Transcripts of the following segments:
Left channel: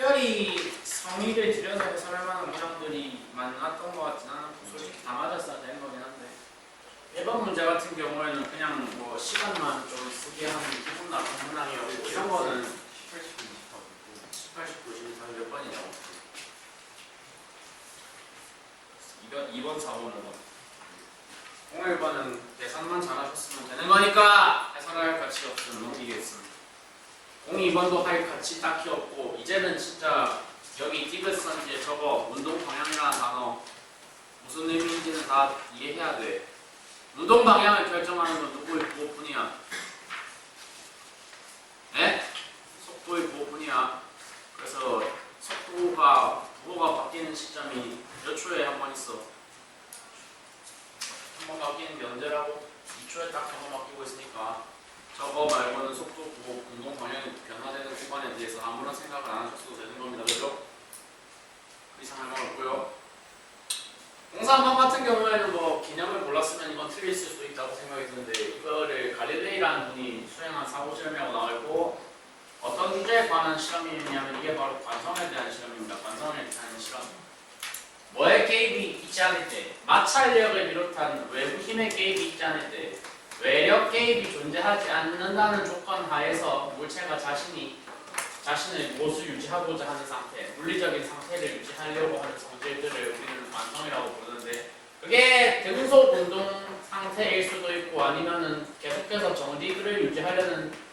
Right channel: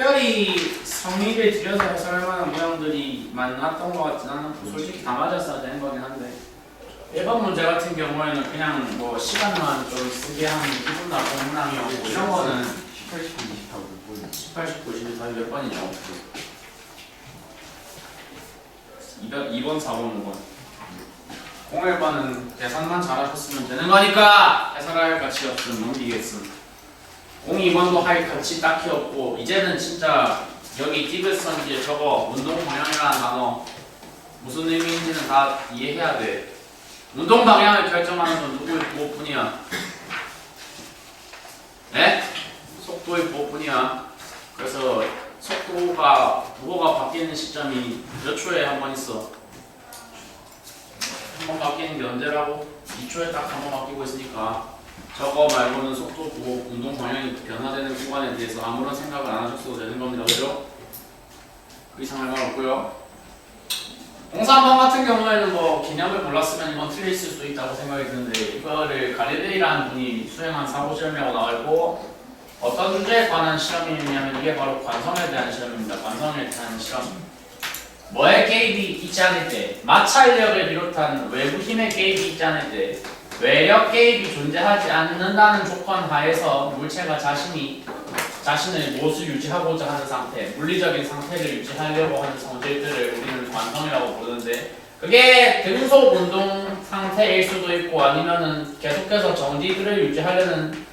특별히 성의를 들여서 해설할 만한 문항들이 많았던 것 같진 않고 솔직히 다 맞았어야 되는 거긴 한데 1번 문제 같은 경우에는 그냥 뭐 시간만 좀 쓰게 하는 기분 나쁜 문항이었고 이런 거는 18, 19, 24 몇 번? 18, 19, 24 몇 번이죠? 2번, 4번, 5번 01번은 계산만 잘하셨으면 되는 거니까 해설할 가치 없으면 넘기겠음 02번도 할 가치 딱히 없고 이제는 진짜 여기 디귿선지에 저거 운동 방향이라는 단어 무슨 의미인지는 다 이해해야 돼 운동 방향을 결정하는 건 누구의 부호뿐이야? 네? 속도의 부호뿐이야 그래서 속도가 부호가 바뀌는 시점이 몇 초에 한 번 있어? 한 번 바뀌는 게 언제라고? 2초에 딱 한 번 바뀌고 있으니까 저거 말고는 속도 부호, 운동 방향이 변화되는 구간에 대해서 아무런 생각을 안 하셨어도 되는 겁니다. 그죠? 그 이상 할 말 없고요. 03번 같은 경우에는 뭐 개념을 몰랐으면 이건 틀릴 수도 있다고 생각이 드는데 이거를 갈릴레이라는 분이 수행한 사고실험이라고 나와있고 어떤 주제에 관한 실험이냐면 이게 바로 관성에 대한 실험입니다. 관성에 대한 실험. 뭐의 개입이 있지 않을 때, 마찰력을 비롯한 외부 힘의 개입이 있지 않을 때, 외력 개입이 존재하지 않는다는 조건 하에서 물체가 자신을 무엇을 유지하고자 하는 상태, 물리적인 상태를 유지하려고 하는 성질들을 우리는 관성이라고 부르는데 그게 등속 운동 상태일 수도 있고 아니면은 계속해서 정지들을 유지하려는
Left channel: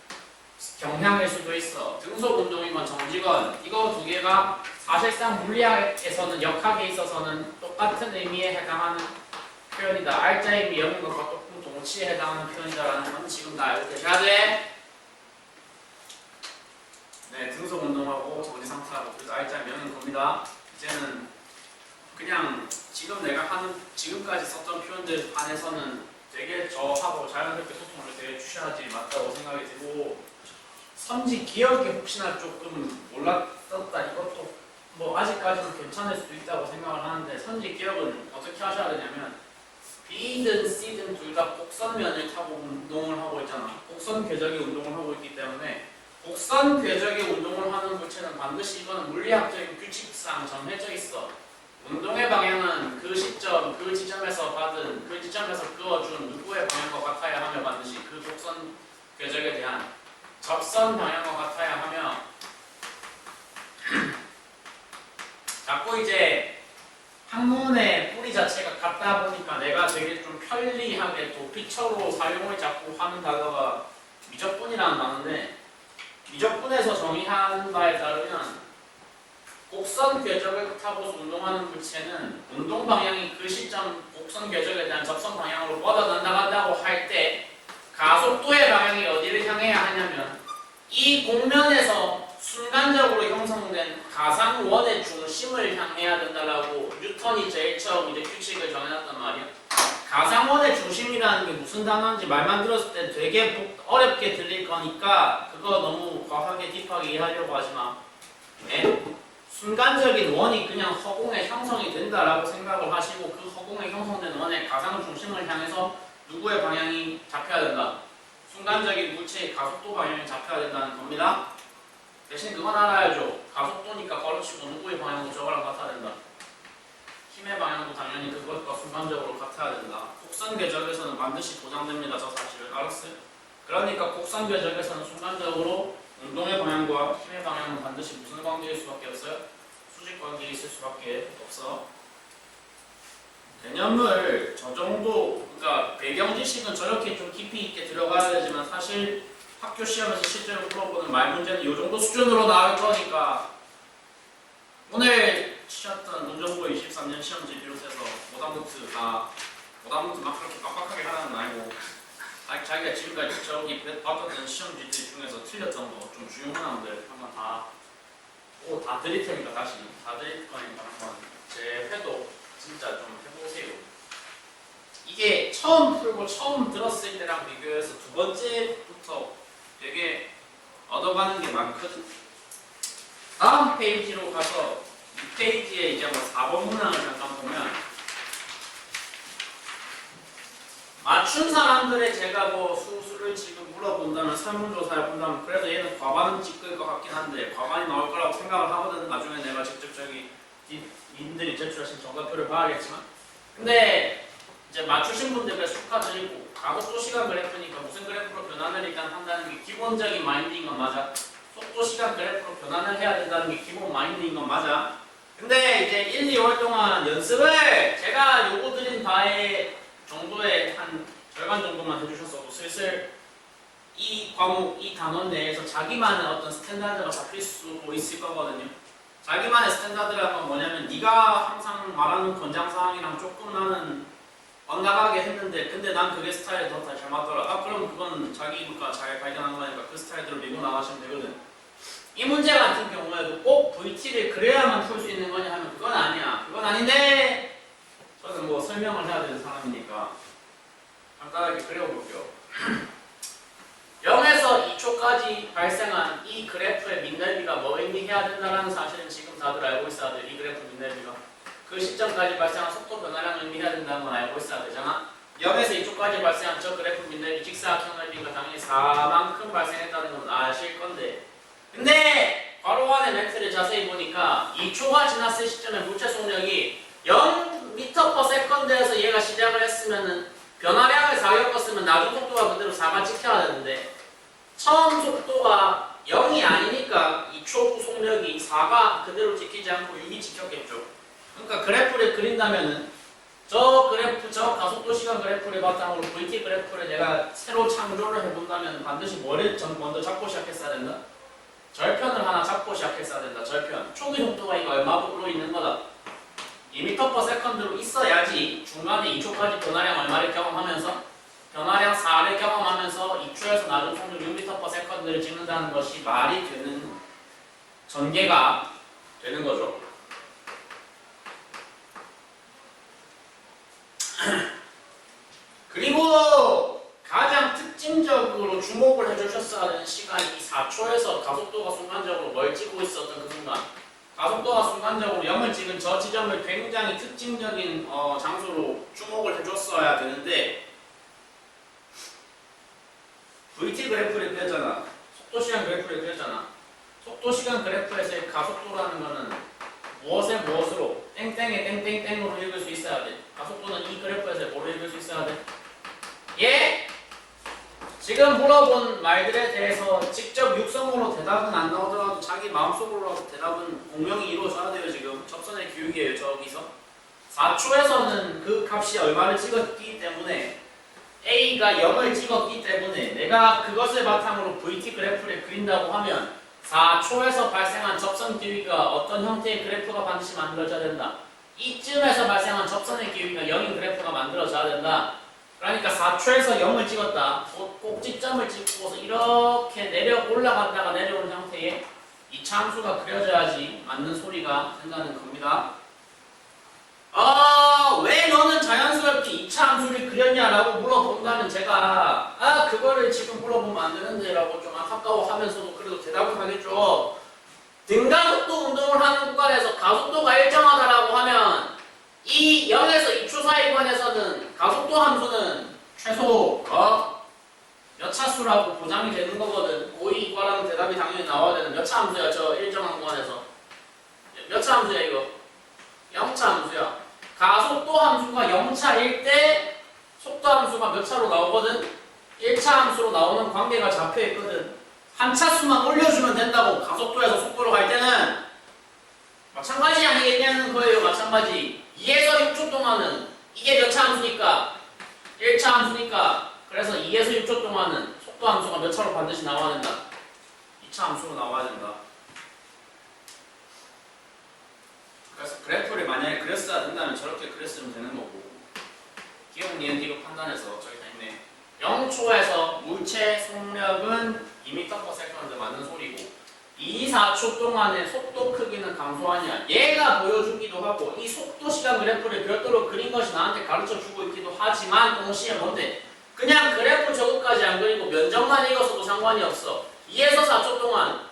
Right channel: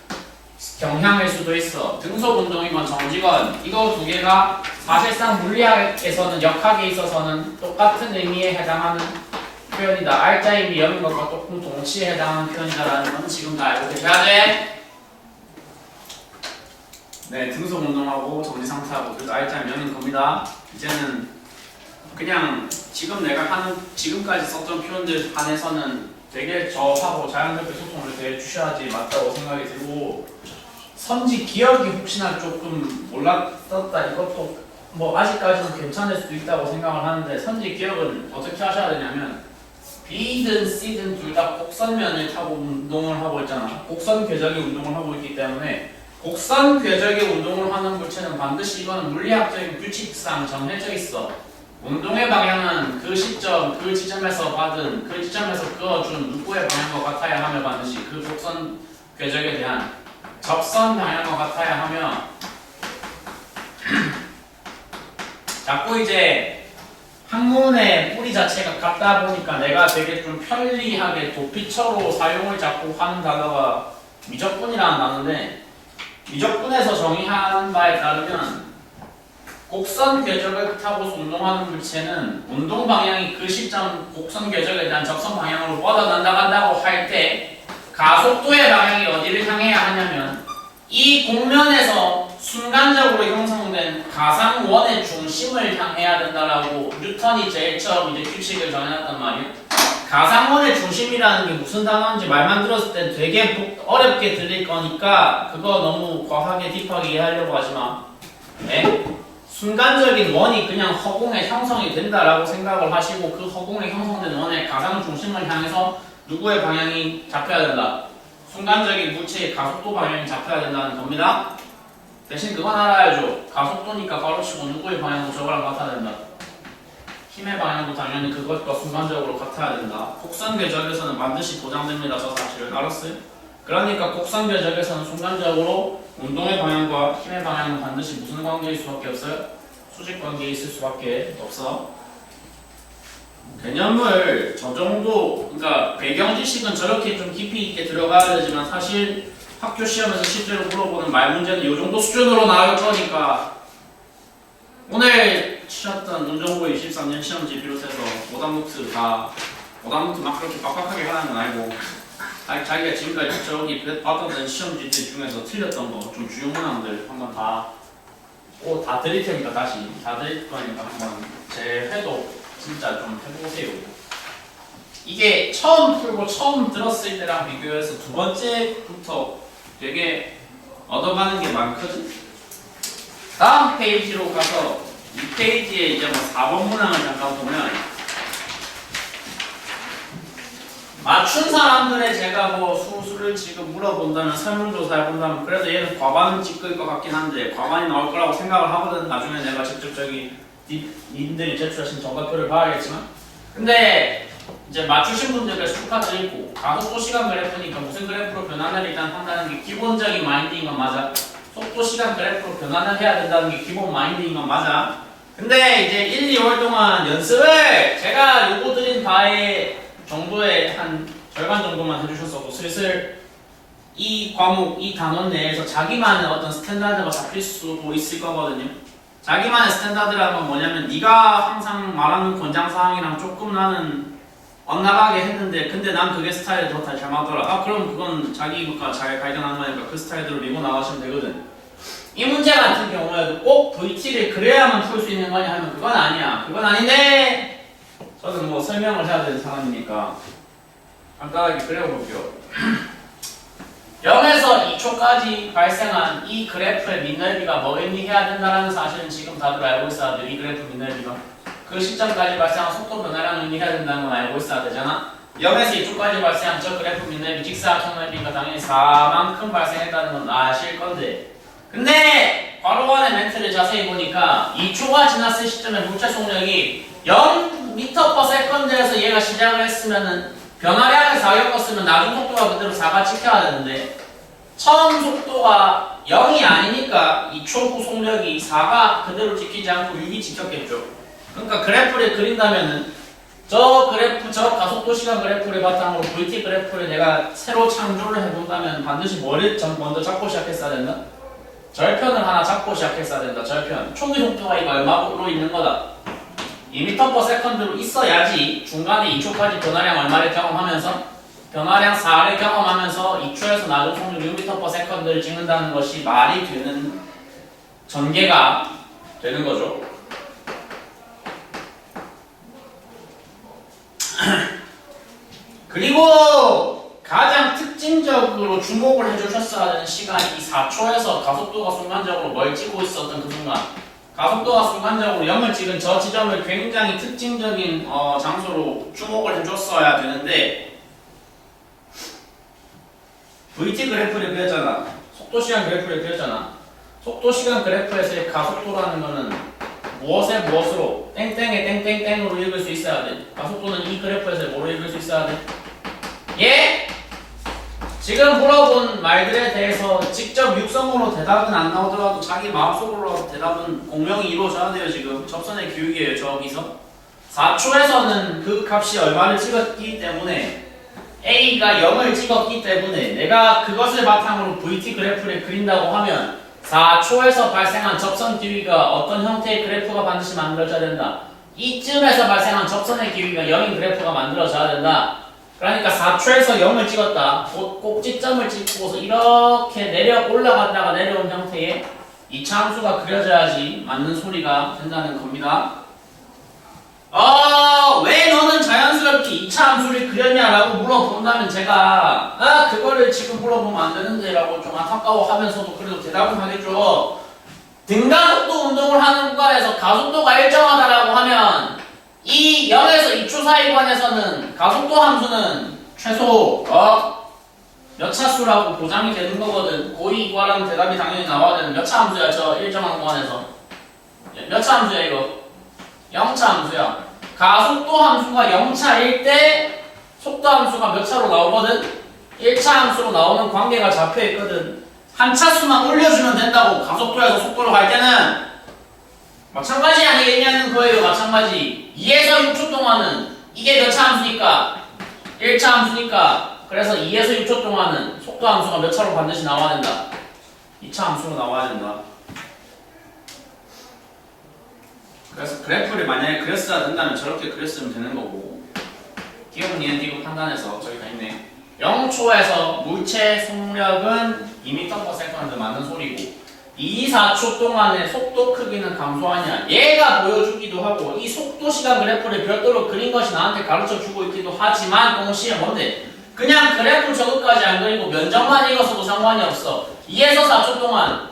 경향일 수도 있어. 등속 운동이건 정지건 이거 두 개가 사실상 물리학에서는 역학에 있어서는 똑같은 의미에 해당하는 표현이다. 알짜임이 여는 것과 똑같은 동치에 해당하는 표현이다라는 건 지금 다 알고 계셔야 돼. 네, 등속 운동하고 정지 상태하고 그래서 알짜임 여는 겁니다. 이제는 그냥 지금 내가 하는 지금까지 썼던 표현들 반해서는 되게 저하고 자연스럽게 소통을 대해주셔야지 맞다고 생각이 들고 선지 기억이 혹시나 조금 몰랐었다 이것도 뭐 아직까지는 괜찮을 수도 있다고 생각을 하는데 선지 기억은 어떻게 하셔야 되냐면 B든 C든 둘 다 곡선면을 타고 운동을 하고 있잖아. 곡선 궤적의 운동을 하고 있기 때문에 곡선 궤적의 운동을 하는 물체는 반드시 이거는 물리학적인 규칙상 정해져 있어. 운동의 방향은 그 시점, 그 지점에서 받은, 그 지점에서 그어준 누구의 방향과 같아야 하며 반드시 그 곡선 궤적에 대한 접선 방향과 같아야 하며 자꾸 이제 학문의 뿌리 자체가 같다 보니까 내가 되게 좀 편리하게 도피처로 사용을 자꾸 하는 단어가 미적분이라는 단어인데 미적분에서 정의한 바에 따르면 곡선 궤적을 타고 운동하는 물체는 운동 방향이 그 시점 곡선 궤적에 대한 접선 방향으로 뻗어나간다고 할 때 가속도의 방향이 어디를 향해야 하냐면 이 곡면에서 순간적으로 형성된 가상원의 중심을 향해야 된다라고 뉴턴이 제일 처음 이제 규칙을 정해놨단 말이에요. 가상원의 중심이라는 게 무슨 단어인지 말만 들었을 때 되게 어렵게 들릴 거니까 그거 너무 과하게 딥하게 이해하려고 하지 마. 네? 순간적인 원이 그냥 허공에 형성이 된다라고 생각을 하시고 그 허공에 형성된 원의 가상 중심을 향해서 누구의 방향이 잡혀야 된다. 순간적인 물체의 가속도 방향이 잡혀야 된다는 겁니다. 대신 그건 알아야죠. 가속도니까 가로치고 누구의 방향도 저거랑 같아야 된다. 힘의 방향도 당연히 그것과 순간적으로 같아야 된다. 곡선 궤적에서는 반드시 보장됩니다. 저 사실을 알았어요? 그러니까 곡선 궤적에서는 순간적으로 운동의 방향과 힘의 방향은 반드시 무슨 관계일 수밖에 없어요? 수직 관계에 있을 수밖에 없어. 개념을 저 정도, 그러니까 배경 지식은 저렇게 좀 깊이 있게 들어가야 되지만 사실 학교 시험에서 실제로 물어보는 말 문제는 이 정도 수준으로 나올 거니까 오늘 치렀던 논정고 23년 시험지 비롯해서 오답노트 막 그렇게 빡빡하게 하는 건 아니고 자기가 지금까지 저기 받았던 시험지들 중에서 틀렸던 거 좀 주요 문항들 한번 다 드릴 테니까 다시 다 드릴 거니까 한번 제 회도 진짜 좀 해보세요. 이게 처음 풀고 처음 들었을 때랑 비교해서 두 번째부터 되게 얻어가는 게 많거든. 다음 페이지로 가서 이 페이지에 이제 뭐 4번 문항을 잠깐 보면 맞춘 사람들의 제가 뭐 수를 지금 물어본다면 설문조사 해본다면 그래도 얘는 과반은 찍을 것 같긴 한데 과반이 나올 거라고 생각을 하거든. 나중에 내가 직접 저기 님들이 제출하신 정답표를 봐야겠지만 근데 이제 맞추신 분들께 축하드리고 가속도 시간 그래프니까 무슨 그래프로 변환을 일단 한다는 게 기본적인 마인드인 건 맞아. 속도 시간 그래프로 변환을 해야 된다는 게 기본 마인드인 건 맞아. 근데 이제 1, 2월 동안 연습을 제가 요거 드린 바에 정도의 한 절반 정도만 해주셨어도 슬슬 이 과목, 이 단원 내에서 자기만의 어떤 스탠다드가 잡힐 수도 있을 거거든요. 자기만의 스탠다드라는 건 뭐냐면 네가 항상 말하는 권장사항이랑 조금 나는 엇나가게 했는데 근데 난 그게 스타일이 더 잘 맞더라. 아 그럼 그건 자기가 잘 발견한 거니까 그 스타일대로 밀고 나가시면 되거든. 이 문제 같은 경우에도 꼭 VT를 그래야만 풀 수 있는 거냐 하면 그건 아니야. 그건 아닌데 저는 뭐 설명을 해야 되는 상황이니까 간단하게 그려볼게요. 0에서 2초까지 발생한 이 그래프의 밑넓이가 뭐 의미해야 된다는 사실은 지금 다들 알고 있어야 돼. 이 그래프 밑넓이가 그 시점까지 발생한 속도 변화량 의미해야 된다는 건 알고 있어야 되잖아. 0에서 2초까지 발생한 저 그래프 밑넓이 직사각형 넓이가 당연히 4만큼 발생했다는 건 아실 건데 근데 괄호간의 멘트를 자세히 보니까 2초가 지났을 시점에 물체 속력이 0m/s에서 얘가 시작을 했으면은 변화량을 4 겪었으면 나중 속도가 그대로 4가 찍혀야 되는데 처음 속도가 0이 아니니까 2초 후 속력이 4가 그대로 찍히지 않고 6이 찍혔겠죠. 그러니까 그래프를 그린다면은 저 그래프, 저 가속도 시간 그래프를 바탕으로 VT 그래프를 내가 새로 창조를 해본다면 반드시 뭐를 먼저 잡고 시작했어야 된다? 절편을 하나 잡고 시작했어야 된다. 절편. 초기 속도가 이거 얼마로 있는 거다? 2m/s로 있어야지 중간에 2초까지 변화량 얼마를 경험하면서 변화량 4를 경험하면서 2초에서 나중 속력 6m/s를 찍는다는 것이 말이 되는 전개가 되는 거죠. 그리고 가장 특징적으로 주목을 해주셨어야 하는 시간이 4초에서 가속도가 순간적으로 뭘 찍고 있었던 그 순간 가속도가 순간적으로 0을 찍은 저 지점을 굉장히 특징적인 장소로 주목을 해줬어야 되는데 VT 그래프를 그렸잖아. 속도시간 그래프를 그렸잖아. 속도시간 그래프에서의 가속도라는 거는 무엇에 무엇으로 땡땡에 땡땡땡으로 읽을 수 있어야 돼. 가속도는 이 그래프에서 뭐로 읽을 수 있어야 돼? 예? 지금 물어본 말들에 대해서 직접 육성으로 대답은 안 나오더라도 자기 마음속으로 대답은 공명이 이루어져야 돼요. 지금 접선의 교육이에요. 저기서 4초에서는 그 값이 얼마를 찍었기 때문에 A가 0을 찍었기 때문에 내가 그것을 바탕으로 VT 그래프를 그린다고 하면 4초에서 발생한 접선 기위가 어떤 형태의 그래프가 반드시 만들어져야 된다. 이쯤에서 발생한 접선의 기위가 0인 그래프가 만들어져야 된다. 그러니까 4초에서 0을 찍었다. 꼭지점을 찍고서 이렇게 내려 올라갔다가 내려온 형태의 2차 함수가 그려져야지 맞는 소리가 된다는 겁니다. 왜 너는 자연스럽게 2차 함수를 그렸냐라고 물어본다면 제가 그거를 지금 물어보면 안 되는데 라고 좀 안타까워하면서도 그래도 대답은 하겠죠. 등가속도 운동을 하는 구간에서 가속도가 일정하다라고 하면 이 0에서 2초 사이 구간에서는 가속도 함수는 최소 몇 차수라고 보장이 되는 거거든. 고2 구하라는 대답이 당연히 나와야 되는 몇 차 함수야 저 일정한 구간에서 몇 차 함수야 이거 0차 함수야. 가속도 함수가 0차일 때 속도 함수가 몇 차로 나오거든? 1차 함수로 나오는 관계가 잡혀있거든. 한 차수만 올려주면 된다고 가속도에서 속도로 갈 때는 마찬가지 아니겠냐는 거예요. 마찬가지. 2에서 6초 동안은 이게 몇 차 함수니까 1차 함수니까 그래서 2에서 6초 동안은 속도 함수가 몇 차로 반드시 나와야 된다. 2차 함수로 나와야 된다. 그래서 그래프를 만약에 그렸어야 된다면 저렇게 그렸으면 되는 거고 기억, 니은, 디귿 판단해서 저기 다 있네. 0초에서 물체 속력은 2m/s 맞는 소리고 2, 4초 동안의 속도 크기는 감소하냐 얘가 보여주기도 하고 이 속도 시간 그래프를 별도로 그린 것이 나한테 가르쳐주고 있기도 하지만 동시에 뭔데? 그냥 그래프 저것까지 안 그리고 면적만 읽어서도 상관이 없어. 2에서 4초 동안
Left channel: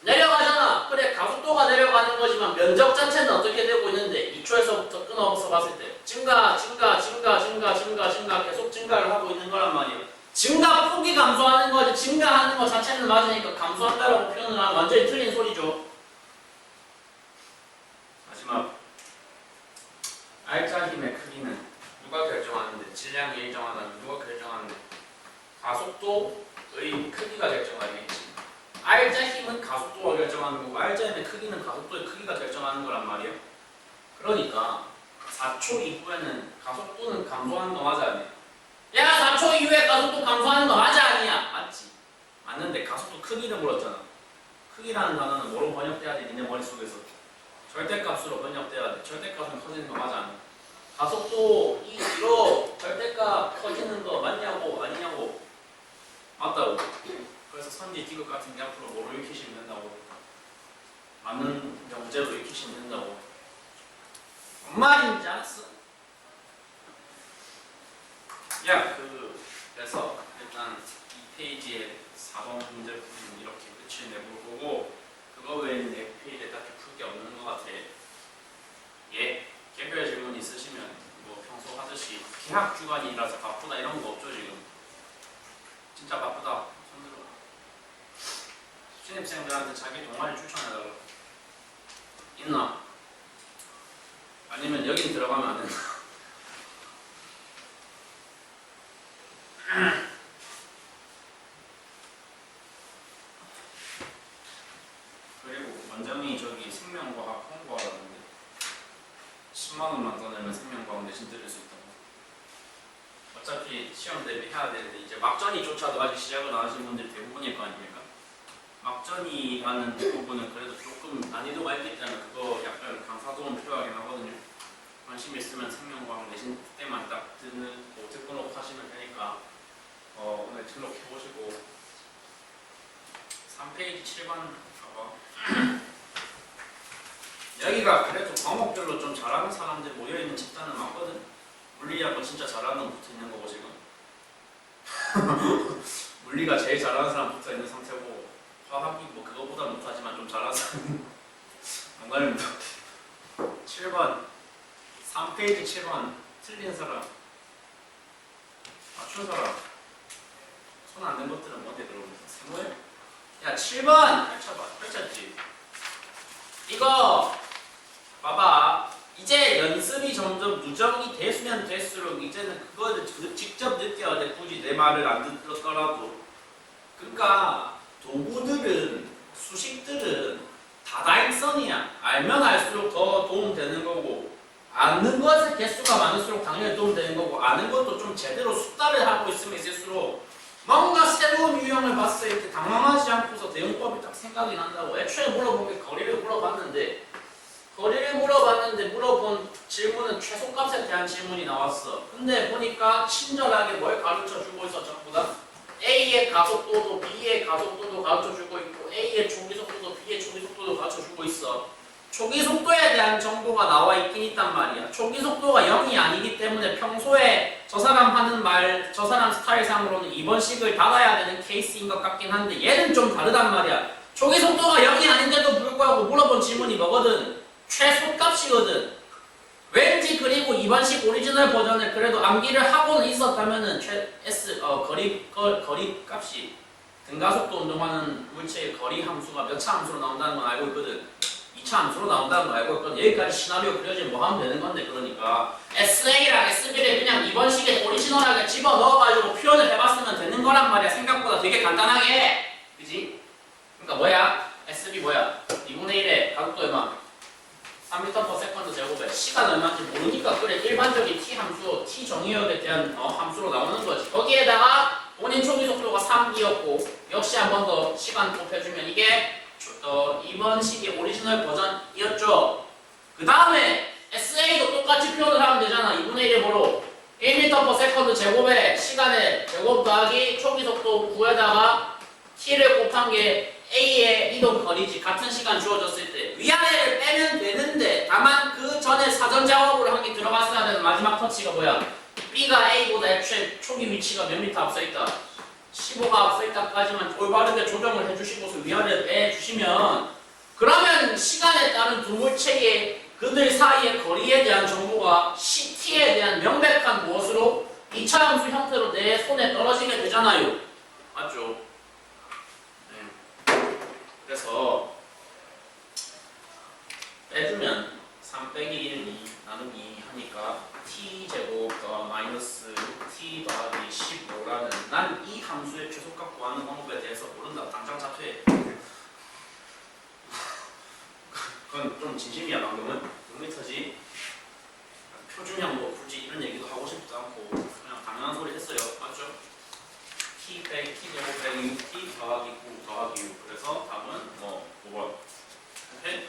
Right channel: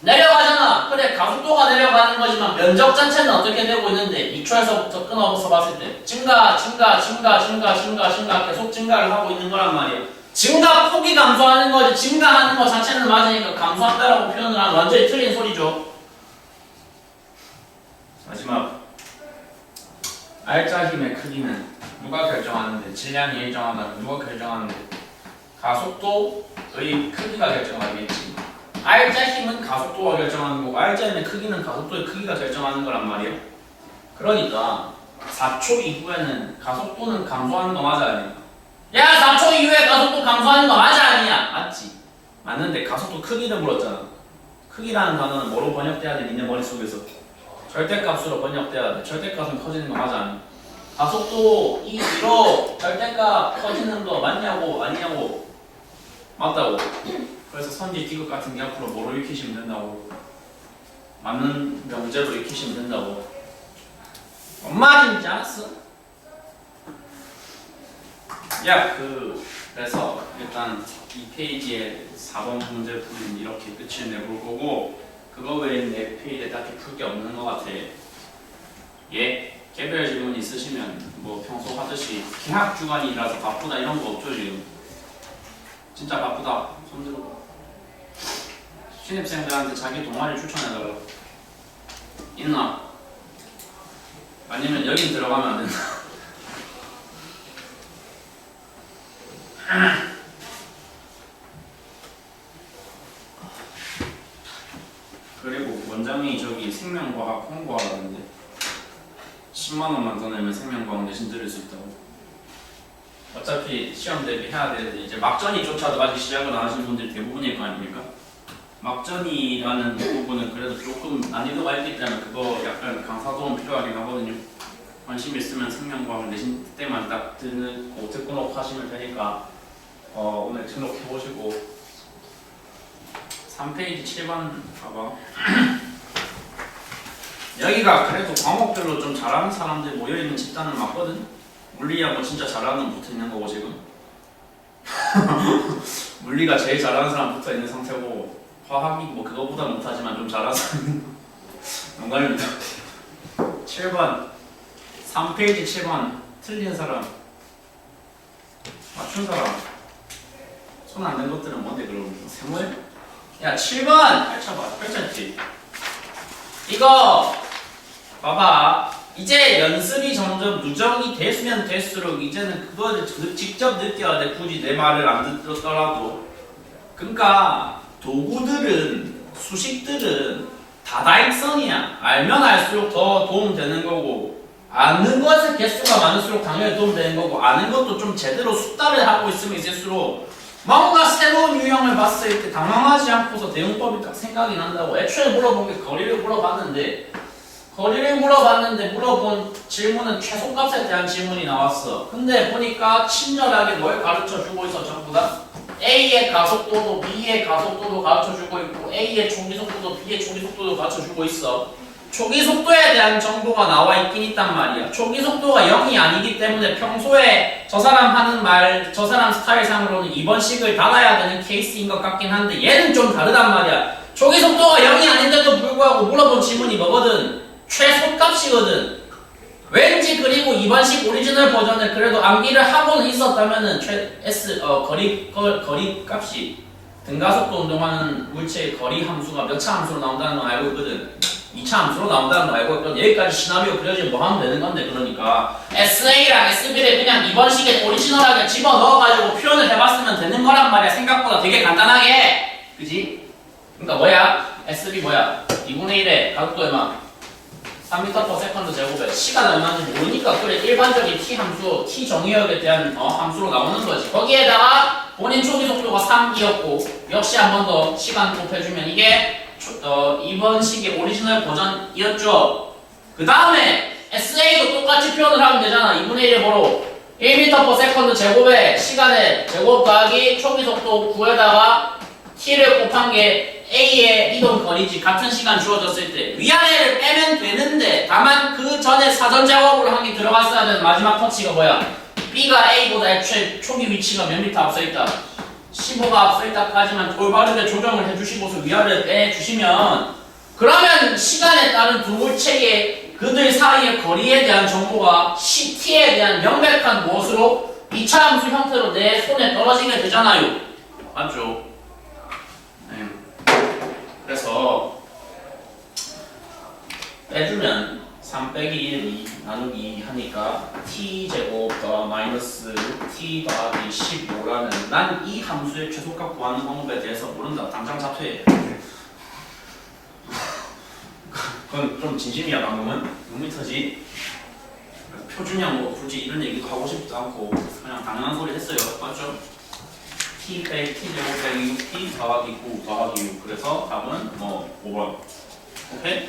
내려가잖아. 그래 가속도가 내려가는 거지만 면적 자체는 어떻게 되고 있는데 2초에서부터 끊어서 봤을 때 증가 계속 증가를 하고 있는 거란 말이야. 증가 폭이 감소하는 거지 증가하는 거 자체는 맞으니까 감소한다라고 표현을 하면 완전히 틀린 소리죠. 마지막 알짜 힘의 크기는 누가 결정하는데 질량이 일정하다면 누가 결정하는데 가속도의 크기가 결정하겠지. 알짜 힘은 가속도가 결정하는 거고 알짜 힘의 크기는 가속도의 크기가 결정하는 거란 말이에요. 그러니까 4초 이후에는 가속도는 감소하는 거 맞아 아니야? 야 4초 이후에 가속도 감소하는 거 맞아 아니야? 맞지. 맞는데 가속도 크기를 물었잖아. 크기라는 단어는 뭐로 번역돼야 돼? 니네 머릿속에서 절대값으로 번역돼야 돼. 절대값은 커지는 거 맞아 아니야? 가속도 2로 절대값 커지는 거 맞냐고 아니냐고? 맞다고. 그래서 선지 디귿 같은 게 앞으로 뭐로 익히시면 된다고? 맞는 명제로 익히시면 된다고. 뭔 말인지 알았어? 야, 그래서 일단 이 페이지에 4번 문제풀이는 이렇게 끝을 내볼 거고 그거 외에는 내 페이지에 딱히 풀 게 없는 것 같아. 예? 개별 질문 있으시면 뭐 평소 하듯이 개학 주간이라서 바쁘다 이런 거 없죠 지금? 진짜 바쁘다 손들어. 신입생들한테 자기 동아리 추천해달라. 있나? 아니면 여긴 들어가면 안 된다. 그리고 원장이 저기 생명과학 홍보하라는데 10만원만 더 내면 생명과학 내신 들을 수 있다고. 어차피 시험 대비해야 되는데 이제 막전이조차도 아직 시작을 안 하신 분들이 대부분일 거 아닙니까? 막전이라는 부분은 그래도 조금 난이도가 있기 때문에 그거 약간 강사 도움 필요하긴 하거든요. 관심 있으면 생명과학 내신 때만 딱 듣고 녹화하시면 되니까 오늘 등록해보시고 3페이지 7번 봐봐. 여기가 그래도 과목별로 좀 잘하는 사람들 모여있는 집단은 맞거든? 물리야 뭐 진짜 잘하는 붙어있는 거고 지금 물리가 제일 잘하는 사람 붙어있는 상태고 화학이 뭐 그거보다 못하지만 좀 잘하는 사람 농담입니다. 7번 3페이지 7번 틀린 사람 맞춘 사람 손 안 댄 것들은 뭔데 그럼 세모에? 야 7번 펼쳐봐. 펼쳤지? 이거 봐봐. 이제 연습이 점점 누적이 됐으면 될수록 이제는 그거를 직접 느껴야 돼. 굳이 내 말을 안 듣더라도. 그러니까 도구들은 수식들은 다다익선이야. 알면 알수록 더 도움되는 거고 아는 것의 개수가 많을수록 당연히 도움되는 거고 아는 것도 좀 제대로 숙달을 하고 있으면 있을수록 뭔가 새로운 유형을 봤을 때 당황하지 않고서 대응법이 딱 생각이 난다고. 애초에 물어본 게 거리를 물어봤는데 물어본 질문은 최소값에 대한 질문이 나왔어. 근데 보니까 친절하게 뭘 가르쳐주고 있어. 전부 다 A의 가속도도 B의 가속도도 가르쳐주고 있고 A의 초기속도도 B의 초기속도도 가르쳐주고 있어. 초기속도에 대한 정보가 나와 있긴 있단 말이야. 초기속도가 0이 아니기 때문에 평소에 저 사람 하는 말, 저 사람 스타일상으로는 이번 식을 닫아야 되는 케이스인 것 같긴 한데 얘는 좀 다르단 말이야. 초기속도가 0이 아닌데도 불구하고 물어본 질문이 뭐거든? 최소값이거든. 왠지 그리고 이번식 오리지널 버전을 그래도 암기를 하고는 있었다면은 거리 값이 등가속도 운동하는 물체의 거리 함수가 몇 차 함수로 나온다는 건 알고 있거든. 2차 함수로 나온다는 거 알고 있거든. 여기까지 시나리오 그려지면 뭐 하면 되는 건데 그러니까 SA랑 SB를 그냥 이번식에 오리지널하게 집어 넣어가지고 표현을 해봤으면 되는 거란 말이야. 생각보다 되게 간단하게. 그지? 그러니까 뭐야? SB 뭐야? 2분의 1에 가속도 얼마? 3m/s 제곱에 시간 얼마인지 모르니까 그래 일반적인 t 함수, t 정의역에 대한 함수로 나오는 거지. 거기에다가 본인 초기 속도가 3이었고 역시 한 번 더 시간 곱해주면 이게 이번 식의 오리지널 버전이었죠. 그 다음에 SA도 똑같이 표현을 하면 되잖아. 2분의 1의 뭐로 1m/s 제곱에 시간의 제곱 더하기 초기 속도 9에다가 t를 곱한 게 A의 이동 거리지. 같은 시간 주어졌을 때 위아래를 빼면 되는데 다만 그 전에 사전 작업을 한 게 들어갔어야 되는 마지막 터치가 뭐야? B가 A보다 애초에 초기 위치가 몇 미터 앞서 있다? 15가 앞서 있다까지만 올바르게 조정을 해주시고서 위아래를 빼주시면 그러면 시간에 따른 두 물체의 그들 사이의 거리에 대한 정보가 CT에 대한 명백한 무엇으로? 2차 함수 형태로 내 손에 떨어지게 되잖아요. 맞죠? 네. 그래서 빼주면 3 빼기 1, 2 나누기 2 하니까 t제곱 더 마이너스 t 더하기 15라는 난 이 함수의 최소값 구하는 방법에 대해서 모른다. 당장 자퇴해. 그건 좀 진심이야. 방금은 6m지. 표준형으로 굳이 이런 얘기도 하고 싶지도 않고 그냥 당연한 소리 했어요. 맞죠? t 빼기 t제곱 빼기 6t 더하기 9 더하기 6. 그래서 답은 뭐 5번. 오케이?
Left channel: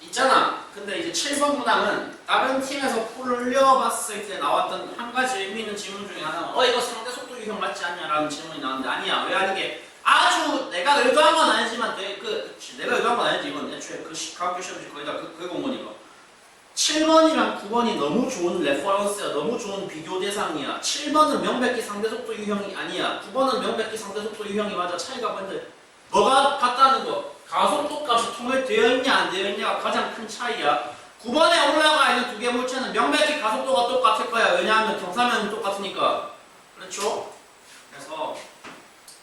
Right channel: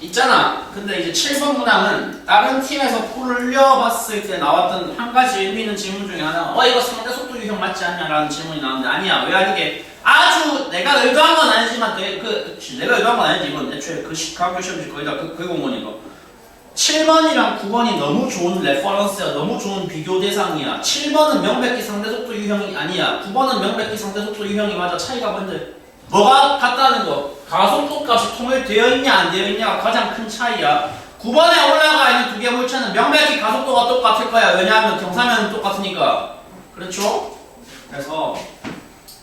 있잖아. 근데 이제 7번 문항은 다른 팀에서 풀려봤을 때 나왔던 한 가지 의미 있는 질문 중에 하나가 이거 상대 속도 유형 맞지 않냐? 라는 질문이 나왔는데 아니야. 왜 이게 아주 내가 의도한 건 아니지만 내가 의도한 건 아니지. 이건 애초에 그 과학교 시험지 거의 다 그거 온 거니까 7번이랑 9번이 너무 좋은 레퍼런스야. 너무 좋은 비교 대상이야. 7번은 명백히 상대 속도 유형이 아니야. 9번은 명백히 상대 속도 유형이 맞아. 차이가 뭔데? 뭐가 같다는 거? 가속도 값이 통일되어 있냐 안 되어 있냐가 가장 큰 차이야. 9번에 올라가 있는 두 개 물체는 명백히 가속도가 똑같을 거야. 왜냐하면 경사면은 똑같으니까. 그렇죠?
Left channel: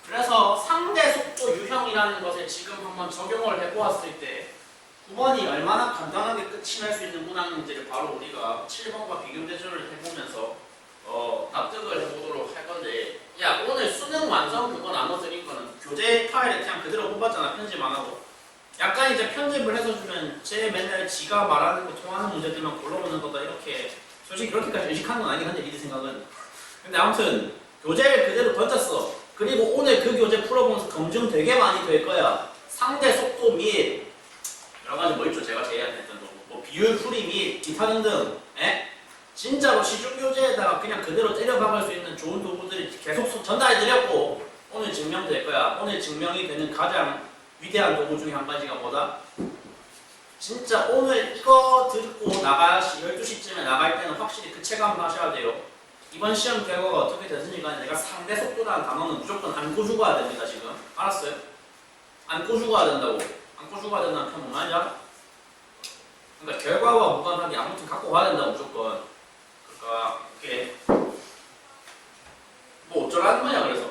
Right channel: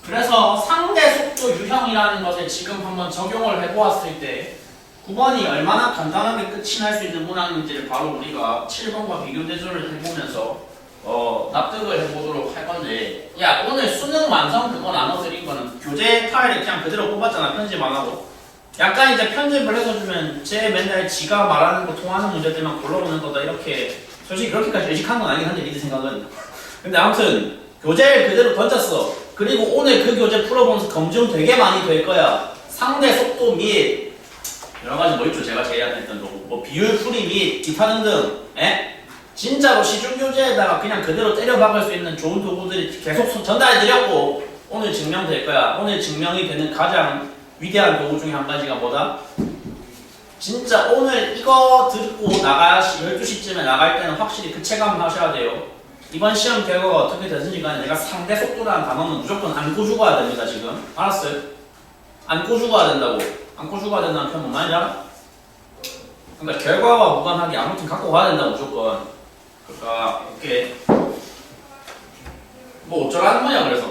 그래서 상대 속도 유형이라는 것을 지금 한번 적용을 해보았을 때 9번이 얼마나 간단하게 끝이 날 수 있는 문항인지를 바로 우리가 7번과 비교 대조를 해보면서 납득을 해보도록 할 건데, 야 오늘 수능 완성 그거 나눠드린 거는 교재 파일을 그냥 그대로 뽑았잖아. 편집 안 하고. 약간 이제 편집을 해서 주면 제 맨날 지가 말하는 거 통하는 문제들만 골라보는 거다. 이렇게 솔직히 그렇게까지 의식한 건 아니긴 한데 니들 생각은. 근데 아무튼 교재를 그대로 던졌어. 그리고 오늘 그 교재 풀어보면서 검증 되게 많이 될 거야. 상대 속도 및 여러 가지 뭐 있죠? 제가 제안했던 뭐 비율 풀이 및 기타 등등. 진짜로 시중 교재에다가 그냥 그대로 때려 박을 수 있는 좋은 도구들이 계속 전달해드렸고 오늘 증명될 거야. 오늘 증명이 되는 가장 위대한 도구 중에 한 가지가 뭐다? 진짜 오늘 이거 듣고 12시쯤에 나갈 때는 확실히 그 체감 하셔야 돼요. 이번 시험 결과가 어떻게 되든지 간에 내가 상대 속도라는 단어는 무조건 안고 죽어야 됩니다. 지금 알았어요? 안고 죽어야 된다고. 안고 죽어야 된다는 표현 뭔 말인지 알아? 그러니까 결과와 무관하게 아무튼 갖고 가야 된다 무조건. 그러니까 이렇게 뭐 어쩌라는 거냐. 그래서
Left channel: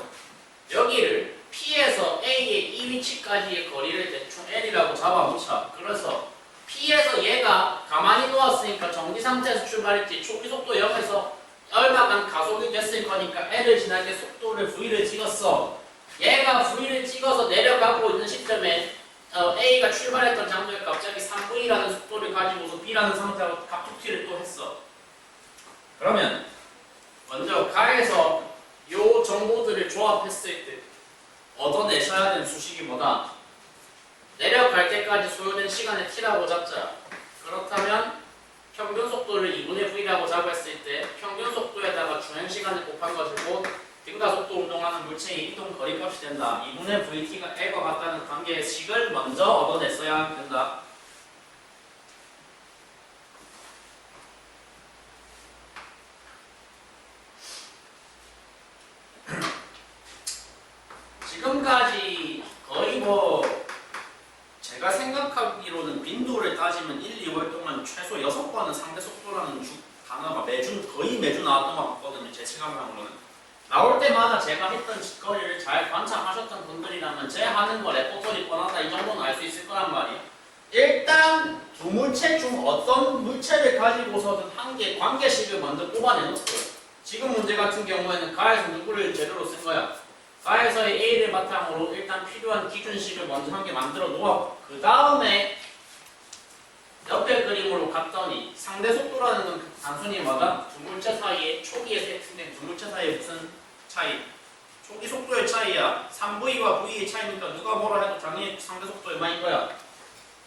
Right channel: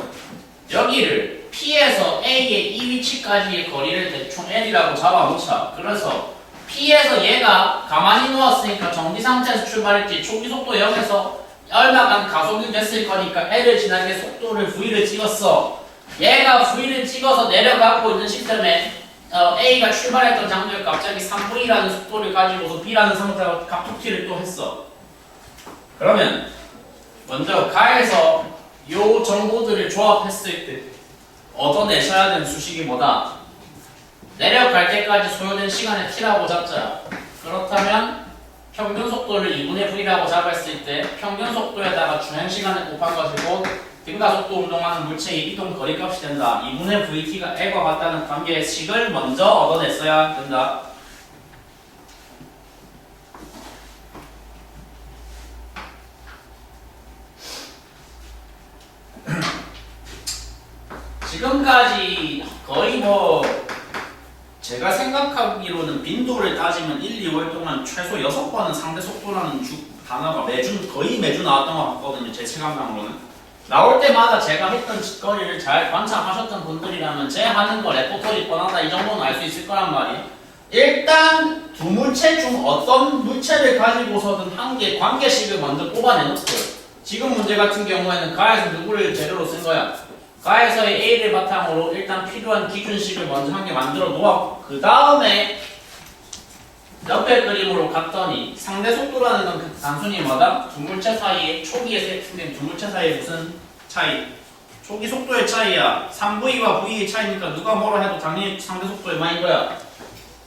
여기를 P에서 A의 이 위치까지의 거리를 대충 L이라고 잡아놓자. 그래서 P에서 얘가 가만히 누웠으니까 정지 상태에서 출발했지. 초기 속도 0에서 얼마간 가속이 됐을 거니까 L을 지나게 속도를 V를 찍었어. 얘가 V를 찍어서 내려가고 있는 시점에 A가 출발했던 장소에 갑자기 3V라는 속도를 가지고서 B라는 상태하고 갑툭튀를 또 했어. 그러면 먼저 가에서 요 정보들을 조합했을 때 얻어내셔야 되는 수식이 뭐다? 내려갈 때까지 소요된 시간의 t라고 잡자. 그렇다면 평균 속도를 2분의 v라고 잡았을 때 평균 속도에다가 주행 시간을 곱해가지고 등가속도 운동하는 물체의 이동 거리값이 된다. 2분의 vt가 l과 같다는 관계의 식을 먼저 얻어냈어야 된다. 지금까지 거의 뭐 제가 생각하기로는 빈도를 따지면 1, 2월 동안 최소 6번은 상대 속도라는 단어가 거의 매주 나왔던 것 같거든요. 제 체감상으로는. 나올 때마다 제가 했던 짓거리를 잘 관찰하셨던 분들이라면 제 하는 거 레포터리 뻔하다 이 정도는 알 수 있을 거란 말이에요. 일단 두 물체 중 어떤 물체를 가지고서든 한 개의 관계식을 먼저 뽑아내놓고 지금 문제 같은 경우에는 가에서 누구를 제대로 쓴 거야? 가에서의 A를 바탕으로 일단 필요한 기준식을 먼저 한 개 만들어 놓아 그 다음에 옆에 그림으로 갔더니 상대 속도라는 건 단순히 뭐다? 두 물체 사이에 초기에 세팅된 두 물체 사이에 무슨 차이? 초기 속도의 차이야. 3V와 V의 차이니까 누가 뭐라 해도 당연히 상대 속도의 마인 거야.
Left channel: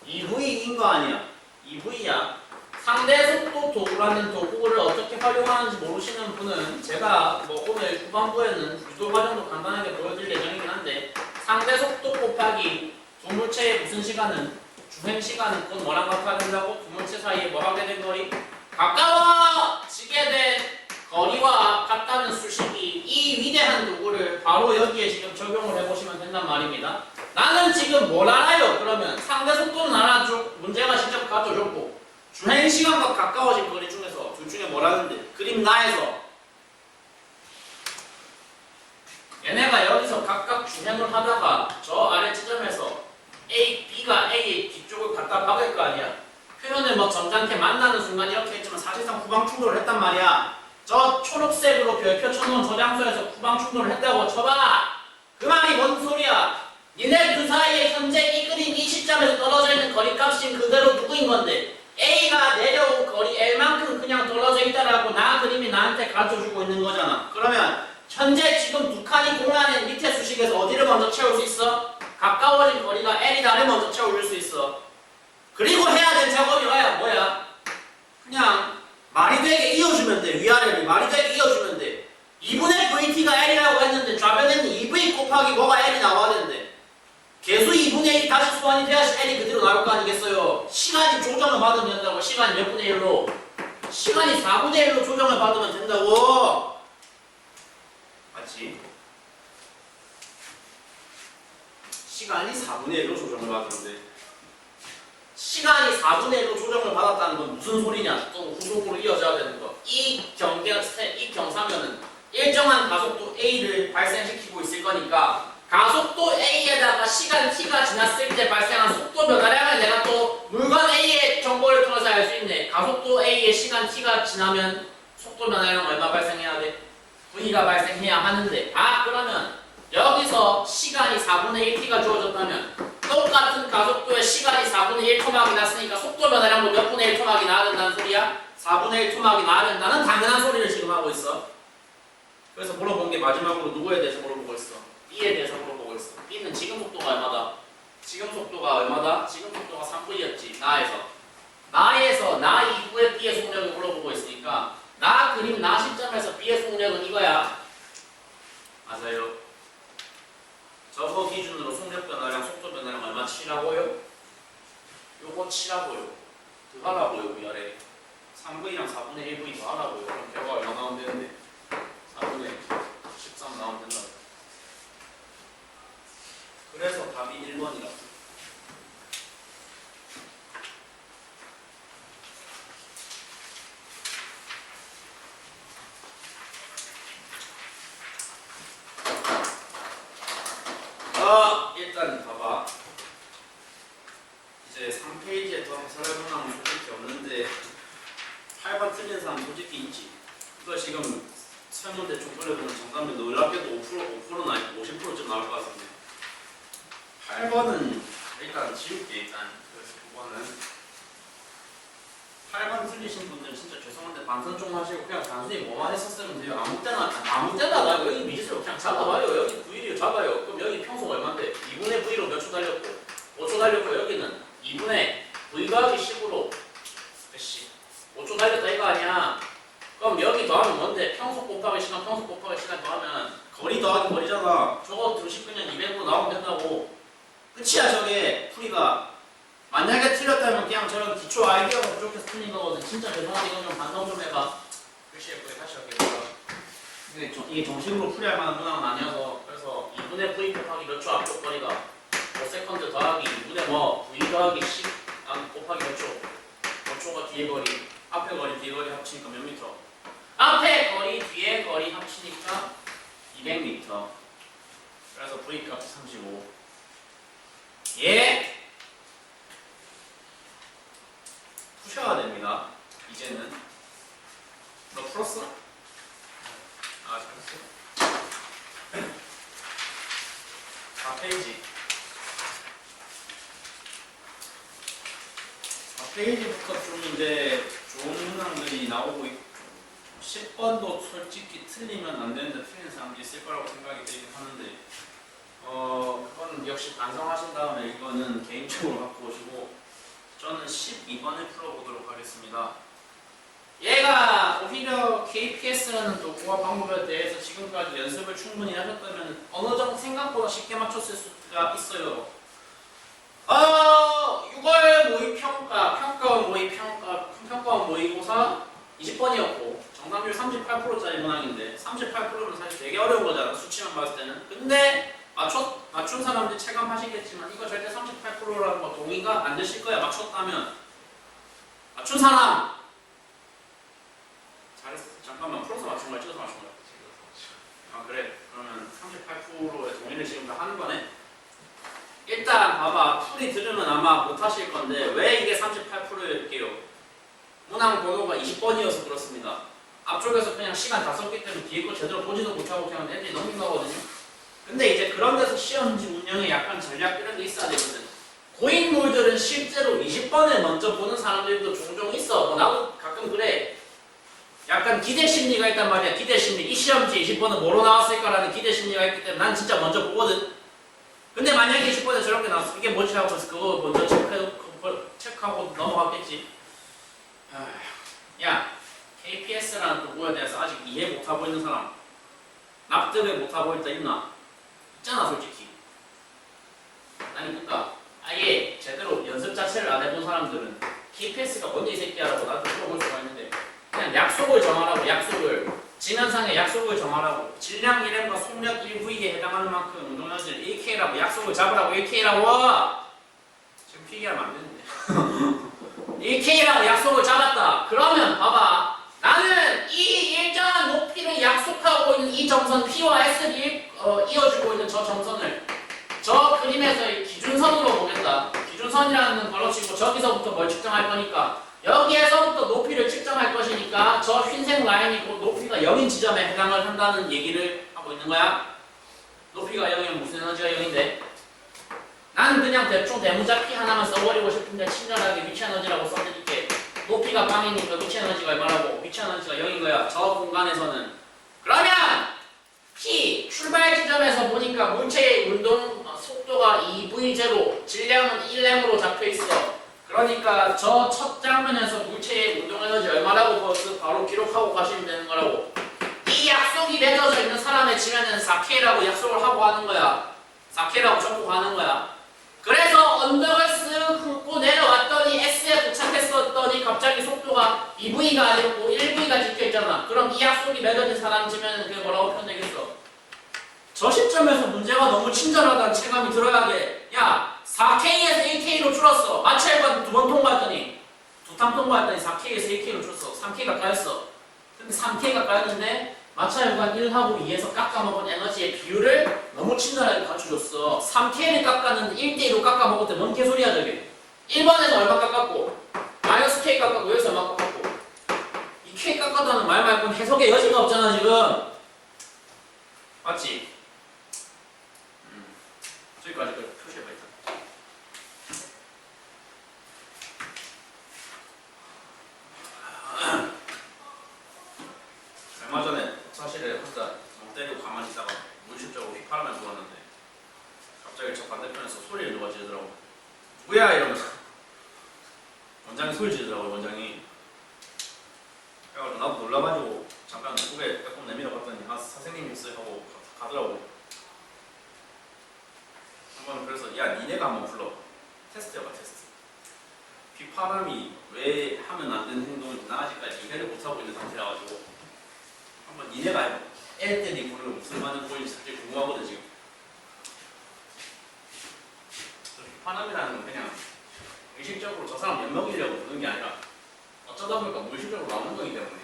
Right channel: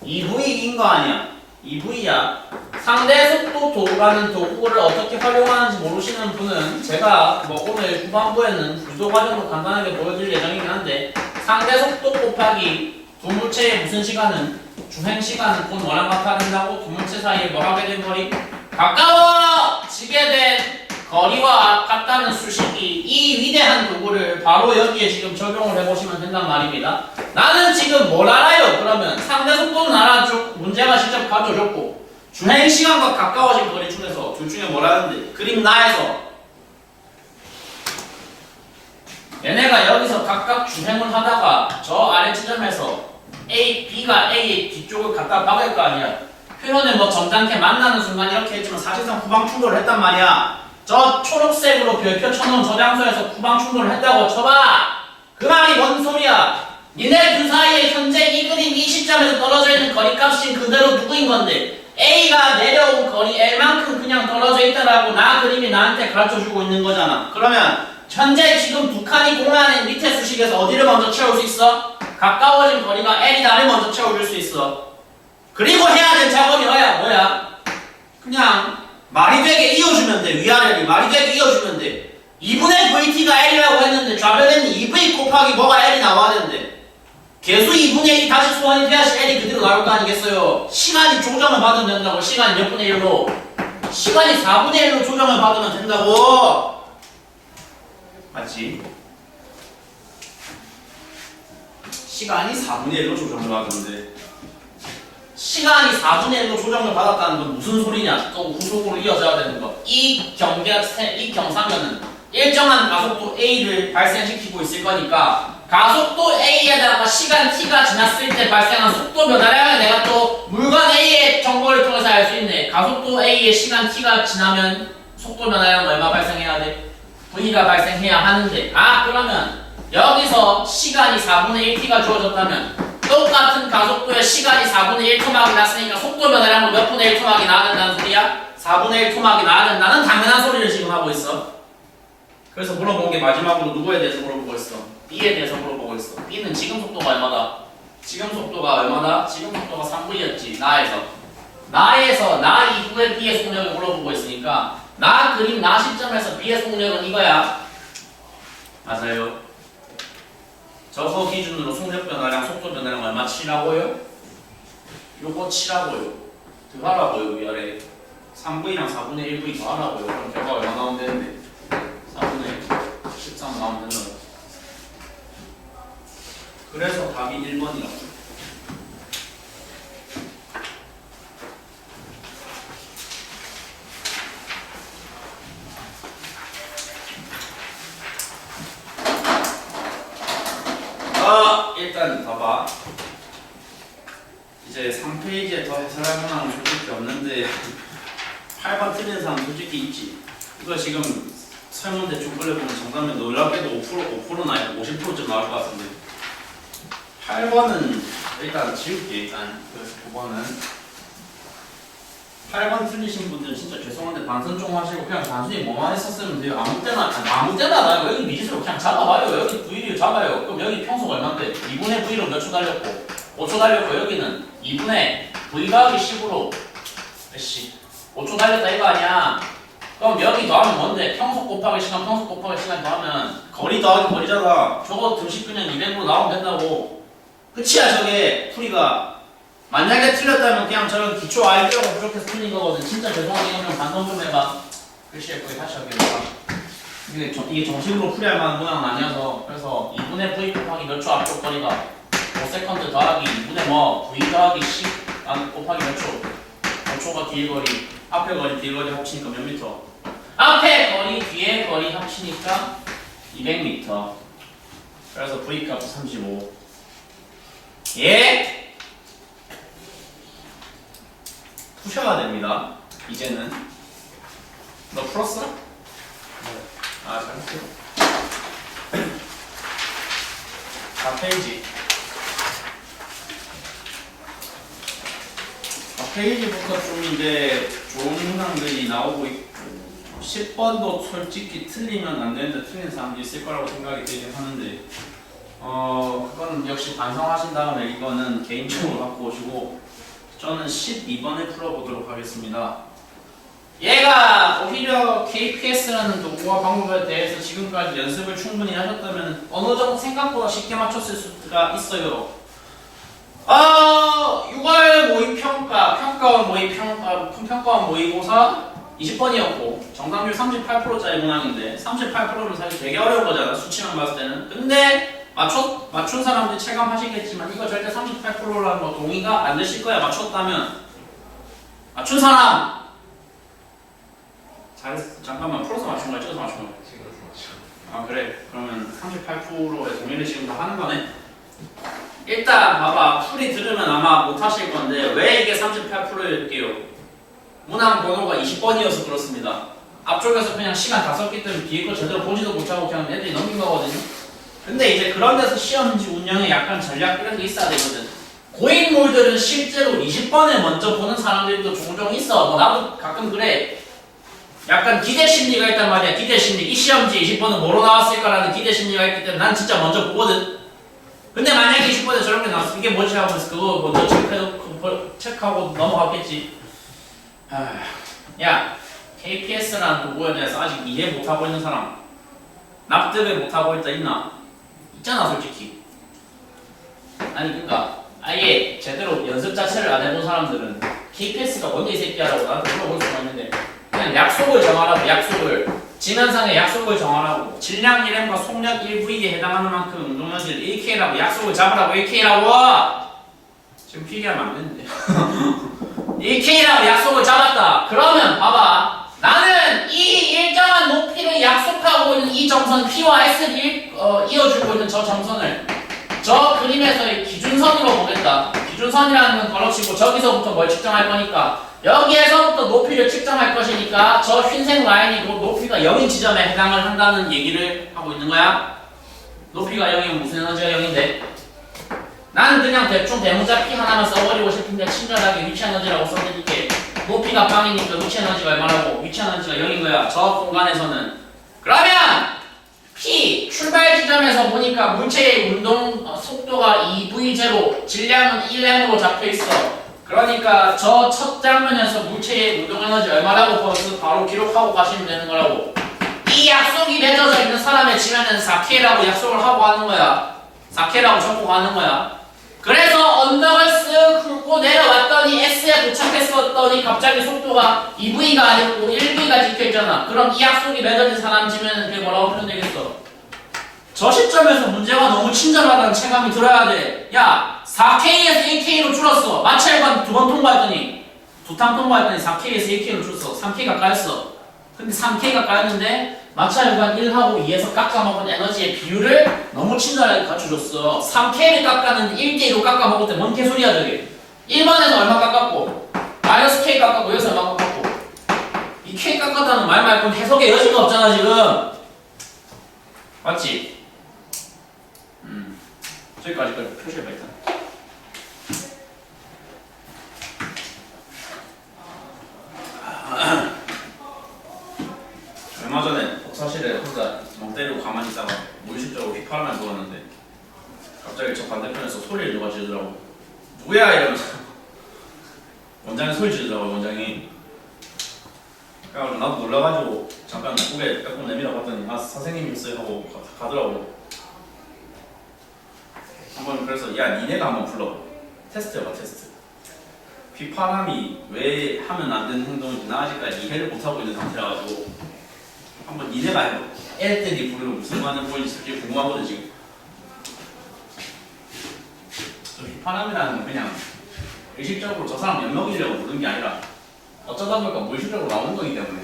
2V인 거 아니야. 2V야. 상대 속도 도구라는 도구를 어떻게 활용하는지 모르시는 분은 제가 뭐 오늘 후반부에는 구조 과정도 간단하게 보여드릴 예정이긴 한데 상대 속도 곱하기 두 물체의 무슨 시간은 주행 시간은 곧 뭐랑 같아야 된다고? 두 물체 사이에 뭐 하게 된 거리? 가까워지게 된 거리와 같다는 수식이 이 위대한 도구를 바로 여기에 지금 적용을 해보시면 된단 말입니다. 나는 지금 뭘 알아요? 그러면 상대 속도는 알아줬고 문제가 직접 가져줬고 주행 시간과 가까워진 거리 중에서 둘 중에 뭘 하는데 그림 나에서 얘네가 여기서 각각 주행을 하다가 저 아래 지점에서 A, B가 A의 뒤쪽을 갖다 박을 거 아니야. 표현을 뭐 점잖게 만나는 순간 이렇게 했지만 사실상 후방 충돌을 했단 말이야. 저 초록색으로 별표 쳐놓은 저 장소에서 후방 충돌을 했다고 쳐봐. 그 말이 뭔 소리야? 니네 그 사이에 현재 이 그림 이 시점에서 떨어져 있는 거리값이 그대로 누구인 건데 A가 내려온 거리 L만큼 그냥 떨어져 있다라고 나 그림이 나한테 가르쳐주고 있는 거잖아. 그러면 현재 지금 두 칸이 공유하는 밑에 수식에서 어디를 먼저 채울 수 있어? 가까워진 거리가 L이 나를 먼저 채워줄 수 있어. 그리고 해야 될 작업이 뭐야? 그냥 말이 되게 이어주면 돼. 위아래를 말이 되게 이어주면 돼. 2분의 VT가 L이라고 했는데 좌변에는 2V 곱하기 뭐가 L이 나와야 되는데 계수 2분의 1이 다시 소환이 돼야지 L이 그대로 나올 거 아니겠어요? 시간이 조정을 받으면 된다고. 시간이 몇 분의 1로? 시간이 4분의 1로 조정을 받으면 된다고. 맞지? 시간이 4분의 1로 조정을 받는데 시간이 4분의 1로 조정을 받았다는 건 무슨 소리냐? 또 후속으로 이어져야 되는 거. 이 경사면은 일정한 가속도 A를 발생시키고 있을 거니까 가속도 A에다가 시간 T가 지났을 때 발생한 속도 변화량을 내가 또 물건 A의 정보를 통해서 알 수 있네. 가속도 A의 시간 T가 지나면 속도 변화량 얼마 발생해야 돼? V가 발생해야 하는데 그러면 여기서 시간이 4분의 1t가 주어졌다면 똑같은 가속도의 시간이 4분의 1 토막이 났으니까 속도 변화량도 몇 분의 1 토막이 나야 된다는 소리야? 4분의 1 토막이 나야 된다는 당연한 소리를 지금 하고 있어. 그래서 물어본 게 마지막으로 누구에 대해서 물어보고 있어? B에 대해서 물어보고 있어. B는 지금 속도가 얼마다? 지금 속도가 얼마다? 지금 속도가 3V였지. 나에서 나 이후에 B의 속력을 물어보고 있으니까 나 그림 나 시점에서 B의 속력은 이거야. 맞아요. 저거 기준으로 속력 변화량, 속도 변화량 얼마 치라고요? 요거 치라고요. 더하라고요. 위아래 3V랑 4분의 1V 더하라고요. 그럼 결과 얼마 나오면 되는데 4분의 13 나오면 된다. 그래서 답이 1번이라고. 일단 봐봐. 이제 3페이지에 더 해설할 만한 건 솔직히 없는데 8번 틀린 사람 솔직히 있지. 이거 지금 설문 대충 끌려보면 정답면 놀랍게도 5%나 아니고 50%쯤 나올 것 같은데 8번은 일단 지울게. 일단 그래서 9번은 8번 틀리신 분들은 진짜 죄송한데 반선 좀 하시고 그냥 단순히 뭐만 했었으면 돼요. 아무 때나 나 여기 미지수로 그냥 잡아봐요. 여기 V를 잡아요. 그럼 여기 평소가 얼마인데 2분의 V로 몇 초 달렸고 5초 달렸고 여기는 2분의 V 더하기 10으로 5초 달렸다 이거 아니야. 그럼 여기 더하면 뭔데? 평소 곱하기 시간 더하면 거리 더하기 거리잖아. 저거 등식 그냥 200으로 나오면 된다고. 끝이야 저게 풀이가. 만약에 틀렸다면 그냥 저런 기초 아이디어가 부족해서 틀린 거거든. 진짜 죄송한데 이거 좀 반성 좀 해봐. 글씨에 거기 다시 할게요. 이게 정식으로 풀이할 만한 모양은 아니어서. 그래서 2분의 V 곱하기 몇 초 앞쪽 거리가 5세컨드 더하기 2분의 V 더하기 10 곱하기 몇 초? 5초가 뒤에 거리, 앞에 거리, 뒤에 거리 합치니까 몇 미터? 앞에 거리, 뒤에 거리 합치니까 200m. 그래서 V 값이 35. 예? 푸셔야 됩니다. 이제는. 너 풀었어? 네. 잘했어. 4페이지. 4페이지부터 좀 이제 좋은 문항들이 나오고 있고 10번도 솔직히 틀리면 안 되는데 틀린 사람도 있을 거라고 생각이 들긴 하는데 그거는 역시 반성하신 다음에 이거는 개인적으로 갖고 오시고 저는 12번을 풀어보도록 하겠습니다. 얘가 오히려 KPS라는 도구와 방법에 대해서 지금까지 연습을 충분히 하셨다면 어느 정도 생각보다 쉽게 맞췄을 수가 있어요. 6월 모의평가, 평가원 모의평가, 평가원 모의고사 20번이었고 정답률 38%짜리 문항인데 38%는 사실 되게 어려운 거잖아 수치만 봤을 때는. 근데 맞춘 사람들이 체감하시겠지만 이거 절대 38%라는 거 동의가 안 되실 거야. 맞췄다면 맞춘 사람 잘했어. 잠깐만 풀어서 맞춘 거야 찍어서 맞춘 거야? 아 그래 그러면 38%의 동의를 지금 다 하는 거네. 일단 봐봐 풀이 들으면 아마 못하실 건데 왜 이게 38%일게요. 문항 번호가 20번이어서 그렇습니다. 앞쪽에서 그냥 시간 다 썼기 때문에 뒤에 거 제대로 보지도 못하고 그냥 애들이 넘긴 거거든요. 근데 이제 그런 데서 시험지 운영에 약간 전략 이런 게 있어야 되거든. 고인물들은 실제로 20번을 먼저 보는 사람들도 종종 있어. 뭐 나도 가끔 그래. 약간 기대 심리가 있단 말이야. 기대 심리. 이 시험지 20번은 뭐로 나왔을까라는 기대 심리가 있기 때문에 난 진짜 먼저 보거든. 근데 만약에 20번에 저런 게 나왔어. 이게 뭐지 하고 그거 먼저 체크하고 넘어갔겠지. 야, KPS라는 도구에 대해서 아직 이해 못하고 있는 사람, 납득을 못하고 있다 있나? 있잖아 솔직히. 아니 그러니까 아예 제대로 연습 자체를 안 해본 사람들은 KPS가 뭔데 이 새끼야라고 나한테 물어볼 수가 있는데 그냥 약속을 정하라고. 약속을 지면상의 약속을 정하라고. 질량 1M과 속력 1V에 해당하는 만큼 운동량을 1K라고 약속을 잡으라고. 1K라고 지금 필기하면 안 되는데 1K라고 약속을 잡았다. 그러면 봐봐 나는 이 일정한 높이를 약속하고 있는 이 점선 P와 S를 이어주고 있는 저 점선을 저 그림에서의 기준선으로 보겠다. 기준선이라는 건 걸어치고 저기서부터 뭘 측정할 거니까 여기에서부터 높이를 측정할 것이니까 저 흰색 라인이 그 높이가 0인 지점에 해당을 한다는 얘기를 하고 있는 거야. 높이가 0이면 무슨 에너지가 0인데? 나는 그냥 대충 대문자 P 하나만 써버리고 싶은데 친절하게 위치 에너지라고 써드릴게. 높이가 빵이니까 위치 에너지가 얼마라고? 위치 에너지가 0인 거야. 저 공간에서는. 그러면 P 출발 지점에서 보니까 물체의 운동 속도가 2V0, 질량은 1m으로 잡혀 있어. 그러니까 저 첫 장면에서 물체의 운동 에너지 얼마라고 바로 기록하고 가시면 되는 거라고. 이 약속이 맺어져 있는 사람의 지면은 4K라고 약속을 하고 하는 거야. 4K라고 적고 가는 거야. 그래서 언덕을 쓱 훑고 내려왔더니 S에 도착했었더니 갑자기 속도가 2V가 아니고 1V가 찍혀있잖아. 그럼 이 약속이 맺어진 사람 지면은 그게 뭐라고 표현되겠어? 저 시점에서 문제가 너무 친절하다는 체감이 들어야 돼. 야 4K에서 1K로 줄었어. 마찰관 2번 통과했더니 2탕 통과했더니 4K에서 1K로 줄었어. 3K가 까였어. 근데 3K가 까였는데 마찰관 1하고 2에서 깎아먹은 에너지의 비율을 너무 친절하게 갖춰줬어. 3K를 깎았는데 1대1로 깎아먹을 때 뭔 개소리야 저게. 1번에서 얼마 깎았고 마이너스 K 깎았고 여기서 얼마 깎았고 이 K 깎았다는 말 말고는 해석의 여지가 없잖아 지금. 맞지? 저기까지 표시해봐 일단. 얼마 전에 독서실에 혼자 멍 때리고 가만히 있다가 무의식적으로 휘파람을 불었는데 갑자기 저 반대편에서 소리를 누가 지르더라고. 누구야 이러면서 원장이 소리 지르더라고. 원장이. 그래가지고 나도 놀라가지고 잠깐 고개 빼고 내밀어 봤더니 아 선생님이 있어요 하고 가더라고. 한번 그래서 야 니네가 한번 불러. 테스트해봐 테스트. 휘파람이 왜 하면 안 되는 행동인지 나 아직까지 이해를 못하고 있는 상태라 가지고 한번 니네가 해봐. 애들이 부르면 무슨 반응 보이는지 솔직히 궁금하거든 지금. 저 휘파람이라는 건 그냥 의식적으로 저 사람 엿먹이려고 부르는 게 아니라 어쩌다 보니까 무의식적으로 나오는 거기 때문에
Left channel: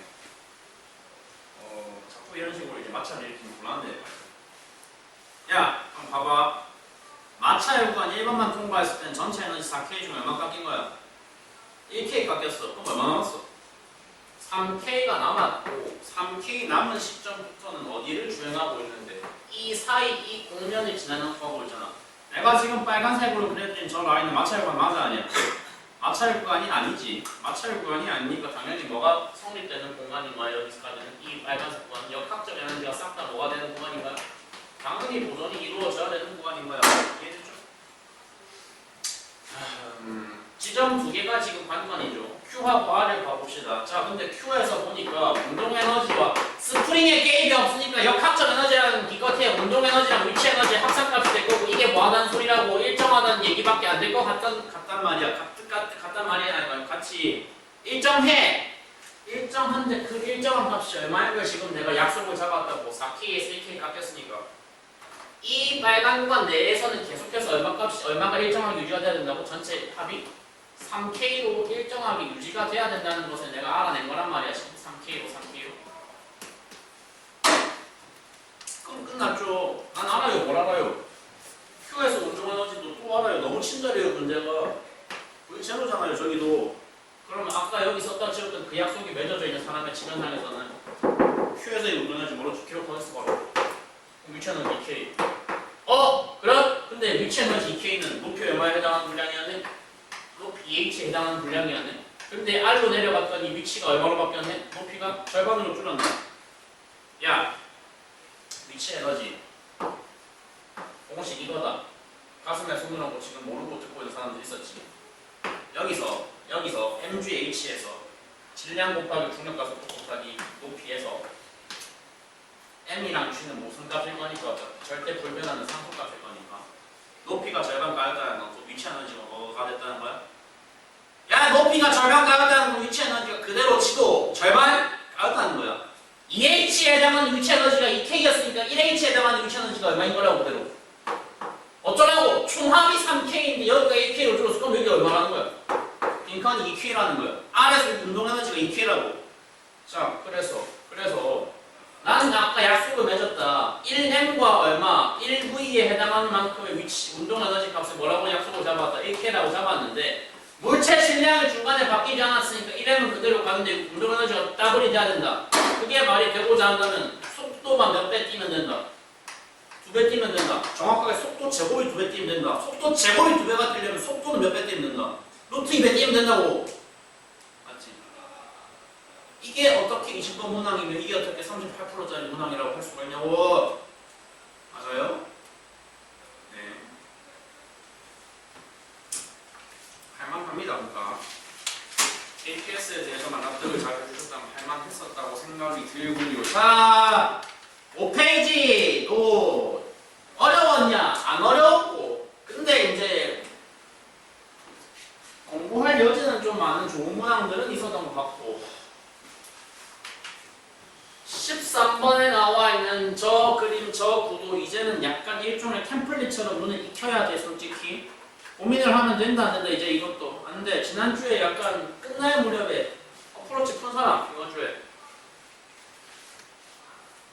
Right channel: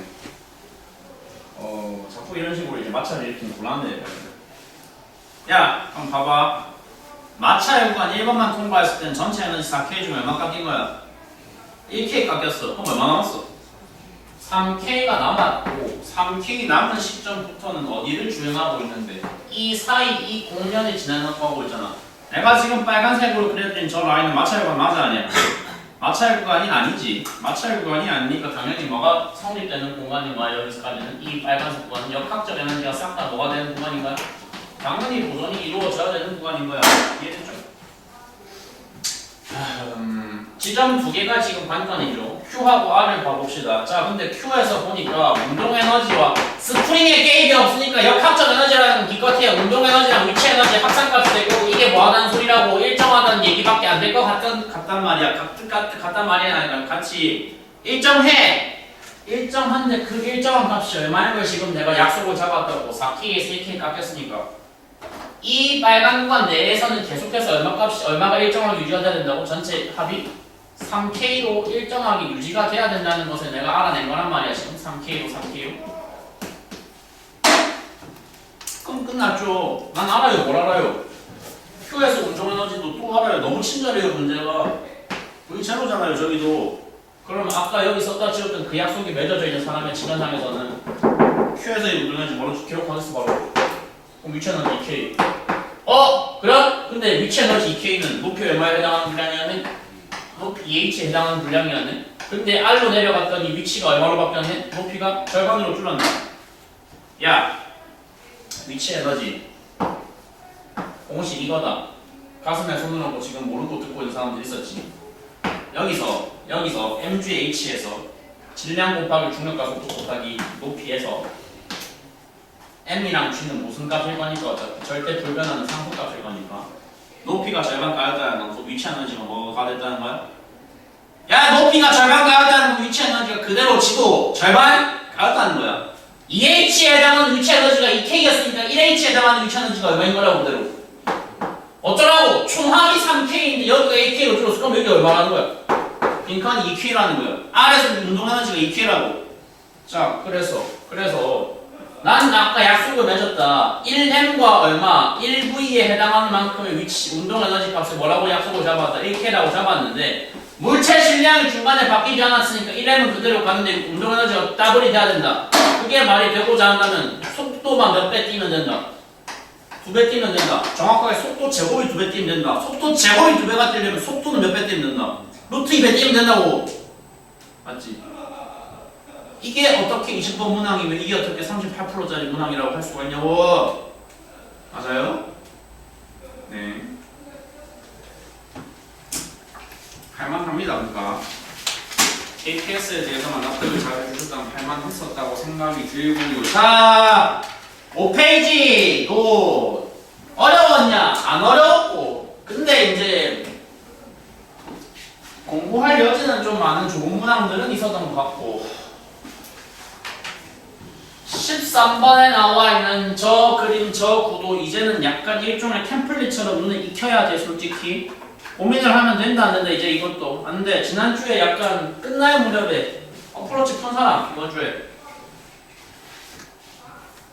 자꾸 이런 식으로 이제 마찰을 일으키면 곤란해. 야 한번 봐봐. 마찰 구간 1번만 통과했을 때는 전체 에너지 4K 중에 얼마 깎인 거야? 1K 깎였어. 그럼 얼마 남았어? 3K가 남았고 3K 남은 시점부터는 어디를 주행하고 있는데 이 사이 이 공면을 지나가고 있잖아. 내가 지금 빨간색으로 그렸더니 저 라인은 마찰 구간 맞아 아니야? 마찰 구간이 아니지. 마찰 구간이 아니니까 당연히 뭐가 성립되는 공간인가요? 여기서까지는 이 빨간색 구간은 역학적 에너지가 싹 다 뭐가 되는 공간인가요? 당연히 보존이 이루어져야 되는 구간인 거야. 이해됐죠? 지점 두 개가 지금 관건이죠. Q하고 R을 봐봅시다. 자, 근데 Q에서 보니까 운동 에너지와 스프링의 개입이 없으니까 역학적 에너지라는 기껏해야 운동 에너지랑 위치 에너지 합산값이 되고 이게 뭐하다는 소리라고 일정하다는 얘기밖에 안 될 것 같아. 같단 말이야. 같단 말이야. 아니라 같이 일정한데 그 일정한 값이 얼마인 걸 지금 내가 약속을 잡았다고 4K에 3K 깎였으니까 이 빨간 구간 내에서는 계속해서 얼마가 일정하게 유지가 돼야 된다고? 전체 합이 3K로 일정하게 유지가 돼야 된다는 것을 내가 알아낸 거란 말이야. 지금 3K로 그럼 끝났죠. 난 알아요. 뭘 알아요? Q에서 운동 에너지도 또 알아요. 너무 친절해요. 문제가 V 제로잖아요. 저기도. 그러면 아까 여기 썼다 지웠던 그 약속이 맺어져 있는 사람의 지면상에서는 Q에서의 운동 에너지 뭐로 기록하겠어 바로. 그럼 위치 에너지 2K. 그럼? 근데 위치 에너지 2K는 높이 얼마에 해당하는 분량이었네? 높이 EH에 해당하는 분량이었네? 근데 R로 내려갔더니 위치가 얼마로 바뀌었네? 높이가 절반으로 줄었네. 야, 위치 에너지 공식 이거다. 가슴에 손을 얹고 지금 모르고 듣고 있는 사람들 있었지. 여기서 MGH에서 질량 곱하기 중력과 속도 곱하기 높이에서 M이랑 G는 무슨 값일 거니까 어차피 절대 불변하는 상수값일 거니까 높이가 절반 까였다는 건 위치 에너지가 뭐가 됐다는 거야? 야, 높이가 절반 까였다는 건 위치 에너지가 그대로 지도 절반 까였다는 거야. 2H에 해당하는 위치 에너지가 2K였으니까 1H에 해당하는 위치 에너지가 얼마인 거라고 그대로. 어쩌라고? 총합이 3K인데 여기가 2K로 줄었어. 그럼 여기 얼마라는 거야? 빈칸이 2K라는 거야. R에서 운동 에너지가 2K라고. 자, 그래서 난 아까 약속을 맺었다. 1M과 얼마, 1V에 해당하는 만큼의 위치, 운동 에너지 값을 뭐라고 약속을 잡았다. 1K라고 잡았는데 물체 질량이 중간에 바뀌지 않았으니까 1M은 그대로 가는데 운동 에너지가 더블이 돼야 된다. 그게 말이 되고자 한다면 속도만 몇 배 뛰면 된다. 2배 뛰면 된다. 정확하게 속도 제곱이 2배 뛰면 된다. 속도 제곱이 2배가 뛰려면 속도는 몇 배 뛰면 된다. 루트 2배 뛰면 된다고. 맞지? 이게 어떻게 20번 문항이면 이게 어떻게 38%짜리 문항이라고 할 수가 있냐고. 맞아요? 네. 할만합니다. 그러니까 APS에 대해서만 납득을 잘 해주셨다면 할만했었다고 생각이 들고요. 자, 5페이지도 어려웠냐? 안 어려웠고. 근데 이제 공부할 여지는 좀 많은 좋은 문항들은 있었던 것 같고 13번에 나와 있는 저 그림, 저 구도 이제는 약간 일종의 템플릿처럼 눈에 익혀야 돼. 솔직히 고민을 하면 된다 안 된다. 이제 이것도 안 돼. 지난주에 약간 끝날 무렵에 어프로치 푼 사람 이번 주에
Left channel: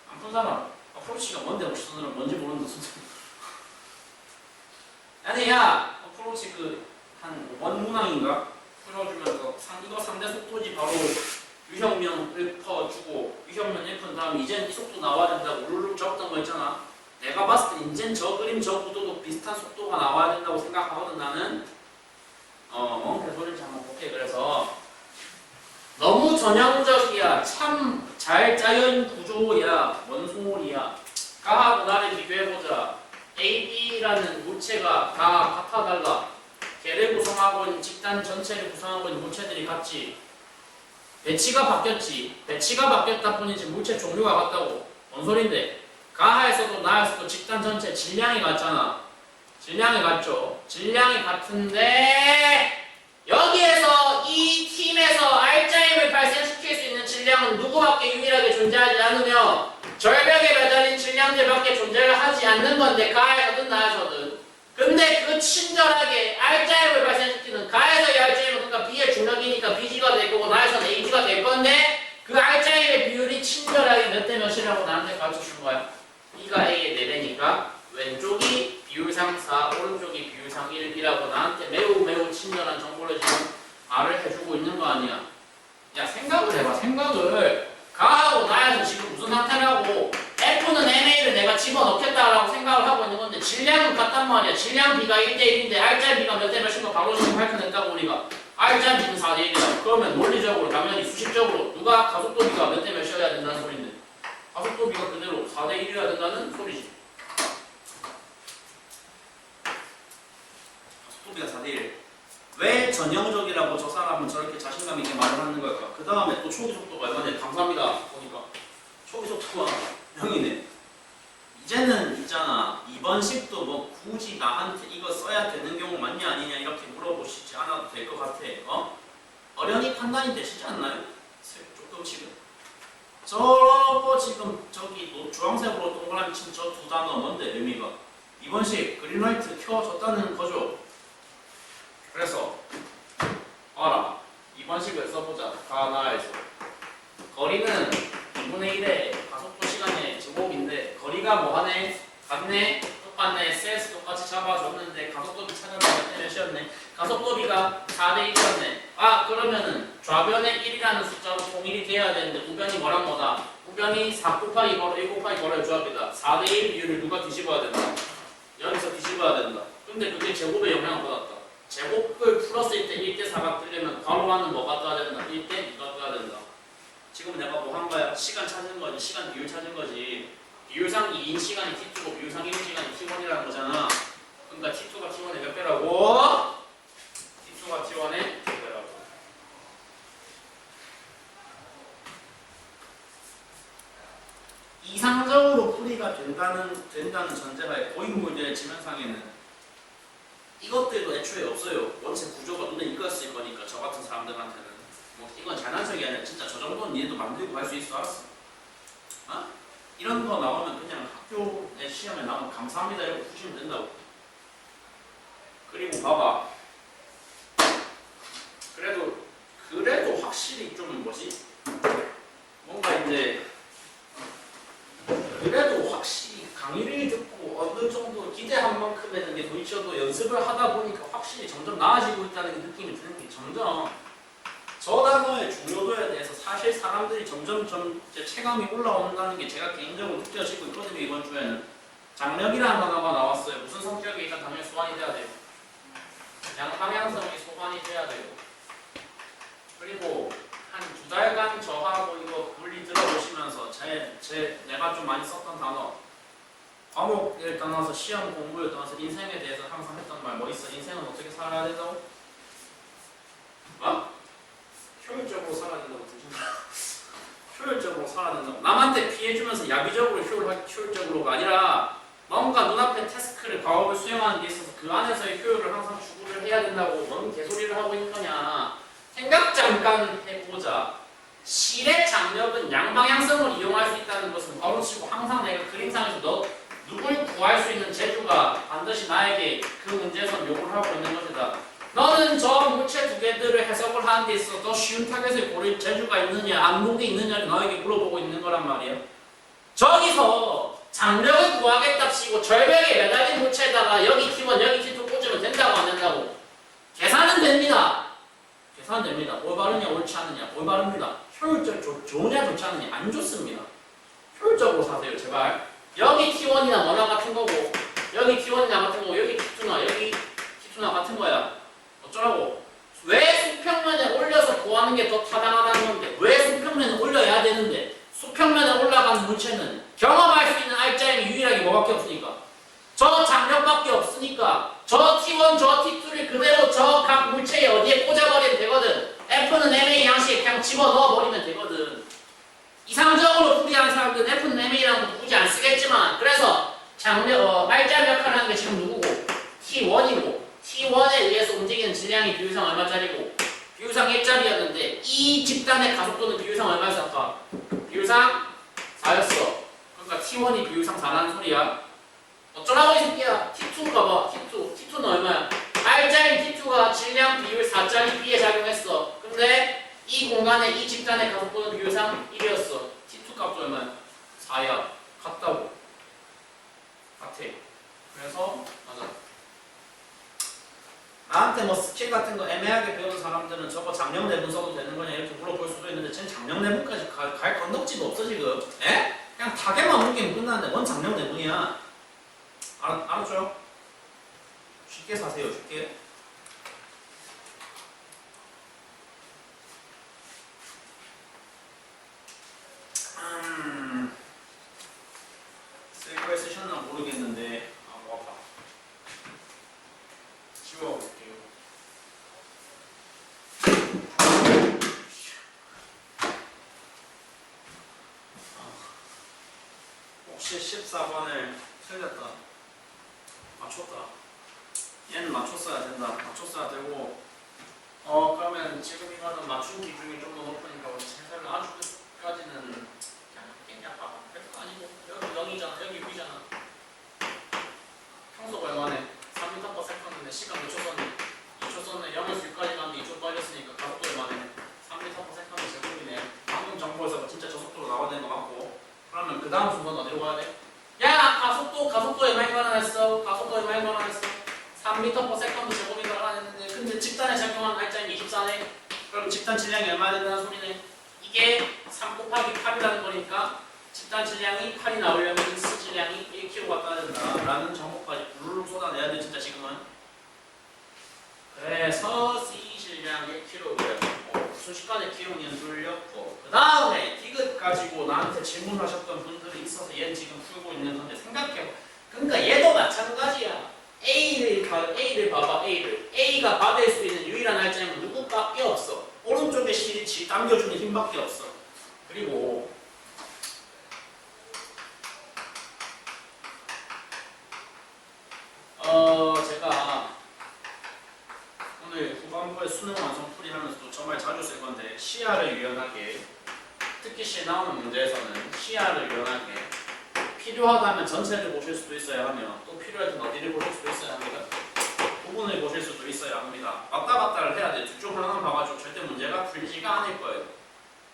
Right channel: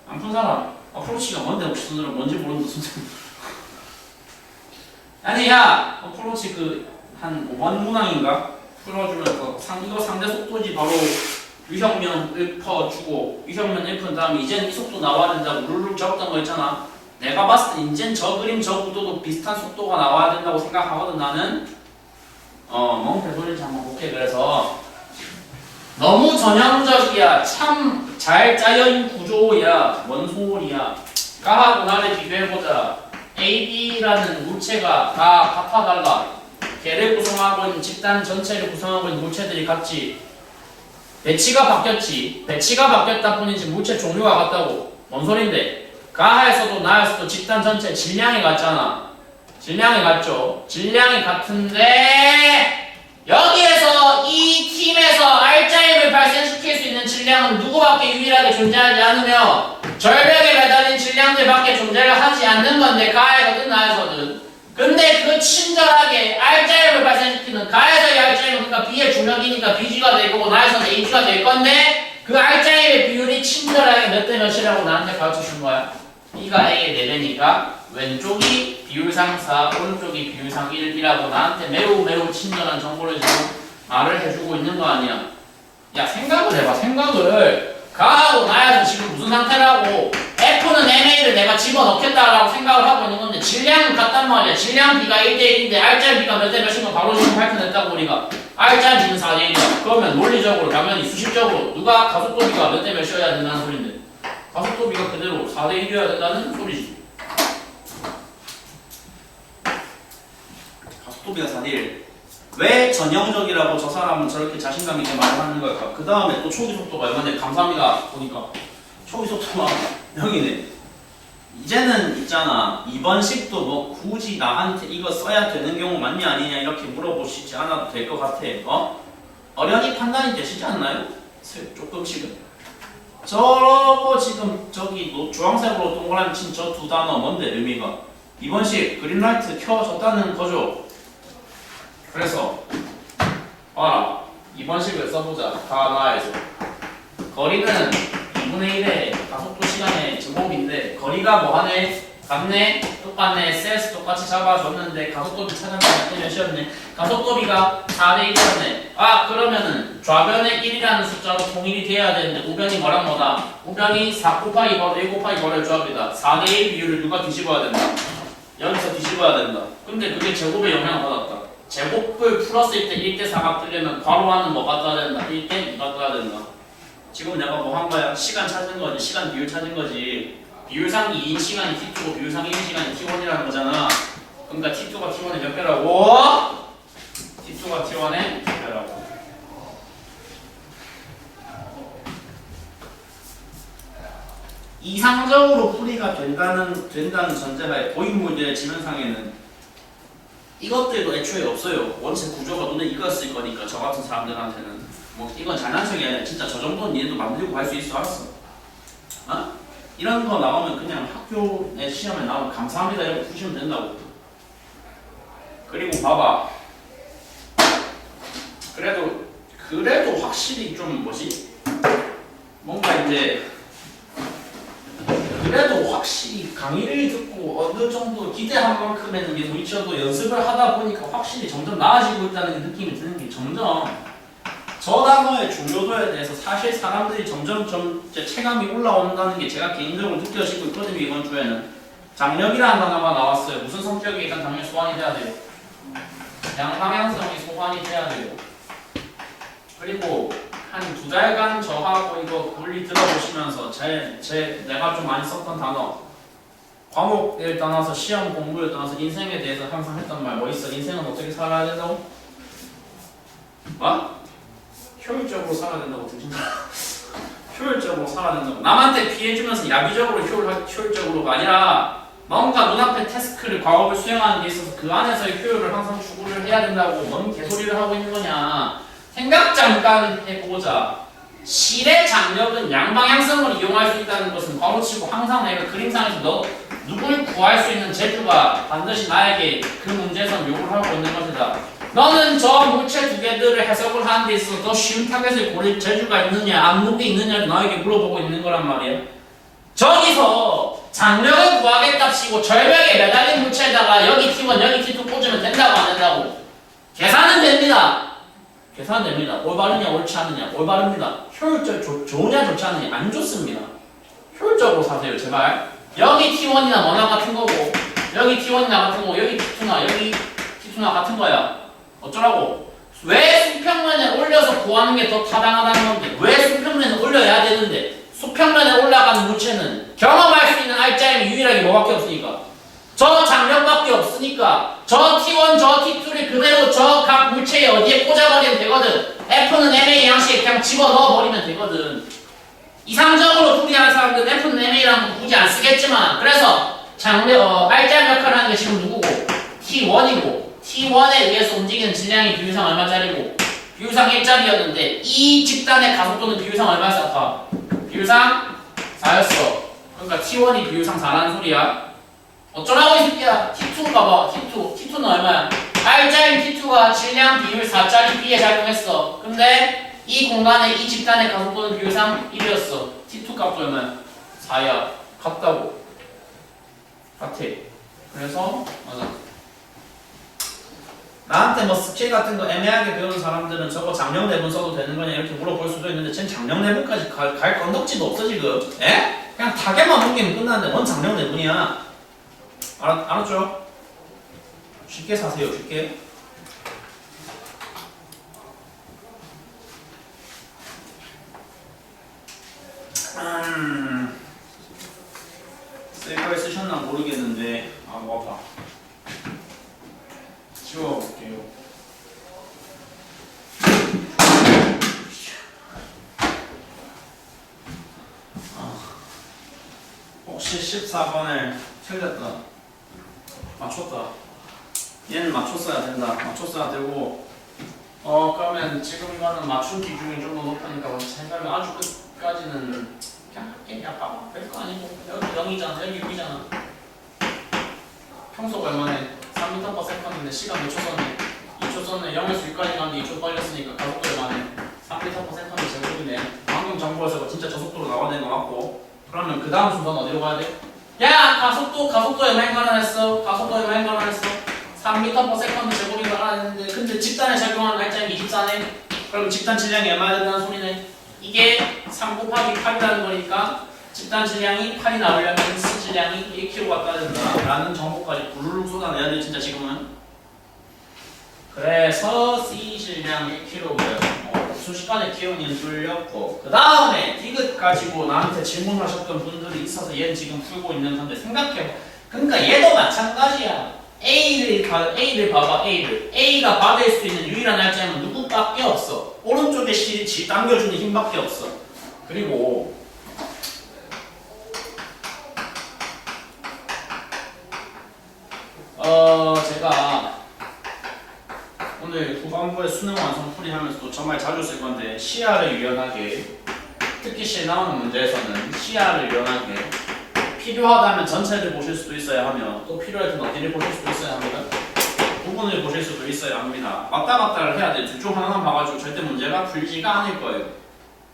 안 푼 사람 어프로치가 뭔데 혹시 손으로 뭔지 모르는데 선생님 아니 야 어프로치 그 한 5번 문항인가 풀어주면서 이거 상대 속도지 바로 유형면 1퍼주고 유형면 1퍼 다음에 이젠 이 속도 나와야 된다고 룰루 적었던 거 있잖아. 내가 봤을 때 이젠 저 그림 저 구도도 비슷한 속도가 나와야 된다고 생각하거든 나는. 뭔 개소리인지 한번 볼게. 그래서 너무 전형적이야. 참 잘 짜여진 구조야. 뭔 소리야. 가하고 나를 비교해보자. AB라는 물체가 다 같아달라. 걔를 구성하고 있는 집단 전체를 구성하고 있는 물체들이 같지. 배치가 바뀌었지. 배치가 바뀌었다 뿐이지 물체 종류가 같다고. 뭔 소린데? 가하에서도 나에서도 집단 전체 질량이 같잖아. 질량이 같죠. 질량이 같은데 여기에서 이 팀에서 R자임을 발생시킬 수 있는 질량은 누구밖에 유일하게 존재하지 않으며 절벽에 매달린 질량들밖에 존재를 하지 않는 건데 가에서든 나에서든. 근데 그 친절하게 R자임을 발생시키는 가에서의 R자임은 그러니까 B의 중력이니까 BG가 될 거고 나에서는 AG가 될 건데 그 R자임의 비율이 친절하게 몇 대 몇이라고 나한테 가르쳐 준 거야. B가 A의 4배니까 왼쪽이 비율상 4, 오른쪽이 비율상 1이라고 나한테 매우 친절한 정보를 지금 말을 해주고 있는 거 아니야. 야 생각을 해봐. 생각을 가하고 나에서 지금 무슨 상태라고. F는 MA를 내가 집어넣겠다라고 생각을 하고 있는 건데 질량은 같단 말이야. 질량 B가 1대1인데 R자 B가 몇 대 몇인 거 바로 지금 밝혀냈다고 우리가. R자 B는 4대1이야. 그러면 논리적으로 당연히 수식적으로 누가 가속도 B가 몇 대 몇이어야 된다는 소린데 가속도 B가 그대로 4대1이어야 된다는 소리지. 가속도 B가 4대1. 왜 전형적이라고 저 사람은 저렇게 자신감 있게 말을 하는 걸까? 그 다음에 또 초기 속도가 얼마냐? 감사합니다. 보니까 초기 속도가 0이네. 이제는 있잖아 2번식도 뭐 굳이 나한테 이거 써야 되는 경우 맞냐 아니냐 이렇게 물어보시지 않아도 될 것 같아. 어련히 판단이 되시지 않나요? 조금씩은. 저거 지금 저기 주황색으로 동그라미 친 저 두 단어 뭔데 의미가? 2번식 그린라이트 켜졌다는 거죠. 그래서 봐라 2번식을 써보자. 다 나와야죠. 거리는 2분의 1의 가속도 시간의 제곱인데 거리가 뭐하네? 같네? 똑같네? 셀스 똑같이 잡아줬는데 가속도비 찾아내면 몇이었네? 가속도비가 4대 1이었네. 아 그러면은 좌변의 1이라는 숫자로 통일이 돼야 되는데 우변이 뭐랑 뭐다? 우변이 4 곱하기 괄호 1 곱하기 괄호의 조합이다. 4대 1 비율을 누가 뒤집어야 된다? 여기서 뒤집어야 된다. 근데 그게 제곱에 영향을 받았다. 제곱을 풀었을 때 1대 4가 뜨려면 괄호 안은 뭐가 떠야 된다? 1대 2가 떠야 된다. 지금 내가 뭐 한 거야? 시간 찾은 거지. 시간 비율 찾은 거지. 비율상 2인 시간이 T2고 비율상 1인 시간이 T1이라는 거잖아. 그러니까 T2가 T1의 몇 배라고? T2가 T1의 몇 배라고. 이상적으로 풀이가 된다는 전제하에 고인물들의 지면상에는 이것들도 애초에 없어요. 원체 구조가 눈에 익었을 거니까 저 같은 사람들한테는 뭐 이건 장난식이 아니라 진짜 저 정도는 니네도 만들고 갈 수 있어. 알았어? 이런 거 나오면 그냥 학교에 시험에 나오면 감사합니다 이렇게 푸시면 된다고. 그리고 봐봐. 그래도 확실히 좀 뭐지? 뭔가 이제 그래도 확실히 강의를 듣고 어느 정도 기대한 만큼에는 이게 도이쳐도 연습을 하다 보니까 확실히 점점 나아지고 있다는 느낌이 드는 게 점점 저 단어의 중요도에 대해서 사실 사람들이 점점 이제 체감이 올라온다는 게 제가 개인적으로 느껴지고 있거든요. 이번 주에는 장력이라는 단어가 나왔어요. 무슨 성격이 일단 당연히 소환이 돼야 돼요. 양방향성이 소환이 돼야 돼요. 그리고 한 2달간 저하고 이거 논리 들어보시면서 내가 좀 많이 썼던 단어 과목을 떠나서 시험 공부를 떠나서 인생에 대해서 항상 했던 말 뭐 있어? 인생은 어떻게 살아야 된다고? 효율적으로 살아야 된다고 들린다. 효율적으로 살아야 된다고. 남한테 피해주면서 야비적으로 효율적으로가 아니라 뭔가 눈앞에 태스크를 과업을 수행하는 데 있어서 그 안에서의 효율을 항상 추구를 해야 된다고. 뭔 개소리를 하고 있는 거냐. 생각 잠깐 해보자. 실의 장력은 양방향성을 이용할 수 있다는 것은 바로치고 항상 내가 그림상에서 누굴 구할 수 있는 재주가 반드시 나에게 그 문제에서 요구를 하고 있는 것이다. 너는 저 물체 두 개들을 해석을 하는 데 있어서 더 쉬운 타겟을 고릴 재주가 있느냐 안목이 있느냐를 너에게 물어보고 있는 거란 말이야. 저기서 장력을 구하겠답시고 절벽에 매달린 물체에다가 여기 T1 여기 T2 꽂으면 된다고 안 된다고? 계산은 됩니다. 계산은 됩니다. 올바르냐 옳지 않느냐 올바릅니다. 효율적 좋으냐 좋지 않느냐 안 좋습니다. 효율적으로 사세요 제발. 여기 T1이나 뭐나 같은 거고 여기 T1이나 같은 거고 여기 T2나 여기 T2나 같은 거야. 어쩌라고? 왜 수평면에 올려서 구하는 게 더 타당하다는 건데 왜 수평면에 올려야 되는데 수평면에 올라간 물체는 경험할 수 있는 알짜임이 유일하게 뭐밖에 없으니까 저 장력밖에 없으니까 저 T1 저 T2를 그대로 저 각 물체에 어디에 꽂아버리면 되거든. F는 MA 양식에 그냥 집어넣어버리면 되거든. 이상적으로 풀이하는 사람들은 F는 MA라는 거 굳이 안 쓰겠지만 그래서 알짜임 역할을 하는 게 지금 누구고? T1이고 T1에 의해서 움직이는 질량이 비율상 얼마짜리고 비율상 1짜리였는데 이 집단의 가속도는 비율상 얼마였을까? 비율상 4였어. 그러니까 T1이 비율상 4라는 소리야. 어쩌라고 이 새끼야. T2가 봐. T2는 얼마야? R자인 T2가 질량 비율 4짜리 B에 작용했어. 근데 이 공간에 이 집단의 가속도는 비율상 1이었어. T2 값도 얼마야? 4야. 같다고. 같아. 그래서 맞아. 나한테 뭐 스킬 같은 거 애매하게 배우는 사람들은 저거 장력 내분 써도 되는 거냐 이렇게 물어볼 수도 있는데 쟨 장력 내분까지 갈 건덕지도 없어 지금. 에? 그냥 타겟만 옮기면 끝나는데 뭔 장력 내분이야. 알았죠? 쉽게 사세요 쉽게. 쓸 거에 쓰셨나 모르겠는데 뭐 아파. 지워볼게요. 역시 14번을 틀렸다. 맞췄다. 얘는 맞췄어야 된다. 맞췄어야 되고 그러면 지금 이거는 맞춘 기준이 좀 더 높으니까 생각을 아주 끝까지는 그냥 할게. 야 봐봐. 별거 아니고 여기 0이잖아. 여기 6이잖아. 평소가 얼마네? 3m/s인데 시간 몇 초 썼네? 2초 썼네. 0에서 6까지 가는데 2초 빨렸으니까 가속도 얼마네? 3m/s 제곱이네. 방금 정보에서 진짜 저속도로 나와야 되는 거 맞고. 그러면 그 다음 순서는 어디로 가야 돼? 야 가속도에 많이 관한했어. 가속도에 많이 관한했어. 3m/s 제곱이 관한했는데 근데 집단에 작용하는 날짜는 24네. 그럼 집단 질량이 얼마나 된다는 소리네? 이게 3 곱하기 8이라는 거니까 집단 질량이 8이 나오려면 C 질량이 1kg 갖다 된다 라는 정보까지 부르륵 쏟아내야 돼 진짜 지금은. 그래서 C 질량 1kg 순식간에 기온이 뚫렸고 그 다음에 디귿 가지고 나한테 질문하셨던 분들이 있어서 얘는 지금 풀고 있는 건데 생각해봐. 그러니까 얘도 마찬가지야. A를 봐봐. A가 받을 수 있는 유일한 날짜는 누구밖에 없어. 오른쪽에 C를 당겨주는 힘밖에 없어. 그리고 제가 오늘 후반부에 수능 완성풀이 하면서도 정말 자주 쓸 건데 시야를 유연하게, 특히 시에 나오는 문제에서는 시야를 유연하게 필요하다면 전체를 보실 수도 있어야 하며 또 필요할 때는 어디를 보실 수도 있어야 합니다. 부분을 보실 수도 있어야 합니다. 왔다 갔다를 해야 돼. 둘 중 하나만 봐가지고 절대 문제가 풀리지가 않을 거예요.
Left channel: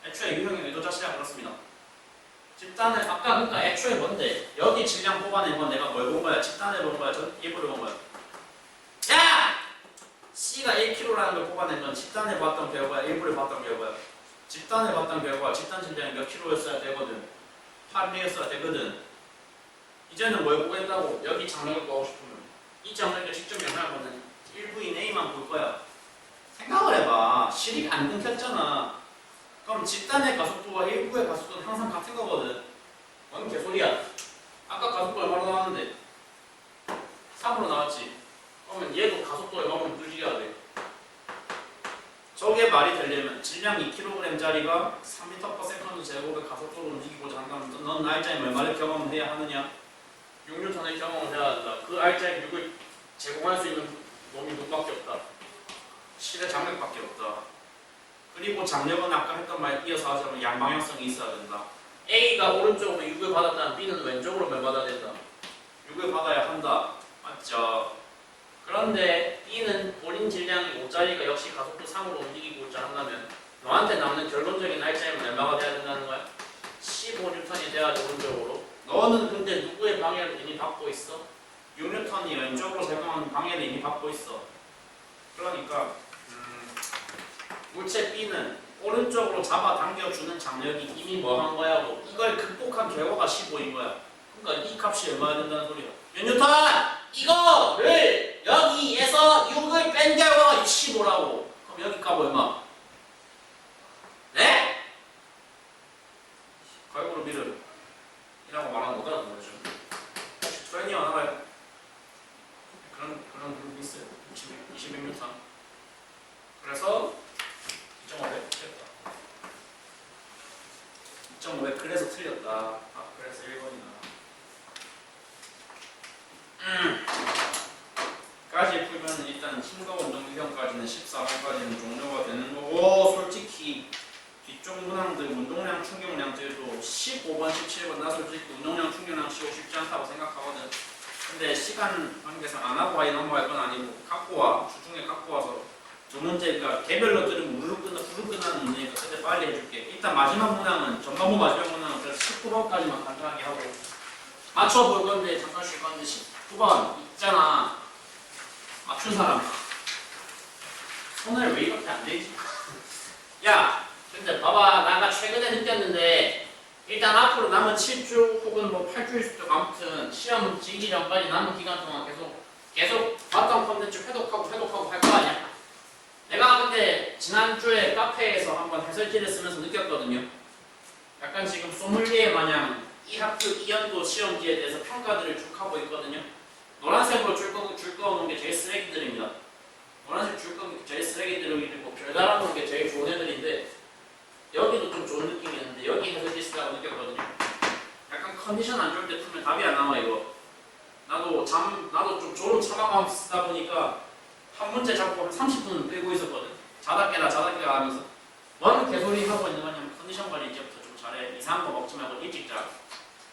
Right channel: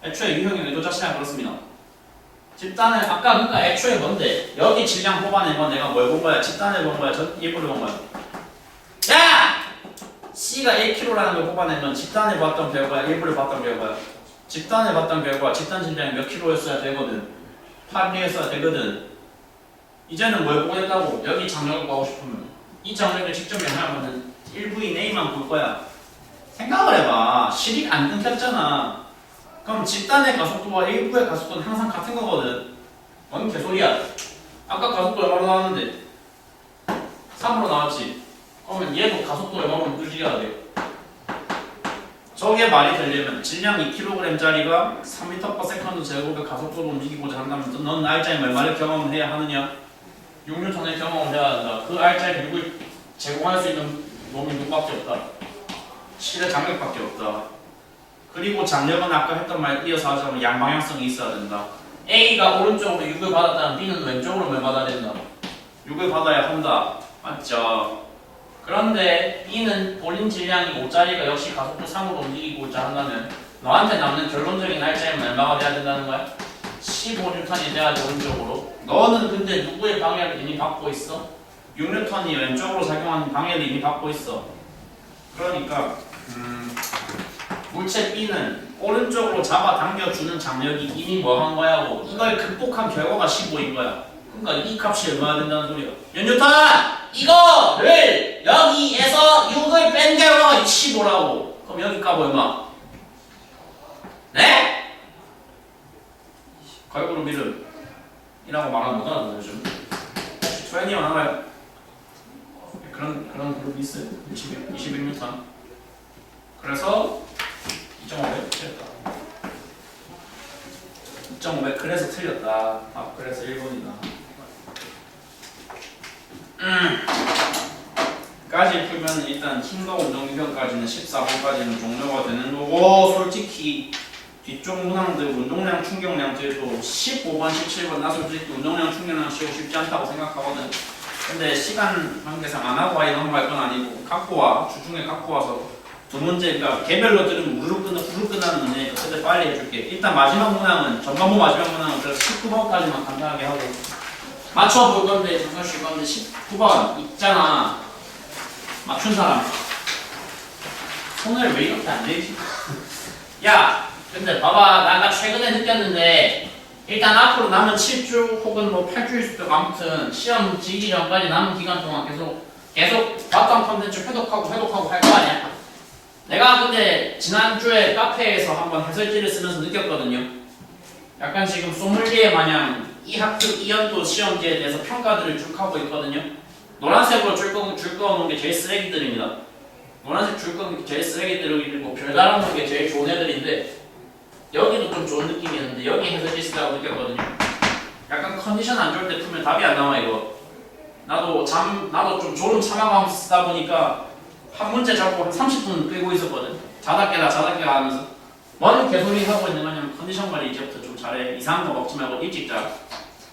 애초에 유형의 의도 자체가 그렇습니다. 집단을 아까 그러니까 애초에 뭔데? 여기 질량 뽑아낸 건 내가 뭘 본 거야? 집단을 본 거야? 예보를 본 거야? 야! C가 1kg라는 걸 뽑아낸 건 집단을 봤던 결과야? 예보를 봤던 결과야? 집단을 봤던 결과 집단 질량이 몇 킬로였어야 되거든. 8이었어야 되거든. 이제는 뭘 보겠다고? 여기 장력을 구하고 싶으면 이 장력을 직접 연하면 1부인 A만 볼 거야. 생각을 해봐. 실이 안 끊겼잖아. 그럼 집단의 가속도와 1부의 가속도는 항상 같은 거거든. 뭔 개소리야. 아까 가속도 얼마로 나왔는데? 3으로 나왔지. 그러면 얘도 가속도 얼마로 움직여야 돼? 저게 말이 되려면 질량 2kg짜리가 3m/s 제곱의 가속도로 움직이고자 한다면 넌 알짜의 얼마를 경험을 해야 하느냐? 6N의 경험을 해야 한다. 그 알짜의 6을 제공할 수 있는 놈이 누구밖에 없다. 실의 장력밖에 없다. 그리고 장력은 아까 했던 말 이어서 하자면 양방향성이 있어야 된다. A가 오른쪽으로 6을 받았다면 B는 왼쪽으로 뭘 받아야 된다? 6을 받아야 한다. 맞죠? 그런데 B는 본인 질량이 5짜리가 역시 가속도 3으로 움직이고자 한다면 너한테 남는 결론적인 날짜이면 얼마가 돼야 된다는 거야? 15N이 돼야지 오른쪽으로. 너는 근데 누구의 방해를 이미 받고 있어? 6N이 왼쪽으로 작용하는 방해를 이미 받고 있어. 그러니까 물체 B는 오른쪽으로 잡아당겨주는 장력이 이미 뭐 한 거야고 이걸 극복한 결과가 15인 거야. 그러니까 이 값이 얼마나 된다는 소리야? 몇 뉴턴! 이거를 여기에서 6을 뺀 결과가 15라고. 그럼 여기 값 얼마? 네? 걸그룹 이름 이라고 말하는 거잖아 요즘. 혹시 트렌이 많아요? 그런 그룹이 있어요. 21m. 그래서 2.5배 틀렸다. 2.5배 그래서 틀렸다. 아 그래서 1번이다. 까지 풀면 일단 힘과 운동 유형까지는 14번까지는 종료가 되는 거고 솔직히 뒤쪽 문항들 운동량 충격량들도 15번 17번 나 솔직히 운동량 충격량 쉬고 쉽지 않다고 생각하거든. 근데 시간 관계상 안 하고 아예 넘어갈 건 아니고 갖고 와 주중에 갖고 와서 두 문제가 개별로 들으면 후루룩 끝나는 문제니까 그때 빨리 해줄게. 일단 마지막 문항은 전반부 마지막 문항은 그래서 19번까지만 간단하게 하고 맞춰볼 건데 잠깐 쉴 건데 19번 있잖아. 맞춘 사람 손을 왜 이렇게 안 대지? 야 근데 봐봐 나 최근에 느꼈는데 일단 앞으로 남은 7주 혹은 뭐 8주일 수도 있고 아무튼 시험 지기 전까지 남은 기간 동안 계속 봤던 컨텐츠 회독하고 할 거 아니야? 내가 근데 지난주에 카페에서 한번 해설지를 쓰면서 느꼈거든요. 약간 지금 소믈리에 마냥 이 학교 2연도 시험지에 대해서 평가들을 쭉 하고 있거든요. 노란색으로 줄 그어놓은 게 제일 쓰레기들입니다. 노란색 줄 그어놓은 게 제일 쓰레기들이고 별 달아놓은 게 제일 좋은 애들인데 여기도 좀 좋은 느낌이 있는데 여기 해설지 쓰라고 느꼈거든요. 약간 컨디션 안 좋을 때 풀면 답이 안 나와 이거. 나도 좀 졸음 참아가면서 쓰다 보니까 한 문제 잡고 한 30분 끌고 있었거든. 자다 깨라 하면서. 뭔 개소리 하고 있는 거냐면 컨디션 관리 이제부터 좀 잘해. 이상한 거 먹지 말고 일찍 자.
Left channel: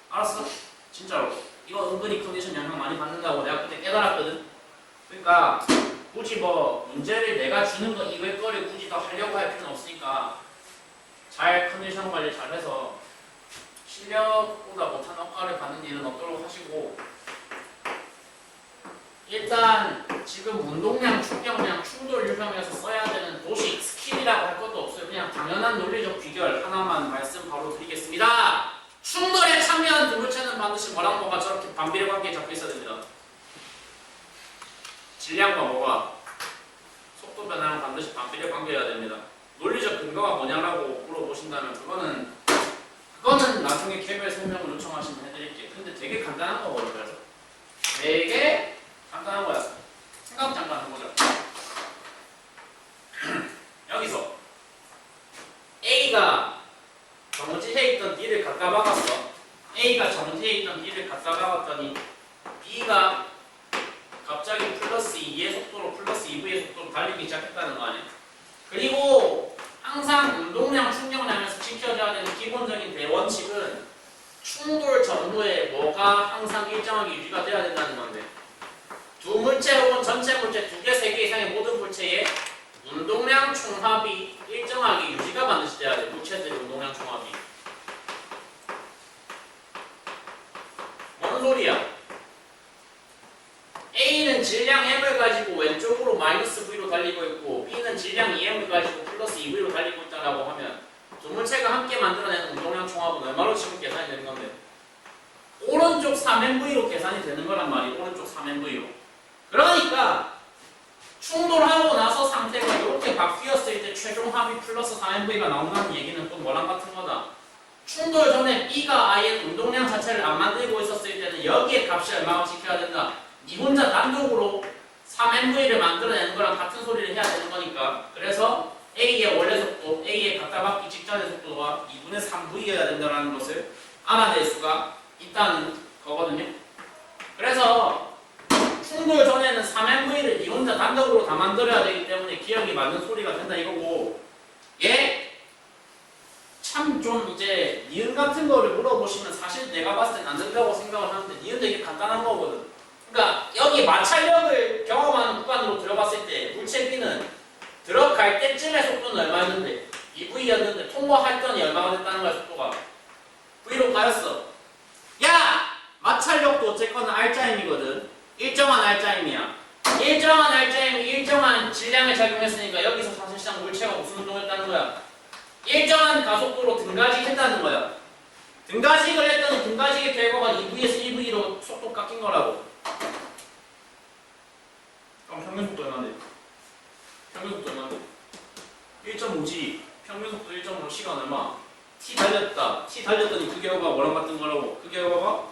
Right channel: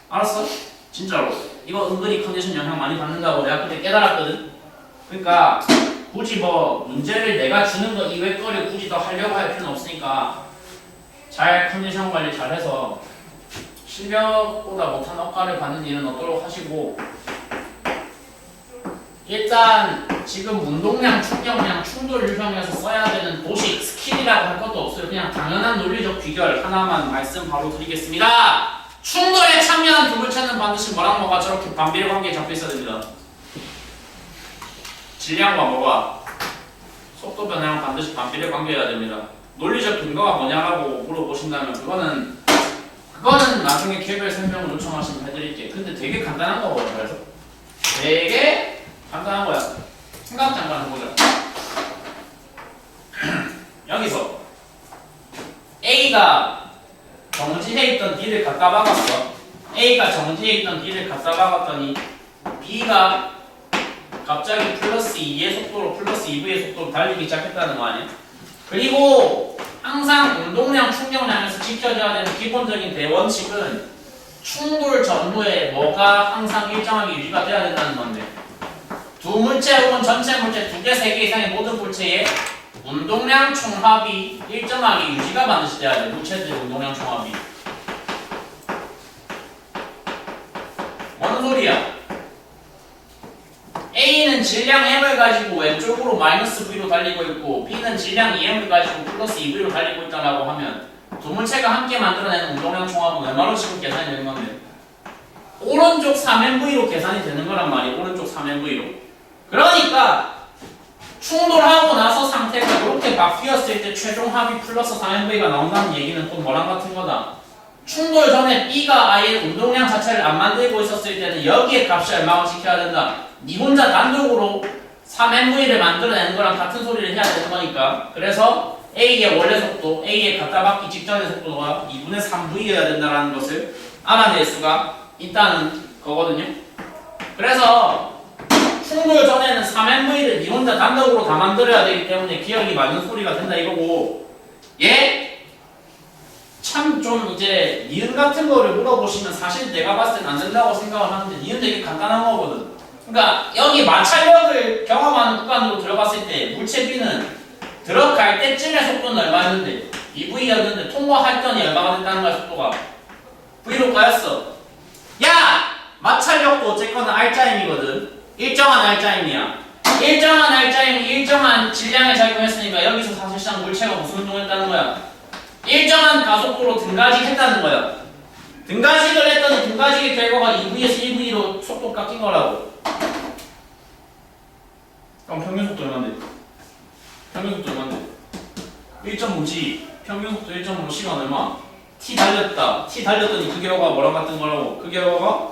알았어? 진짜로. 이거 은근히 컨디션 영향 많이 받는다고 내가 그때 깨달았거든. 그러니까 굳이 뭐 문제를 내가 주는 거 이외 거를 굳이 더 하려고 할 필요는 없으니까 잘 컨디션 관리 잘해서 실력보다 못한 억가를 받는 일은 없도록 하시고, 일단 지금 운동량, 충격량, 충돌 유형에서 써야 되는 도식, 스킬이라고 할 것도 없어요. 그냥 당연한 논리적 귀결 하나만 말씀 바로 드리겠습니다. 충돌에 참여한 두 물체는 반드시 뭐랑 뭐가 저렇게 반비례 관계에 잡혀 있어야 됩니다. 질량과 뭐가 속도 변화랑 반드시 반비례 관계여야 됩니다. 논리적 근거가 뭐냐라고 물어보신다면 그거는 나중에 개별 설명을 요청하시면 해드릴게요. 근데 되게 간단한 거거든요. 그래서 되게 간단한 거야. 생각 잠깐 해보자. 여기서 A가 정지해 있던 D를 갖다 박았어. A가 정지해 있던 D를 갖다 박았더니 B가 갑자기 플러스 2의 속도로 플러스 2V의 속도로 달리기 시작했다는 거 아니야? 그리고 항상 운동량, 충격량에서 지켜져야 되는 기본적인 대원칙은 충돌 전후에 뭐가 항상 일정하게 유지가 돼야 된다는 건데, 두 물체 혹은 전체 물체 2개, 3개 이상의 모든 물체의 운동량 총합이 일정하게 유지가 반드시 돼야 돼. 물체들의 운동량 총합이. 뭔 소리야? A는 질량 M을 가지고 왼쪽으로 마이너스 V로 달리고 있고 B는 질량 2M을 가지고 플러스 2V로 달리고 있다라고 하면 두 물체가 함께 만들어내는 운동량 총합은 얼마로 지금 계산이 되는 건데? 오른쪽 3MV로 계산이 되는 거란 말이야. 오른쪽 3MV로. 그러니까 충돌하고 나서 상태가 이렇게 바뀌었을 때 최종 합이 플러스 3MV가 나온다는 얘기는 또 뭐랑 같은 거다. 충돌 전에 B가 아예 운동량 자체를 안 만들고 있었을 때는 여기에 값이 얼마나 지켜야 된다. 니 혼자 단독으로 3MV를 만들어내는 거랑 같은 소리를 해야 되는 거니까. 그래서 A의 원래 속도, A의 갖다 받기 직전의 속도가 2분의 3V여야 된다는 것을 알아낼 수가 있다는 거거든요. 그래서 충돌 전에는 3MV를 니 혼자 단독으로 다 만들어야 되기 때문에 기억이 맞는 소리가 된다 이거고, 얘 참 좀 이제 니은 같은 거를 물어보시면 사실 내가 봤을 땐 안 된다고 생각을 하는데 니은 되게 간단한 거거든. 그러니까 여기 마찰력을 경험하는 구간으로 들어갔을 때 물체 B는 들어갈 때쯤의 속도는 얼마였는데 2V였는데 통과할 때는 얼마가 됐다는 거야. 속도가 V로 가였어. 야! 마찰력도 어쨌거나 R자임이거든. 일정한 R자임이야. 일정한 R자임이 일정한 질량에 작용했으니까 여기서 사실상 물체가 무슨 운동했다는 거야? 일정한 가속도로 등가직했다는 거야. 등가직을 했더니 등가직의 결과가 2V에서 1V로 속도 깎인 거라고. 그럼 평균 속도 얼마인데? 평균 속도 얼마인데? 1.5G 평균 속도 1.5 시간 얼마? T 달렸다. T 달렸더니 그 결과가 뭐랑 같은 거라고? 그 결과가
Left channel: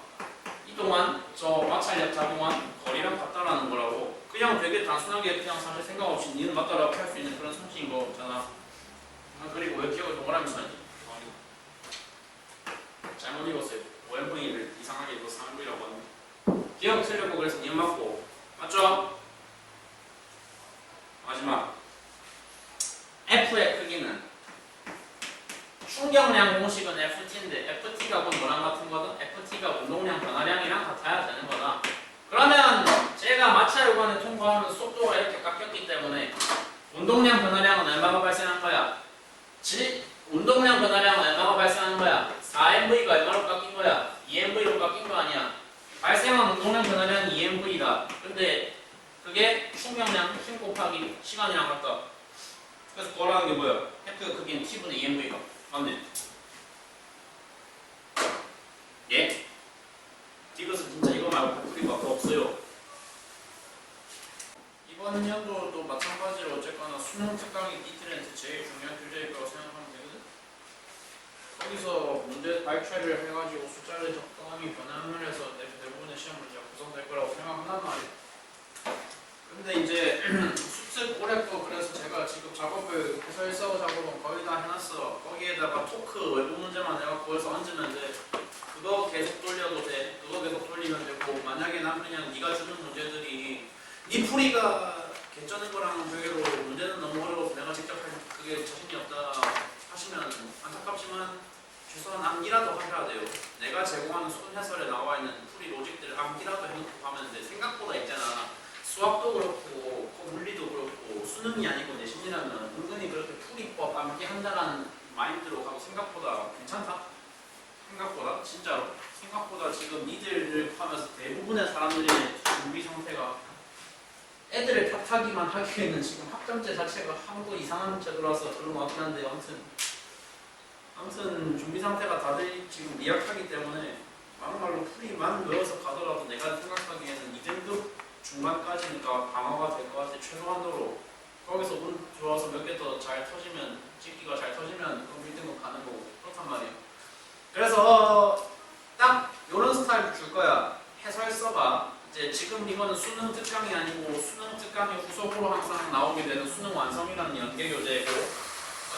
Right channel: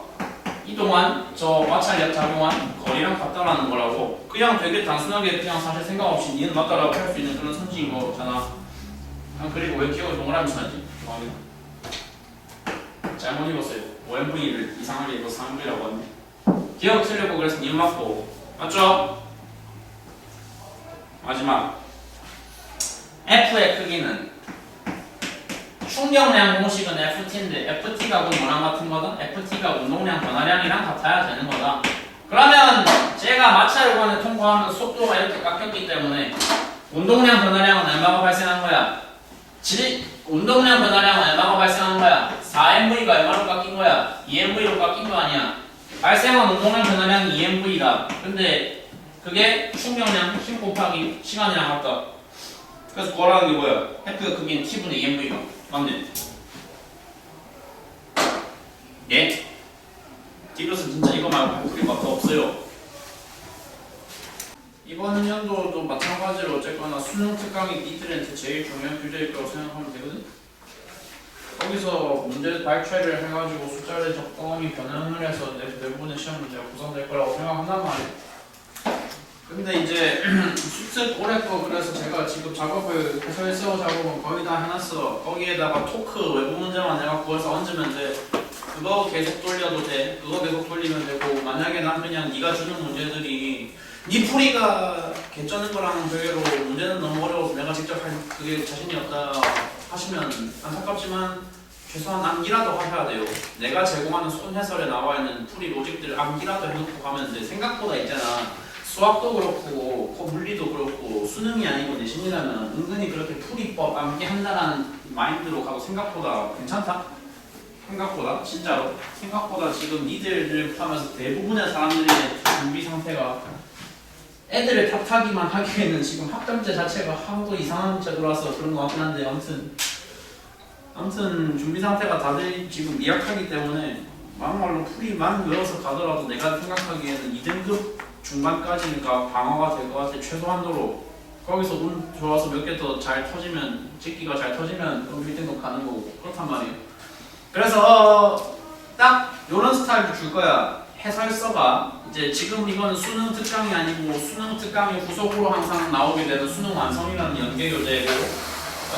이동한 저 마찰력 작용한 거리랑 같다라는 거라고. 그냥 되게 단순하게 그냥 사실 생각 없이 니는 맞다라고 할 수 있는 그런 선지인 거잖아. 그리고 왜 기억을 동그라미 쳐야지? 잘못 읽었어요. OMV를 이상하게 읽어서 3V라고 하네. 기억 틀리고 그래서 니은 맞고. 맞죠? 마지막 F의 크기는 충격량 공식은 FT인데 FT가 곧 뭐랑 같은 거다? FT가 운동량 변화량이랑 같아야 되는 거다. 그러면 제가 마찰 구간을 통과하면 속도가 이렇게 깎였기 때문에 운동량 변화량은 얼마가 발생한 거야? 운동량 변화량은 얼마가 발생한 거야? 4MV가 얼마로 깎인 거야? 2MV로 깎인 거 아니야? 발생한 운동량 변화량이 2MV다. 근데 그게 충격량 힘 곱하기 시간이랑 같다. 그래서 구하라는 게 뭐야? F의 크기는 T분의 2MV가 맞네. 예? 이것은 진짜 이거 말고 할 소리가 더 없어요. 이번 연도도 마찬가지로 어쨌거나 수능 특강이 니들한테 제일 중요한 교재일 거라고 생각하면 되거든? 거기서 문제 발췌를 해가지고 숫자를 적당히 변형을 해서 대부분의 시험 문제가 구성될 거라고 생각한단 말이야. 근데 이제 수특 올해 거 그래서 제가 지금 작업을 해설서 작업은 거의 다 해놨어. 거기에다가 토크 외부 문제만 내가 구해서 얹으면 돼. 그거 계속 돌려도 돼. 그거 계속 돌리면 되고 만약에 난 그냥 네가 주는 문제들이 네 풀이가 개쩌는 거랑 별개로 문제는 너무 어려워서 내가 직접 할 그게 자신이 없다 하시면 안타깝지만 최소한 암기라도 하셔야 돼요. 내가 제공하는 손해설에 나와 있는 풀이 로직들 암기라도 해놓고 가면 돼. 생각보다 있잖아. 수학도 그렇고 물리도 그렇고 수능이 아니고 내신이라면 은근히 그렇게 풀이법 암기한다라는 마인드로 가고 생각보다 괜찮다? 생각보다 진짜로 생각보다 지금 니들을 포함해서 대부분의 사람들의 준비 상태가 애들을 탓하기만 하기에는 지금 학점제 자체가 하도 이상한 제도라서 그런 것 같긴 한데 아무튼 준비 상태가 다들 지금 미약하기 때문에 막말로 풀이만 외워서 가더라도 내가 생각하기에는 2등급 중반까지니까 방어가 될 것 같아. 최소한도로 거기서 운 좋아서 몇 개 더 잘 터지면 찍기가 잘 터지면 그럼 1등급 가는 거고 그렇단 말이에요. 그래서 딱 요런 스타일을 줄 거야. 해설서가 이제 지금 이건 수능 특강이 아니고 수능 특강의 후속으로 항상 나오게 되는 수능 완성이라는 연계 교재고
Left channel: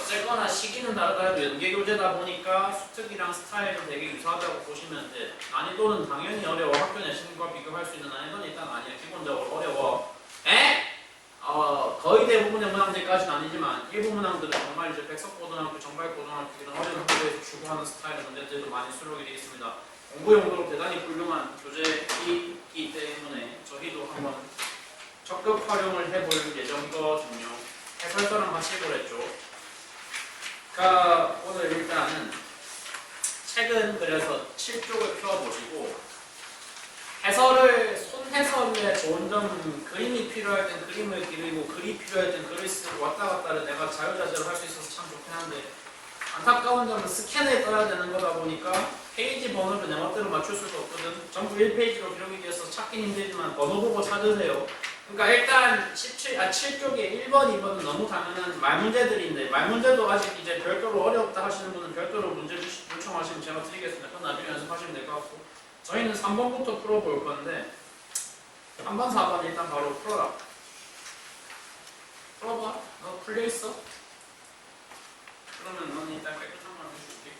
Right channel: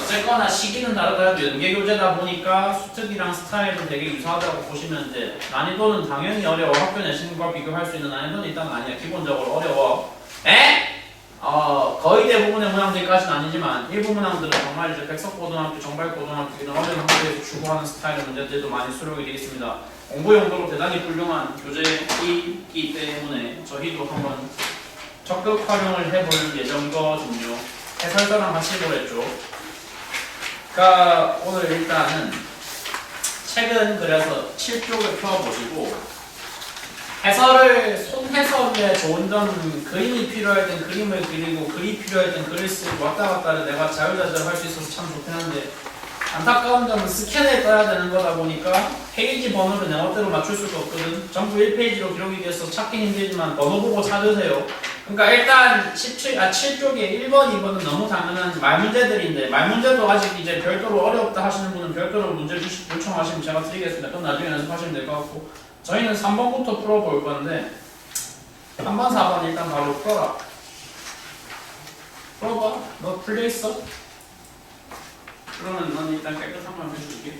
어쨌거나 시기는 다르더라도 연계 교재다 보니까 수특이랑 스타일은 되게 유사하다고 보시면 돼. 난이도는 당연히 어려워. 학교 내신과 비교할 수 있는 난이도는 일단 아니야. 기본적으로 어려워. 거의 대부분의 문항들까지는 아니지만 일부 문항들은 정말 이제 백석고등학교, 정발고등학교 이런 어려운 학교에서 추구하는 스타일의 문제들도 많이 수록이 되어 있습니다. 공부 용도로 대단히 훌륭한 교재이기 때문에 저희도 한번 적극 활용을 해볼 예정이거든요. 해설서랑 같이 보랬죠. 그러니까 오늘 일단은 책은 그래서 7쪽을 펴보시고 손해설의 좋은 점은 그림이 필요할 땐 그림을 그리고 글이 필요할 땐 글을 쓰고 왔다 갔다를 내가 자유자재로 할 수 있어서 참 좋긴 한데 안타까운 점은 스캔에 떠야 되는 거다 보니까 페이지 번호를 내 멋대로 맞출 수가 없거든. 전부 1페이지로 기록이 돼서 찾긴 힘들지만 번호 보고 찾으세요. 그러니까 일단 7쪽에 1번, 2번은 너무 당연한 말문제들인데 말문제도 아직 이제 별도로 어렵다 하시는 분은 별도로 문제 요청하시면 제가 드리겠습니다. 그건 나중에 연습하시면 될 것 같고 저희는 3번부터 풀어볼 건데 3번, 4번 일단 바로 풀어라. 풀어봐. 너 풀려있어? 그러면 넌 일단 깨끗한 걸 해줄게.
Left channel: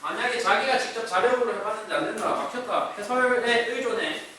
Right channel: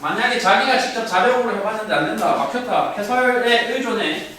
만약에 자기가 직접 자력으로 해봤는데 안 된다, 막혔다, 해설에 의존해.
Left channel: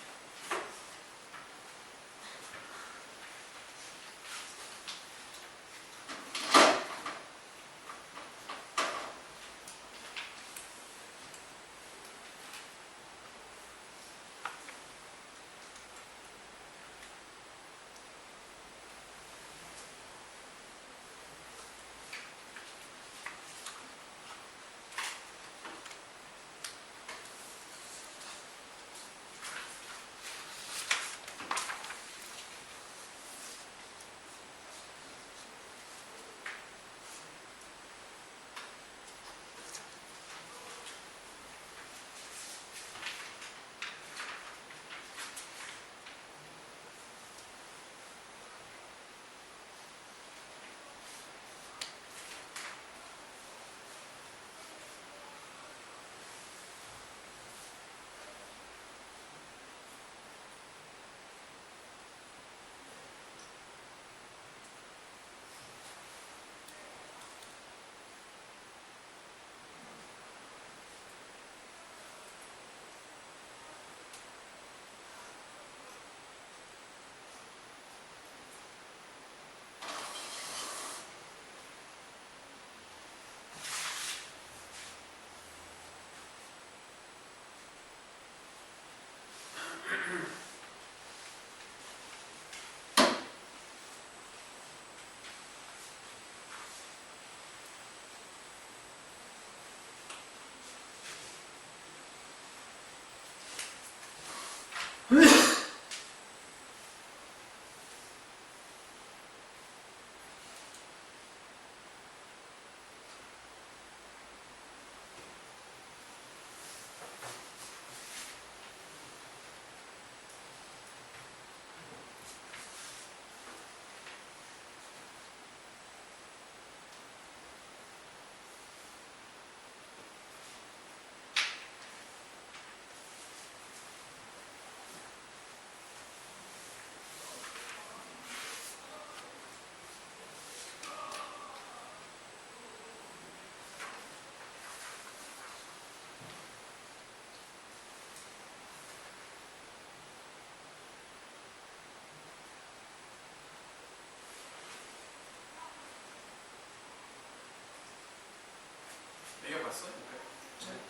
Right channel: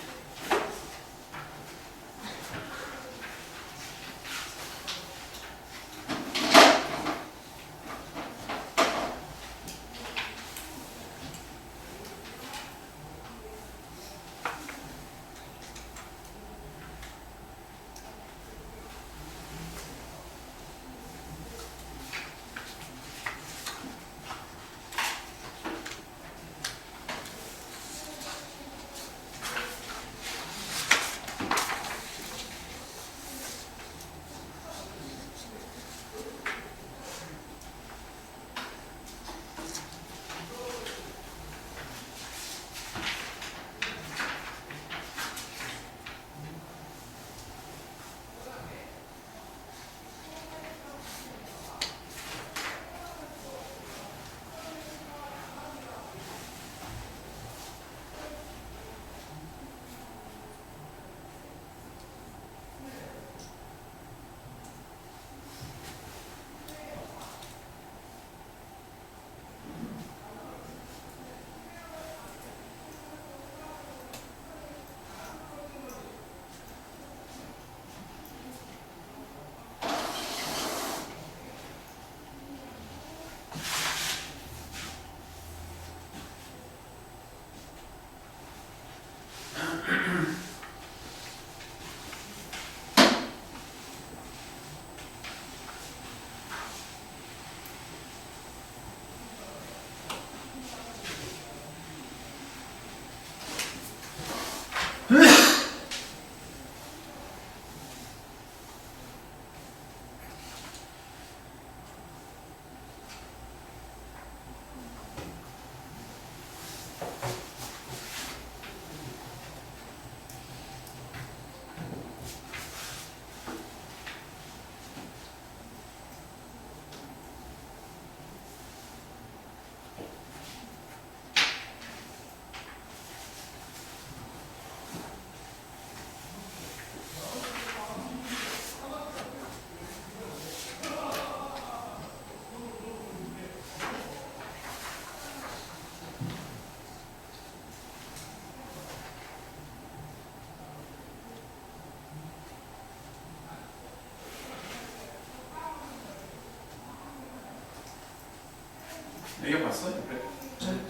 매겨봤어?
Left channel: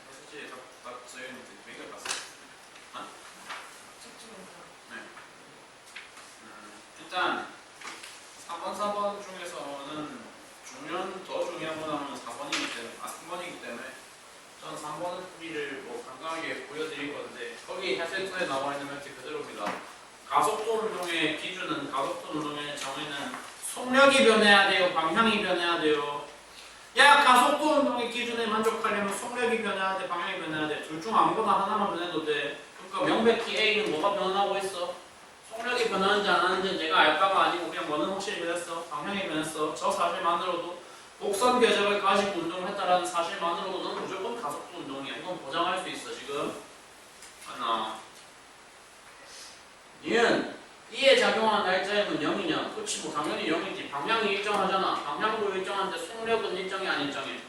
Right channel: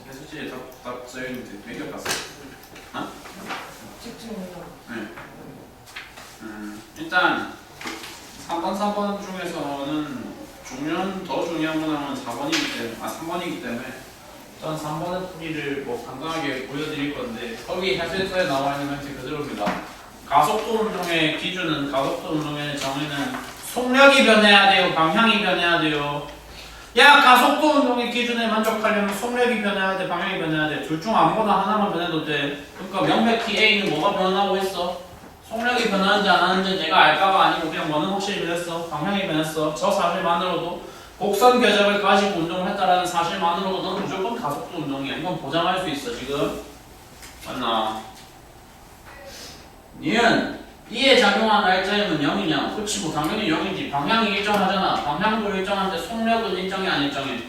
해수지에 다 써있는데 매겨봤어? 어? 집중해서. 네. 일단 3번, 4번 중에서는 더 중요한 문항은 4번이기 때문에 3번이기 때문에 일단 3번의 풀이를 뭐 간단하게 보여드릴 건데 거기 해설서에 나와 있는 멘트 그대로입니다. 가속도 운동의 기준은 가속도 운동의 정의는 속력이 변해야 돼요, 방향이 변해야 돼요. 야, 가속도 운동의 기준에 만족하려면 속력이 변해야 돼, 방향이 변해야 돼. 둘 중 아무거나 하나만 변해도 돼. 그러니까 명백히 A는 뭐가 변하고 있어? 속력이 변하는지 안 하는지 내가 알까가 아니고 그냥 뭐는 확실히 변했어. 방향이 변했어. 저 사실만으로도 곡선 궤적을 가지고 운동을 했다라는 사실만으로도 너는 무조건 가속도 운동이야. 이건 보장할 수 있어 지금. 맞나? 니은 E에 작용한 날짜임은 0이냐? 그치 뭐 당연히 0이지. 방향이 일정하잖아. 방향도 일정한데 속력은 일정이 안 일정해.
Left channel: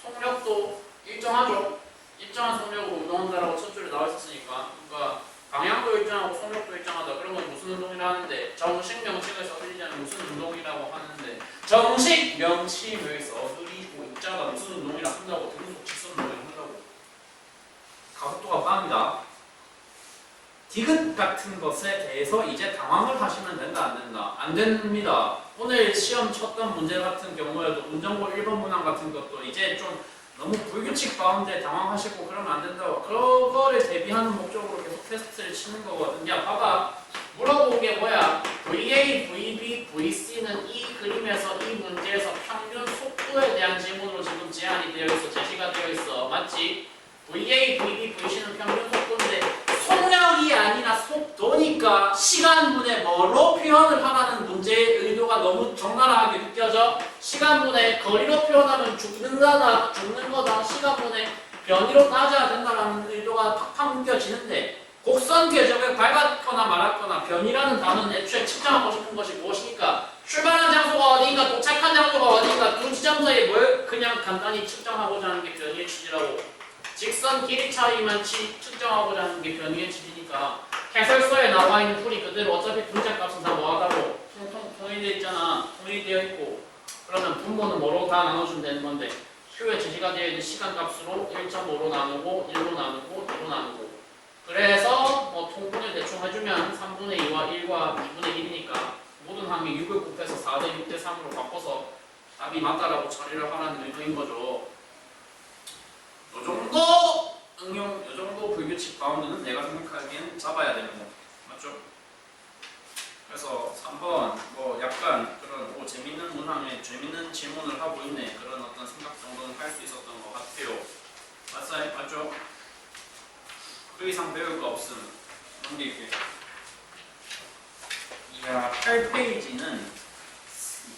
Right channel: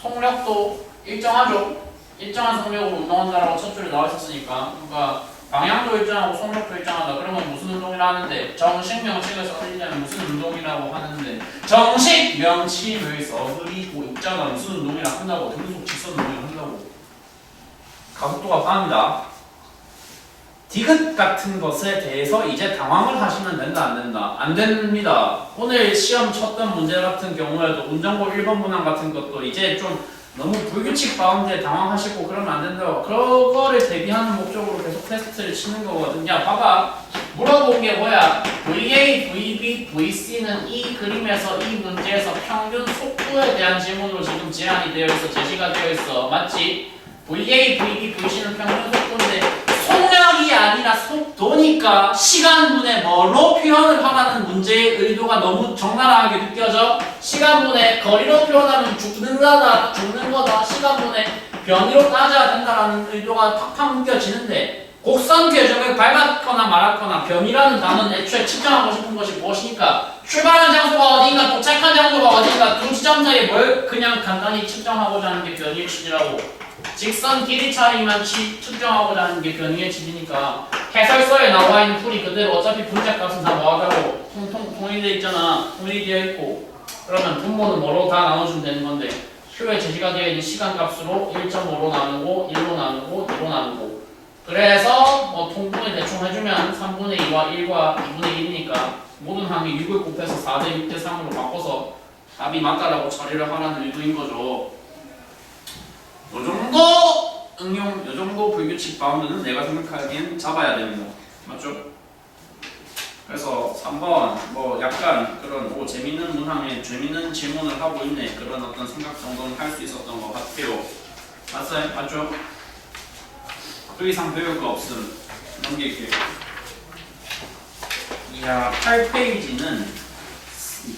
속력도 일정하죠. 일정한 속력으로 운동한다라고 첫 줄에 나와 있었으니까. 그러니까 방향도 일정하고 속력도 일정하다. 그러면 무슨 운동이라 하는데 정식 명칭을 써드리자면 무슨 운동이라고 하는데 정식 명칭을 써드리고 있잖아. 무슨 운동이라 한다고. 등속 직선 운동이라 한다고. 가속도가 빵이다. 디귿 같은 것에 대해서 이제 당황을 하시면 된다 안 된다? 안 됩니다. 오늘 시험 쳤던 문제 같은 경우에도 운전고 1번 문항 같은 것도 이제 좀 너무 불규칙 바운드에 당황하시고 그러면 안 된다고. 그거를 대비하는 목적으로 계속 테스트를 치는 거거든요. 봐봐. 물어본 게 뭐야? VA, VB, VC는 이 그림에서 이 문제에서 평균 속도에 대한 질문으로 지금 제한이 되어 있어. 제시가 되어 있어. 맞지? VA, VB, VC는 평균 속도인데 속력이 아니라 속도니까 시간분에 뭐로 표현을 하라는 문제의 의도가 너무 적나라하게 느껴져. 시간분에 거리로 표현하면 죽는 거다. 시간분에 변이로 따져야 된다라는 의도가 팍팍 느껴지는데 곡선 궤적을 밟았거나 말았거나 변이라는 단어는 애초에 측정하고 싶은 것이 무엇이니까 출발한 장소가 어디인가 도착한 장소가 어디인가 두 지점 사이에 뭘 그냥 간단히 측정하고자 하는 게 변이의 취지라고. 직선 길이 차이만 측정하고자 하는 게 변이의 취지니까 해설서에 나와 있는 풀이 그대로 어차피 분자값은 다 뭐하다고 통일되어 있잖아. 통일되어 있고 그러면 분모는 뭐로 다 나눠주면 되는 건데 표에 제시가 되어 있는 시간값으로 1.5로 나누고 1로 나누고 2로 나누고 그래서 뭐 통분을 대충 해주면 3분의 2와 1과 2분의 1이니까 모든 함이 6을 곱해서 4대 6대 3으로 바꿔서 답이 맞다라고 처리를 하라는 의도인 거죠. 요정도 응용, 요정도 불규칙 바운드는 내가 생각하기엔 잡아야 됩니다. 맞죠? 그래서 3번 뭐 약간 그런 뭐 재밌는 문항에 재밌는 질문을 하고 있네 그런 어떤 생각 정도는 할 수 있었던 것 같아요. 맞아요? 맞죠? 그 이상 배울 거 없음. 넘길게요. 이야 8페이지는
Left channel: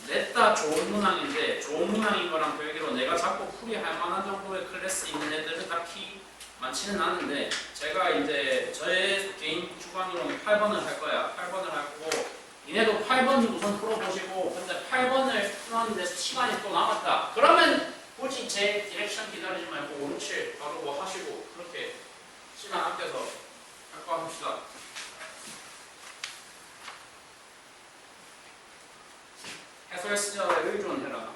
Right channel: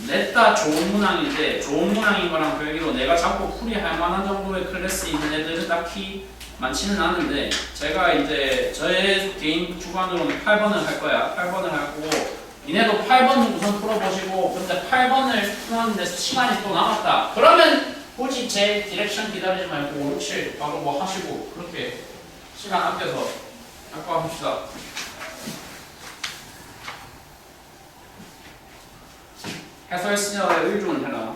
냈다 좋은 문항인데 좋은 문항인 거랑 별개로 내가 자꾸 풀이할 만한 정도의 클래스 있는 애들은 딱히 많지는 않은데 제가 이제 저의 개인 주관으로는 8번을 할 거야. 8번을 하고 니네도 8번 우선 풀어보시고 근데 8번을 풀었는데 시간이 또 남았다. 그러면 굳이 제 디렉션 기다리지 말고 5, 6, 7 바로 뭐 하시고 그렇게 시간 아껴서 할 거 합시다. 해설 시절에 의존 해라.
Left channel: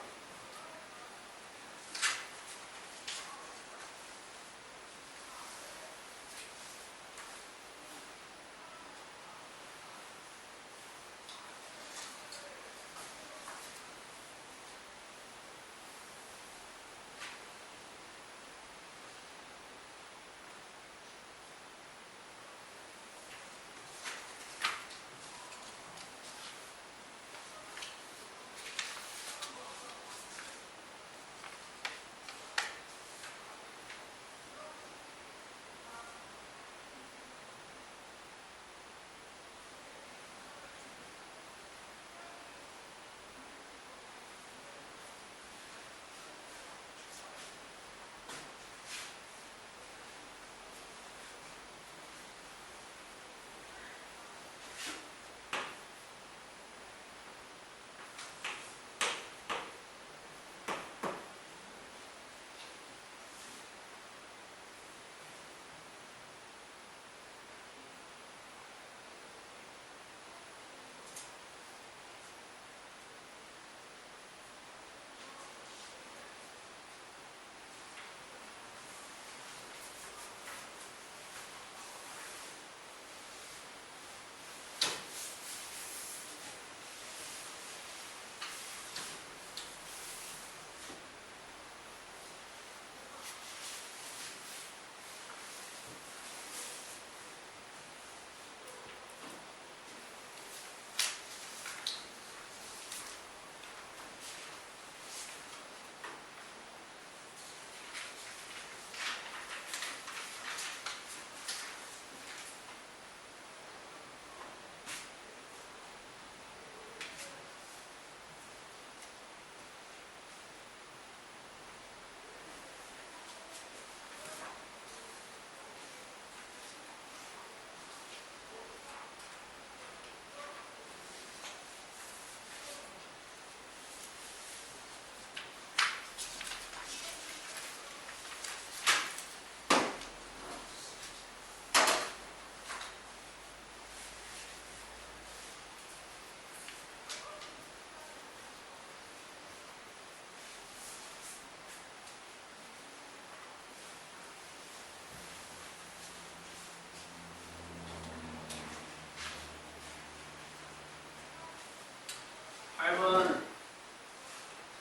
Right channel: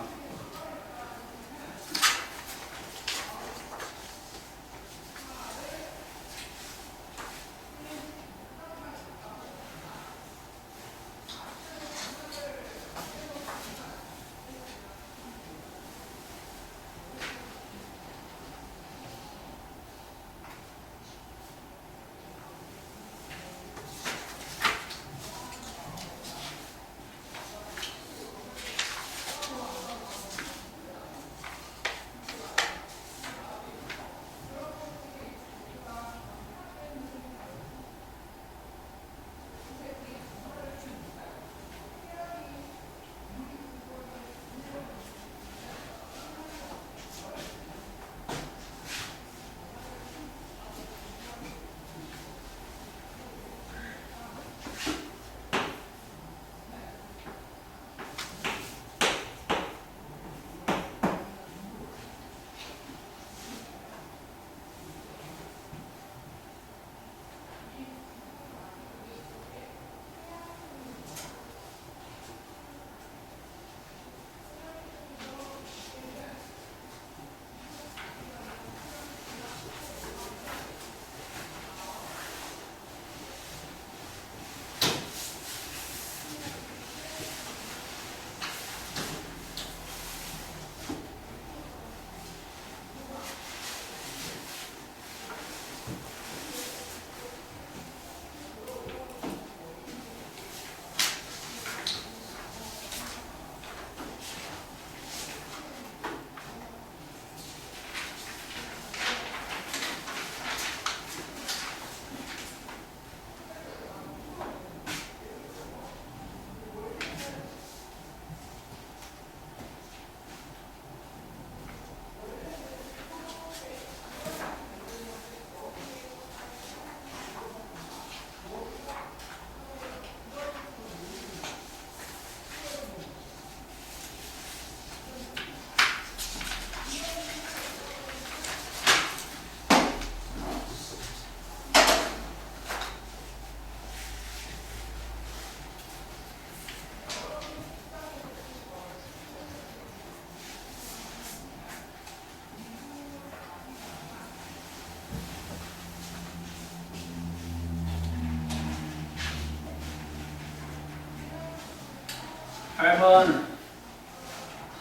8번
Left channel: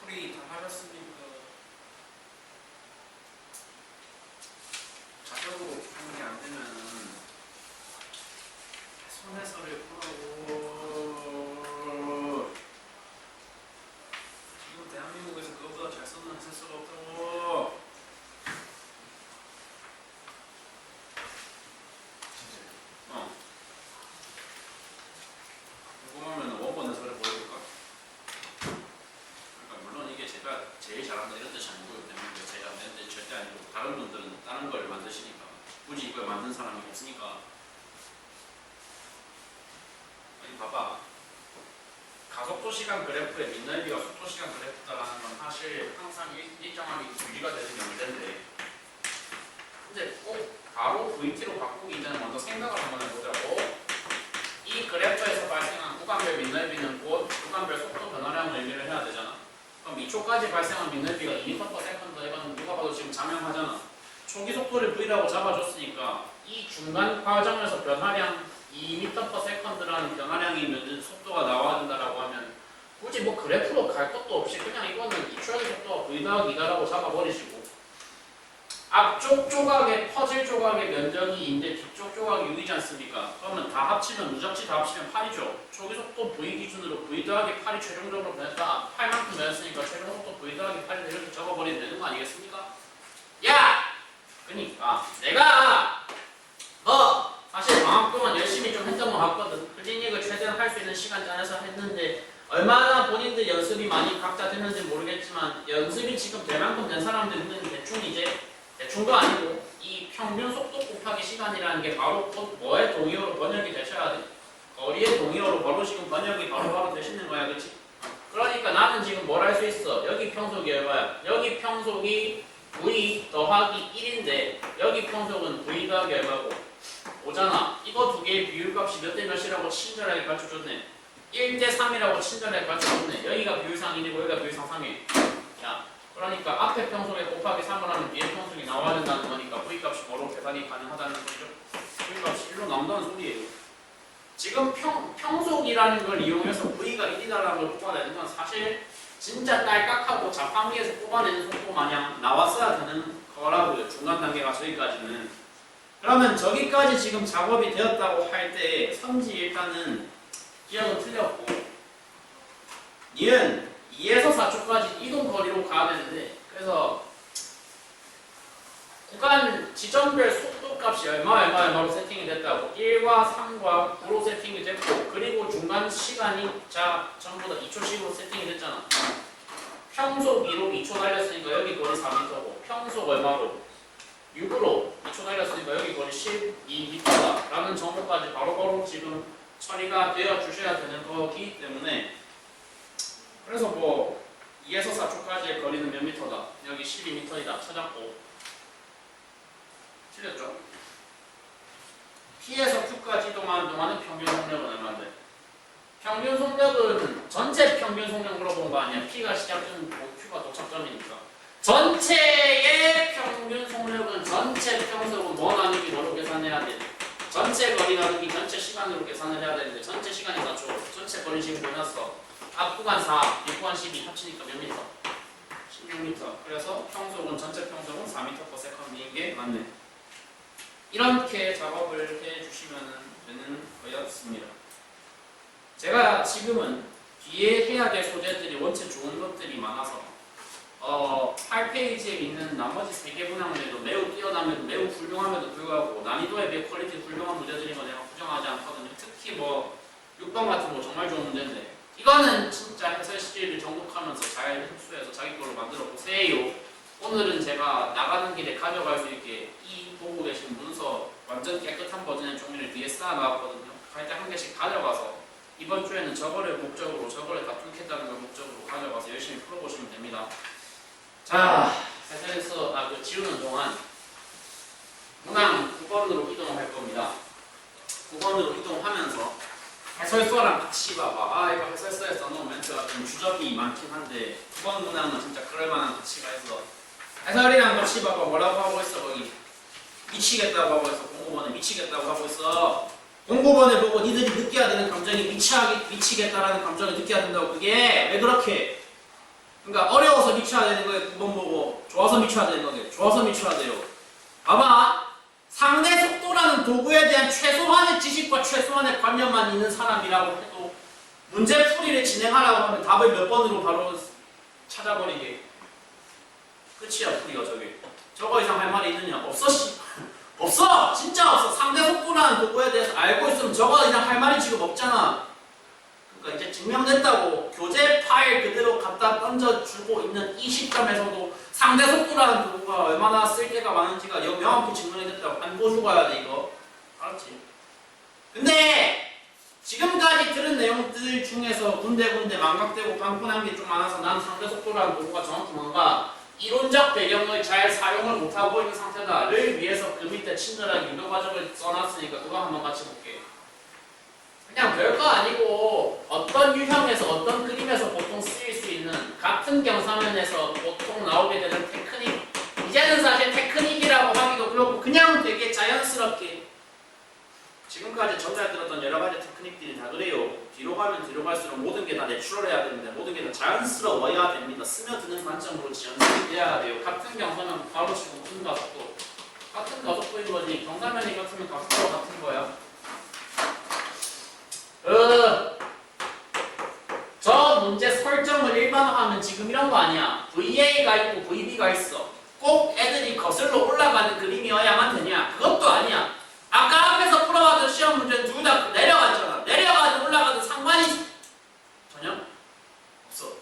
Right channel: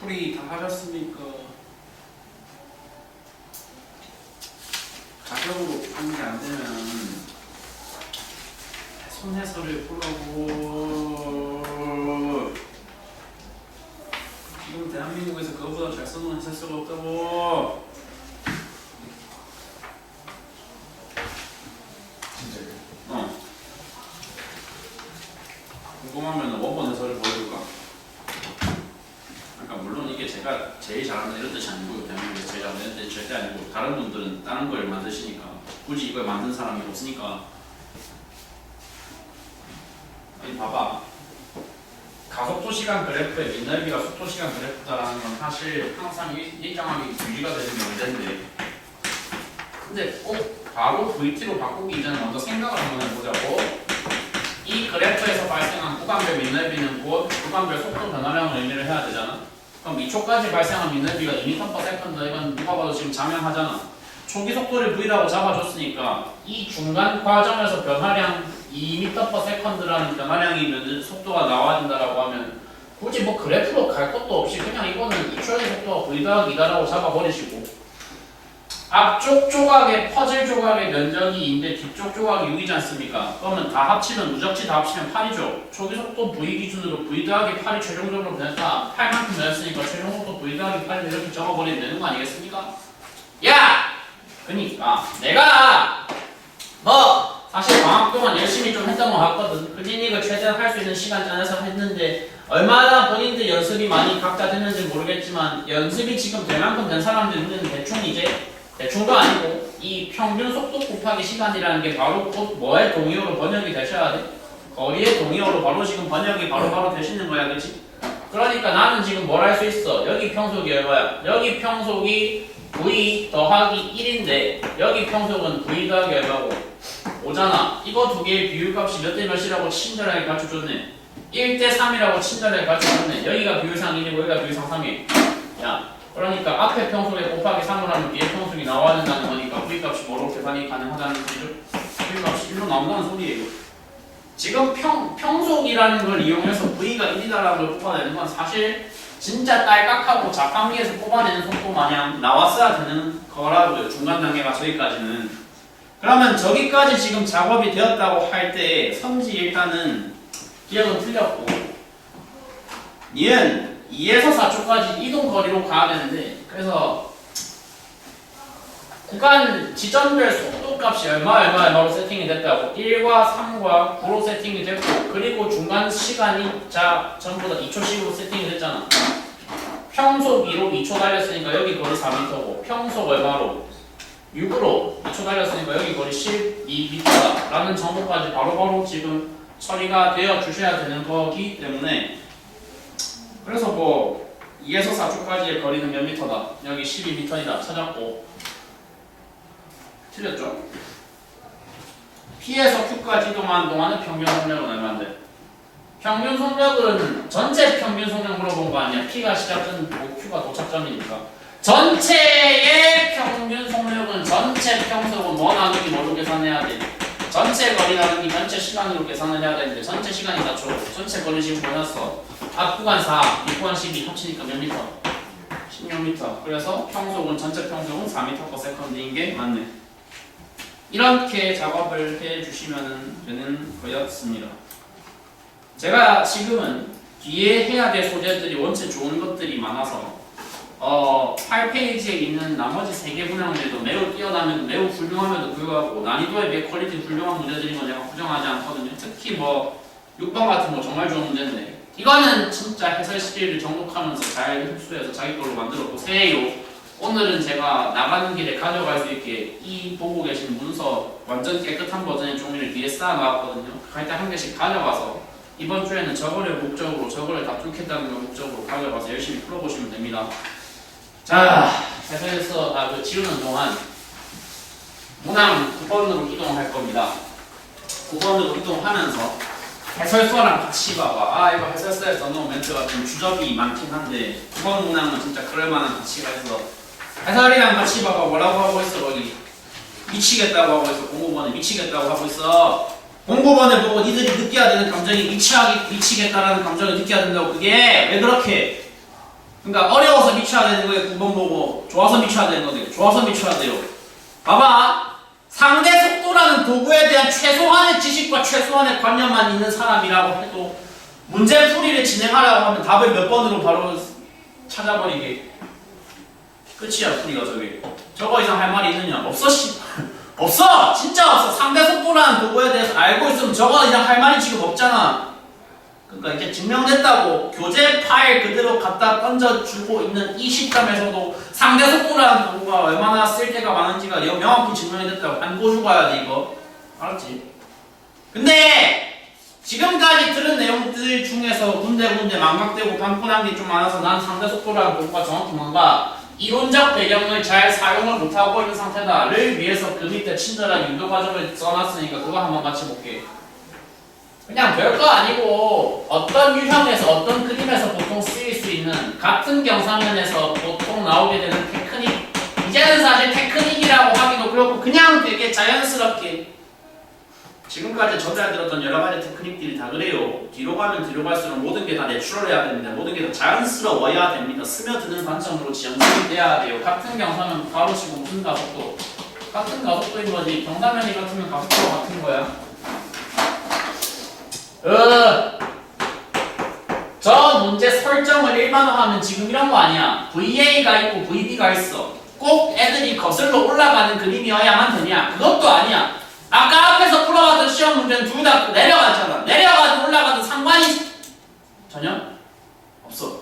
풀이 다 하셨습니까? 자격으로 푸는 게 안 되면 손해설을 풀라고. 지금 대한민국에서 그거보다 잘 쓰는 해설수가 없다고. 진짜요? 궁금하면 원본 해설을 보여줄까? 그러니까 물론 이게 제가 제일 잘한다 이런 뜻이 아니고 대한민국에서 제일 잘한다는 뜻이 절대 아니고 다른 분들은 다른 걸 만드시니까 굳이 이걸 만든 사람이 없으니까. 여기 봐봐. 가속도 시간 그래프에 민날비가 속도 시간 그래프다라는 건 사실 항상 일정하게 유지가 되는 게 문제인데, 근데 꼭 바로 VT로 바꾸기 이전에 먼저 생각을 한번 해보자고. 이 그래프에서 발생한 구간별 민날비는 곧 구간별 속도 변화량을 의미를 해야 되잖아. 그럼 2초까지 발생한 민날비가 2m/s, 이건 누가 봐도 지금 장명하잖아. 초기 속도를 V라고 잡아줬으니까 이 중간 과정에서 변화량 2m/s라는 변화량이면 속도가 나와야 된다라고 하면 굳이 뭐 그래프로 갈 것도 없이 그냥 이거는 2초의 속도가 V 더하기 2다라고 잡아버리시고, 앞쪽 조각의 퍼즐 조각의 면적이 2인데 뒤쪽 조각이 6이지 않습니까? 그러면 다 합치면 누적치 다 합치면 8이죠. 초기 속도 V 기준으로 V 더하기 8이 최종적으로 변했다. 8만큼 변했으니까 최종 속도 V 더하기 8을 이렇게 적어버리면 되는 거 아니겠습니까? 야! 그니까 내가 뭐 사실 방학 동안 열심히 좀 했던 거 같거든. 클리닉을 최대한 할 수 있는 시간 짜내서 했는데 얼마나 본인들 연습이 많이 각자 됐는지 모르겠지만 연습이 지금 될 만큼 된 사람들은 대충 이제 대충도 아니고 이 평균 속도 곱하기 시간이라는 게 바로 곧 뭐의 동의어로 번역이 되셔야 돼. 거리의 동의어로 바로 지금 번역이 바로 되시는 거야, 그치? 그러니까 나는 지금 뭘 할 수 있어? 여기 평속이 얼마야? 여기 평속이 V 더하기 1인데 여기 평속은 V 더하기 얼마고? 5잖아. 이거 두 개의 비율값이 몇 대 몇이라고 친절하게 가르쳐줬네. 1대3이라고 친절하게 가르쳐줬네. 여기가 비율상 1이고 여기가 비율상 3이. 야, 그러니까 앞에 평속에 곱하기 3을 하면 뒤에 평속이 나와야 된다는 거니까 V값이 뭐로 계산이 가능하다는 소리죠? V값이 1로 나온다는 소리예요. 지금 평속이라는 걸 이용해서 V가 1이다라는 걸 뽑아내는 건 사실 진짜 딸깍하고 자판기에서 뽑아내는 속도 마냥 나왔어야 되는 거라고요. 중간 단계가 저기까지는. 그러면 저기까지 지금 작업이 되었다고 할 때 선지 일단은 기억은 틀렸고, 얘는 2에서 4초까지 이동 거리로 가야 되는데, 그래서 구간 지점별 속도 값이 얼마로 세팅이 됐다고 1과 3과 9로 세팅이 됐고, 그리고 중간 시간이 전부 다 2초씩으로 세팅이 됐잖아. 평속 2로 2초 달렸으니까 여기 거리 4m고, 평속 얼마로? 6으로 2초 달렸으니까 여기 거리 12m다 라는 정보까지 바로바로 지금 처리가 되어 주셔야 되는 거기 때문에, 그래서 뭐 2에서 4초까지의 거리는 몇 미터다? 여기 12m이다 찾았고, 틀렸죠? P에서 Q까지 이동하는 동안의 평균 속력은 얼마인데? 평균 속력은 전체 평균 속력 물어본 거 아니야? P가 시작점이고 Q가 도착점이니까 전체의 평균 속력은 전체 평속은 뭐 나누기 뭐로 계산해야 돼? 전체 거리 나누기 전체 시간으로 계산을 해야 되는데 전체 시간이 4초, 전체 거리 지금 보냈어. 앞 구간 4, 뒷 구간 12 합치니까 몇 미터? 16m. 그래서 평속은 전체 평속은 4m/s인 게 맞네. 이렇게 작업을 해주시면 되는 거였습니다. 제가 지금은 뒤에 해야 될 소재들이 원체 좋은 것들이 많아서 8페이지에 있는 나머지 3개 분야들도 매우 뛰어나면도 매우 훌륭함에도 불구하고 난이도에 비해 퀄리티 훌륭한 문제들인 건 내가 부정하지 않거든요. 특히 뭐 6번 같은 거 정말 좋은 문제인데 이거는 진짜 해설 시리를 정독하면서 잘 흡수해서 자기 걸로 만들어 보세요. 오늘은 제가 나가는 길에 가져갈 수 있게 이 보고 계신 문서 완전 깨끗한 버전의 종이를 뒤에 쌓아 놨거든요. 갈 때 한 개씩 가져가서 이번 주에는 저거를 목적으로 저거를 다 뚫겠다는 걸 목적으로 가져가서 열심히 풀어보시면 됩니다. 자, 해설에서 지우는 동안 문항 9번으로 이동할 겁니다. 9번으로 이동하면서 해설서랑 같이 봐봐. 이거 해설서에 써놓은 멘트가 좀 주접이 많긴 한데 9번 문항은 진짜 그럴만한 가치가 있어. 해설이랑 같이 봐봐. 뭐라고 하고 있어 거기? 미치겠다고 하고 있어. 공부번에 미치겠다고 하고 있어. 공부본을 보고 니들이 느껴야 되는 감정이 미치겠다라는 감정을 느껴야 된다고. 그게 왜 그렇게? 그러니까 어려워서 미쳐야 되는 거예요. 9번 보고 좋아서 미쳐야 되는 거예요. 좋아서 미쳐야 돼요. 봐봐. 상대 속도라는 도구에 대한 최소한의 지식과 최소한의 관념만 있는 사람이라고 해도 문제 풀이를 진행하라고 하면 답을 몇 번으로 바로 찾아버리게. 끝이야 풀이가 저기. 저거 이상 할 말이 있느냐? 없어 씨. 없어! 진짜 없어! 상대 속도라는 도구에 대해서 알고 있으면 저거 이상 할 말이 지금 없잖아. 그러니까 이제 증명됐다고. 교재 파일 그대로 갖다 던져주고 있는 이 시점에서도 상대 속도라는 도구가 얼마나 쓸데가 많은지가 명확히 증명이 됐다고. 안 보여주고 가야 돼 이거. 알았지? 근데 지금까지 들은 내용들 중에서 군데군데 망각되고 빵꾸난 게 좀 많아서 난 상대 속도라는 도구가 정확히 뭔가 이론적 배경을 잘 사용을 못하고 있는 상태다를 위해서 그 밑에 친절하게 유도 과정을 써놨으니까 그거 한번 같이 볼게. 그냥 별거 아니고 어떤 유형에서 어떤 그림에서 보통 쓰일 수 있는 같은 경사면에서 보통 나오게 되는 테크닉. 이제는 사실 테크닉이라고 하기도 그렇고 그냥 되게 자연스럽게 지금까지 저잘 들었던 여러 가지 테크닉들이 다 그래요. 뒤로 가면 뒤로 갈수록 모든 게 다 내추럴해야 됩니다. 모든 게 다 자연스러워야 됩니다. 스며드는 관점으로 지연성이 돼야 돼요. 같은 경사면 바로 치고 무슨 가속도? 같은 가속도인 거지. 경사면이 같으면 가속도가 같은 거야. 저 문제 설정을 일반화하면 지금 이런 거 아니야. VA가 있고 VB가 있어. 꼭 애들이 거슬러 올라가는 그림이어야만 되냐? 그것도 아니야. 아까 앞에서 풀어왔던 시험 문제는 둘 다 내려가잖아. 내려가든 올라가든 상관이 전혀 없어.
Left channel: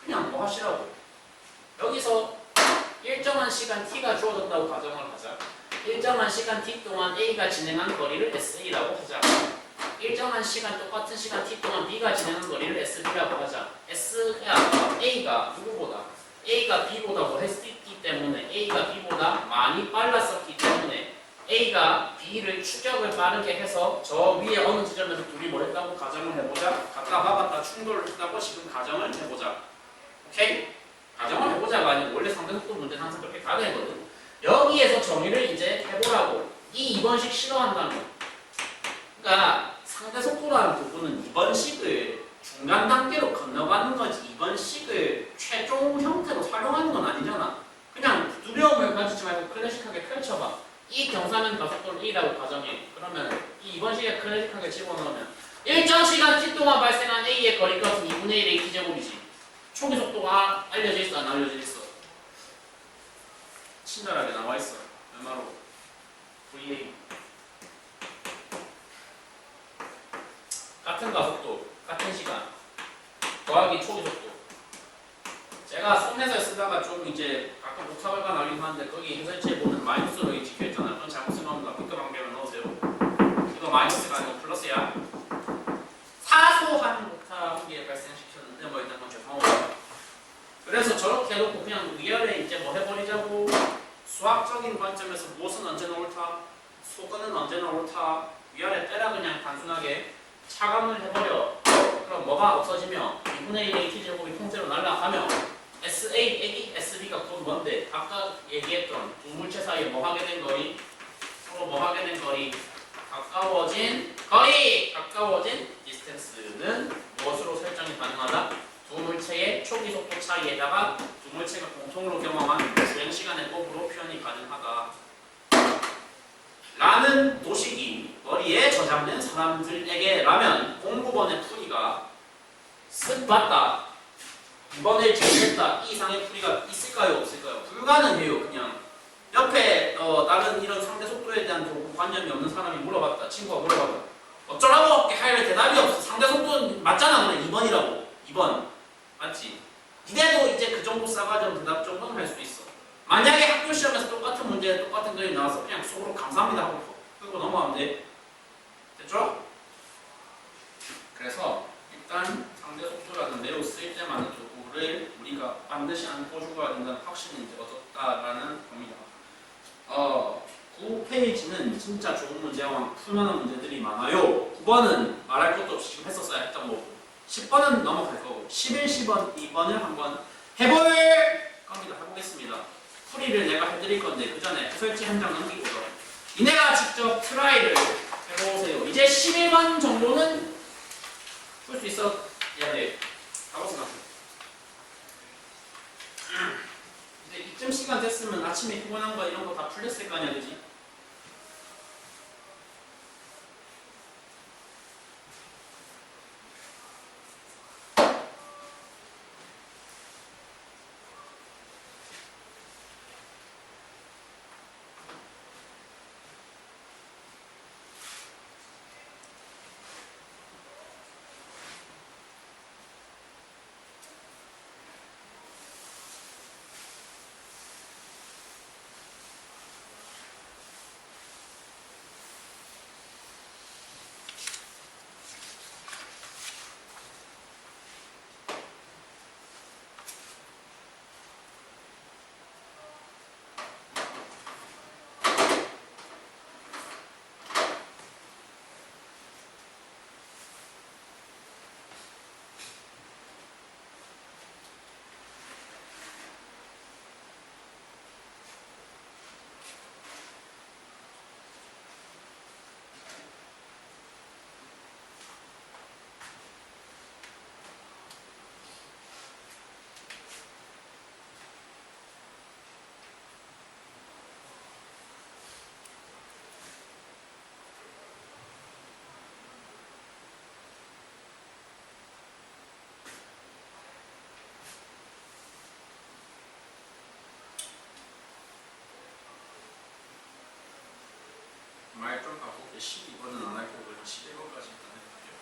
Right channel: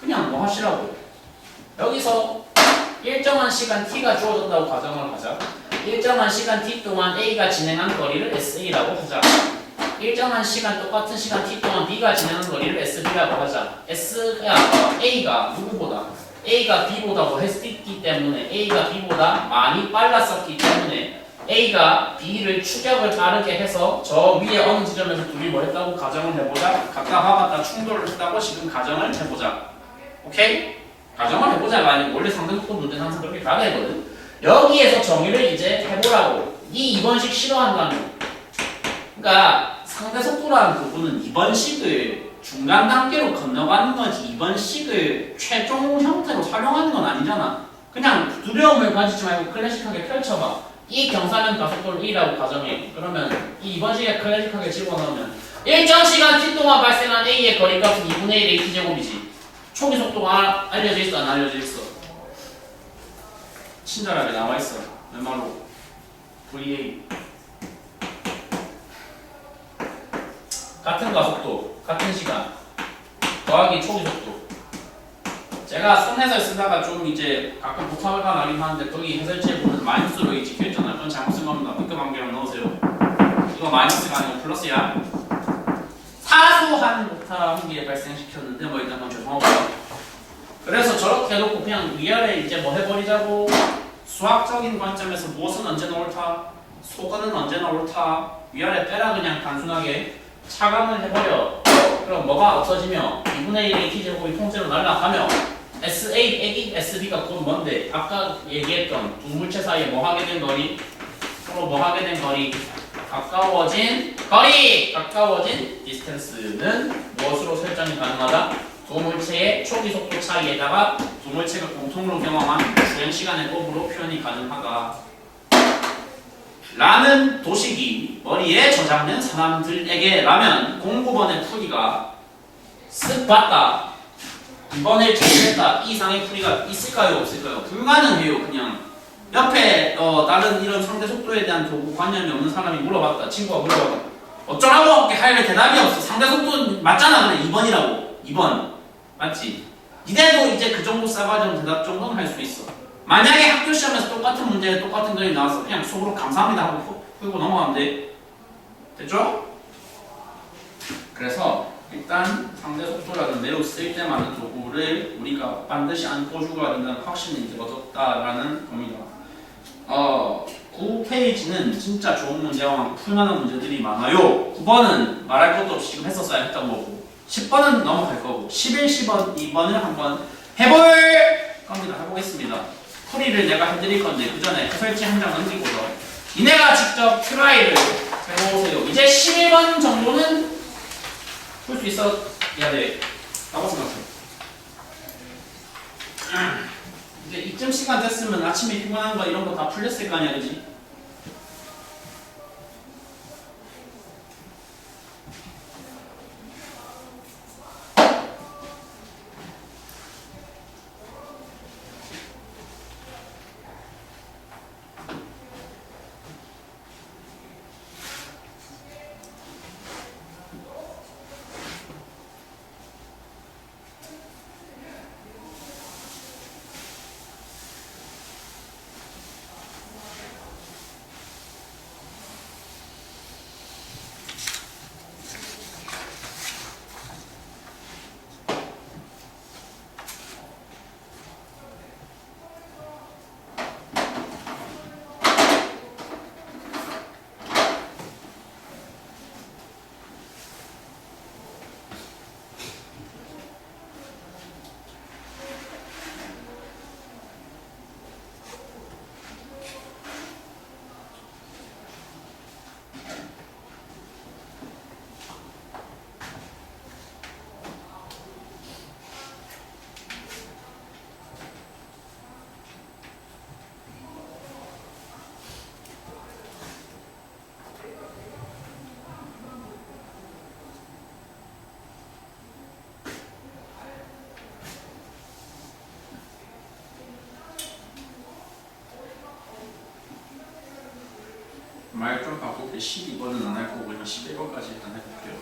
그냥 뭐 하시라고. 여기서 일정한 시간 t가 주어졌다고 가정을 하자. 일정한 시간 t 동안 a가 진행한 거리를 SA라고 하자. 일정한 시간 똑같은 시간 t 동안 b가 진행한 거리를 SB라고 하자. A가 누구보다? A가 B보다 뭐 했기 때문에 A가 B보다 많이 빨랐었기 때문에 A가 B를 추격을 빠르게 해서 저 위에 어느 지점에서 둘이 뭐 했다고 가정을 해보자. 갖다 박았다 충돌을 했다고 지금 가정을 해보자. 오케이? 가정을 해보자가 아니고 원래 상대속도 문제는 항상 그렇게 가야 되거든. 여기에서 정의를 이제 해보라고. 이 2번식 싫어한다면. 그러니까 상대속도라는 부분은 2번식을 중간 단계로 건너가는 거지 2번식을 최종 형태로 활용하는 건 아니잖아. 그냥 두려움을 가지지 말고 클래식하게 펼쳐봐. 이 경사면 가속도를 1이라고 가정해. 그러면 이 2번식에 클래식하게 집어넣으면 일정 시간 t 동안 발생한 a의 거리값은 2분의 1의 t제곱이지. 초기 속도가 알려져 있어 안 알려져 있어? 친절하게 나와 있어. 얼마로? VA 같은 가속도, 같은 시간 더하기 초기 속도. 제가 손해설 쓰다가 좀 이제 가끔 부탁을가 나긴 하는데 거기 해설지에 보면 마이너스로 찍혀있잖아요. 그건 잘못 쓴 겁니다. B급 한개만 넣으세요. 이거 마이너스가 아니고 플러스야. 사소한 오타 한 개 발생시켰는데 뭐 일단 그건 죄송하고요. 그래서 저렇게 해놓고 그냥 위아래 이제 뭐 해버리자고. 수학적인 관점에서 무엇은 언제나 옳다, 소근은 언제나 옳다. 위아래 빼라 그냥 단순하게 차감을 해버려. 그럼 뭐가 없어지며 2분의 1의 t제곱이 통째로 날아가며 SA 빼기 SB가 곧 뭔데? 아까 얘기했던 두 물체 사이에 뭐 하게 된 거리? 서로 뭐 하게 된 거리? 가까워진 거리! 가까워진 디스턴스는 무엇으로 설정이 가능하다? 두 물체의 초기 속도 차이에다가 두 물체가 공통으로 경험한 주행 시간의 곱으로 표현이 가능하다. 라는 도식이 머리에 저장된 사람들에게라면 공부번의 풀이가 쓱 봤다. 이번에 정리했다. 이 이상의 풀이가 있을까요? 없을까요? 불가능해요. 그냥 옆에 다른 이런 상대 속도에 대한 도구 관념이 없는 사람이 물어봤다. 친구가 물어봤다. 어쩌라고 할 대답이 없어. 상대 속도 맞잖아. 그래 2번이라고. 2번 맞지? 니네도 이제 그 정도 싸가지고 대답 정도는 할 수 있어. 만약에 학교 시험에서 똑같은 문제 똑같은 그림이 나와서 그냥 속으로 감사합니다 하고 풀고 넘어가면 돼. 됐죠? 그래서 일단 상대 속도라는 매우 쓸데많은 도구를 우리가 반드시 안고 죽어야 된다는 확신이 이제 얻었다라는 겁니다. 9페이지는 진짜 좋은 문제와 풀만한 문제들이 많아요. 9번은 말할 것도 없이 지금 했었어야 했던 거고 10번은 넘어갈 거고 11, 10번, 2번을 한번 해볼 겁니다. 해보겠습니다. 풀이를 내가 해드릴 건데 그 전에 해설지 한 장 넘기고서 니네가 직접 트라이를 해보세요. 이제 17번 정도는 풀 수 있어야 돼라고 생각해. 이제 이쯤 시간 됐으면 아침에 피곤한 거 이런 거 다 풀렸을 거 아니야, 그지? 말 좀 바꾸게 12번은 안 할 거고 그냥 11번까지 일단 해볼게요.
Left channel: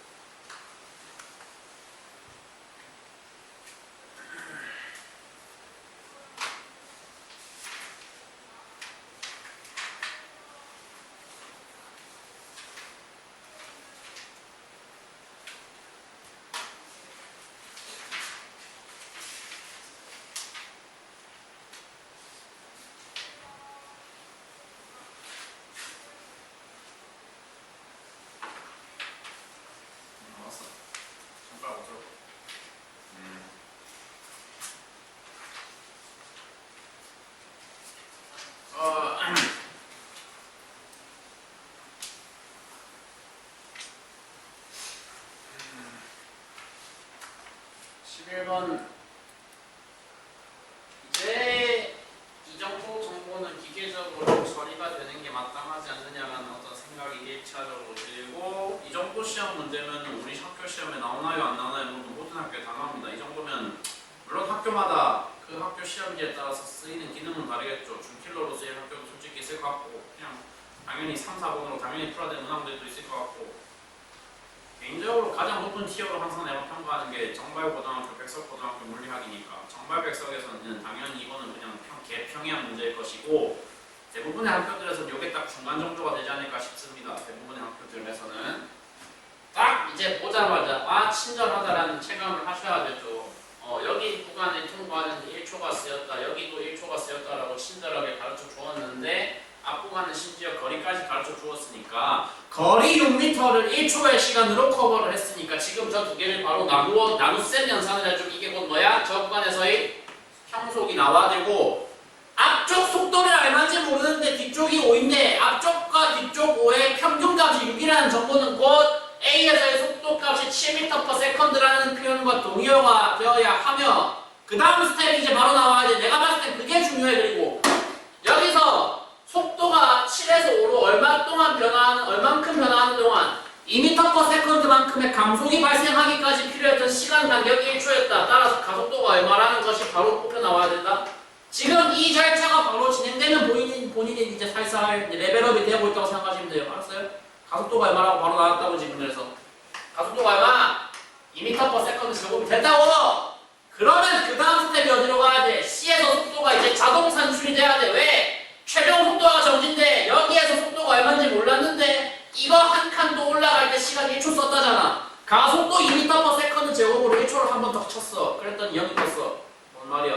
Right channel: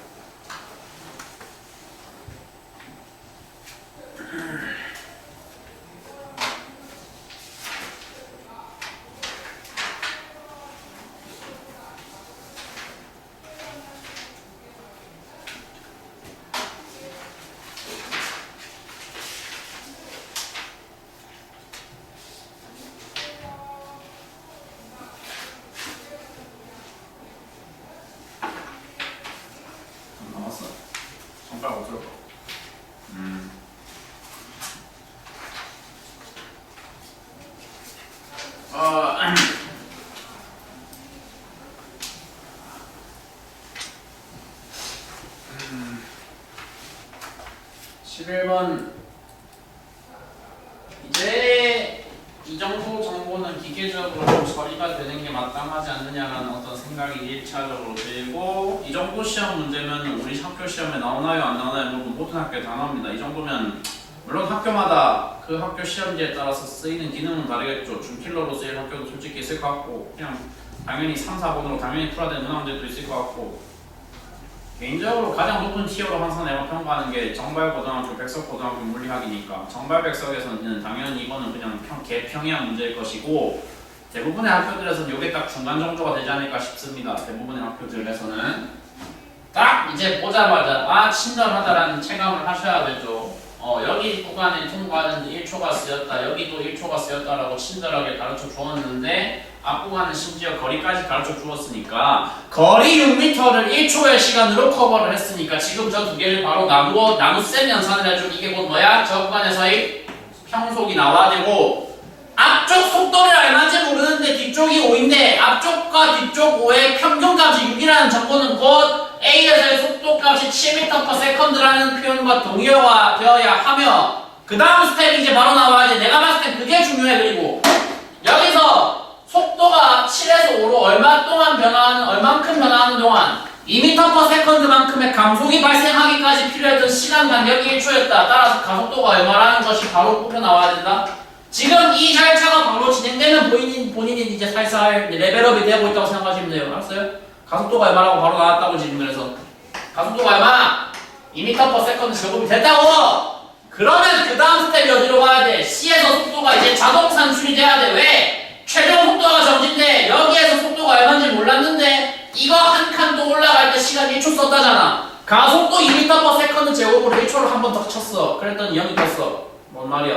나왔어. 손가락 어디로 가? 어, 11번 이제 이 정도 정보는 기계적으로 처리가 되는 게 마땅하지 않느냐라는 어떤 생각이 1차적으로 들고, 이 정도 시험 문제면 우리 학교 시험에 나오나요 안 나오나요? 모든 학교에 다 나옵니다. 이 정도면 물론 학교마다 그 학교 시험지에 따라서 쓰이는 기능은 다르겠죠. 준킬러로 쓰일 학교도 솔직히 있을 것 같고, 그냥 당연히 3, 4번으로 당연히 풀어야 되는 문항들도 있을 것 같고, 개인적으로 가장 높은 티어로 항상 내가 평가하는 게 정발고등학교, 백석고등학교 물리학이니까 정발 백석에서는 당연히 이거는 그냥 개평이한 문제일 것이고, 대부분의 학교들에서는 이게 딱 중간 정도가 되지 않을까 싶습니다. 대부분의 학교들에서는 딱 이제 보자마자 아 친절하다라는 체감을 하셔야 되죠. 여기 구간에 통과하는데 1초가 쓰였다, 여기도 1초가 쓰였다라고 친절하게 가르쳐 주었는데 앞 구간은 심지어 거리까지 가르쳐 주었으니까 거리 6m를 1초의 시간으로 커버를 했으니까 지금 저 두 개를 바로 나누셈 연산을 해주면 이게 곧 뭐야? 저 구간에서의 평속이 나와야 되고, 앞쪽 속도를 얼마인지 모르는데 뒤쪽이 5인데 앞쪽과 뒤쪽 5의 평균값이 6이라는 정보는 곧 A에서의 속도값이 7m/s라는 표현과 동의어가 되어야 하며, 그 다음 스텝이 이제 바로 나와야 돼. 내가 봤을 땐 그게 중요해. 그리고 여기서 속도가 7에서 5로 얼만큼 변화하는 동안 2m/s만큼의 감속이 발생하기까지 필요했던 시간 간격이 1초였다. 따라서 가속도가 얼마라는 것이 바로 뽑혀 나와야 된다. 지금 이 절차가 바로 진행되면 본인이 이제 살살 레벨업이 되고 있다고 생각하시면 돼요. 알았어요? 가속도가 얼마라고 바로 나왔다고 지금. 그래서 가속도가 얼마? 2m/s 제곱이 됐다고! 그러면 그 다음 스텝이 어디로 가야 돼? C에서 속도가 이제 자동 산출이 돼야 돼. 왜? 최종 속도가 정지인데 여기에서 속도가 얼마인지 몰랐는데 이거 한 칸 또 올라갈 때 시간 1초 썼다잖아. 가속도 2m/s 제곱으로 1초를 한 번 더 쳤어. 그랬더니 0이 떴어. 뭔 말이야?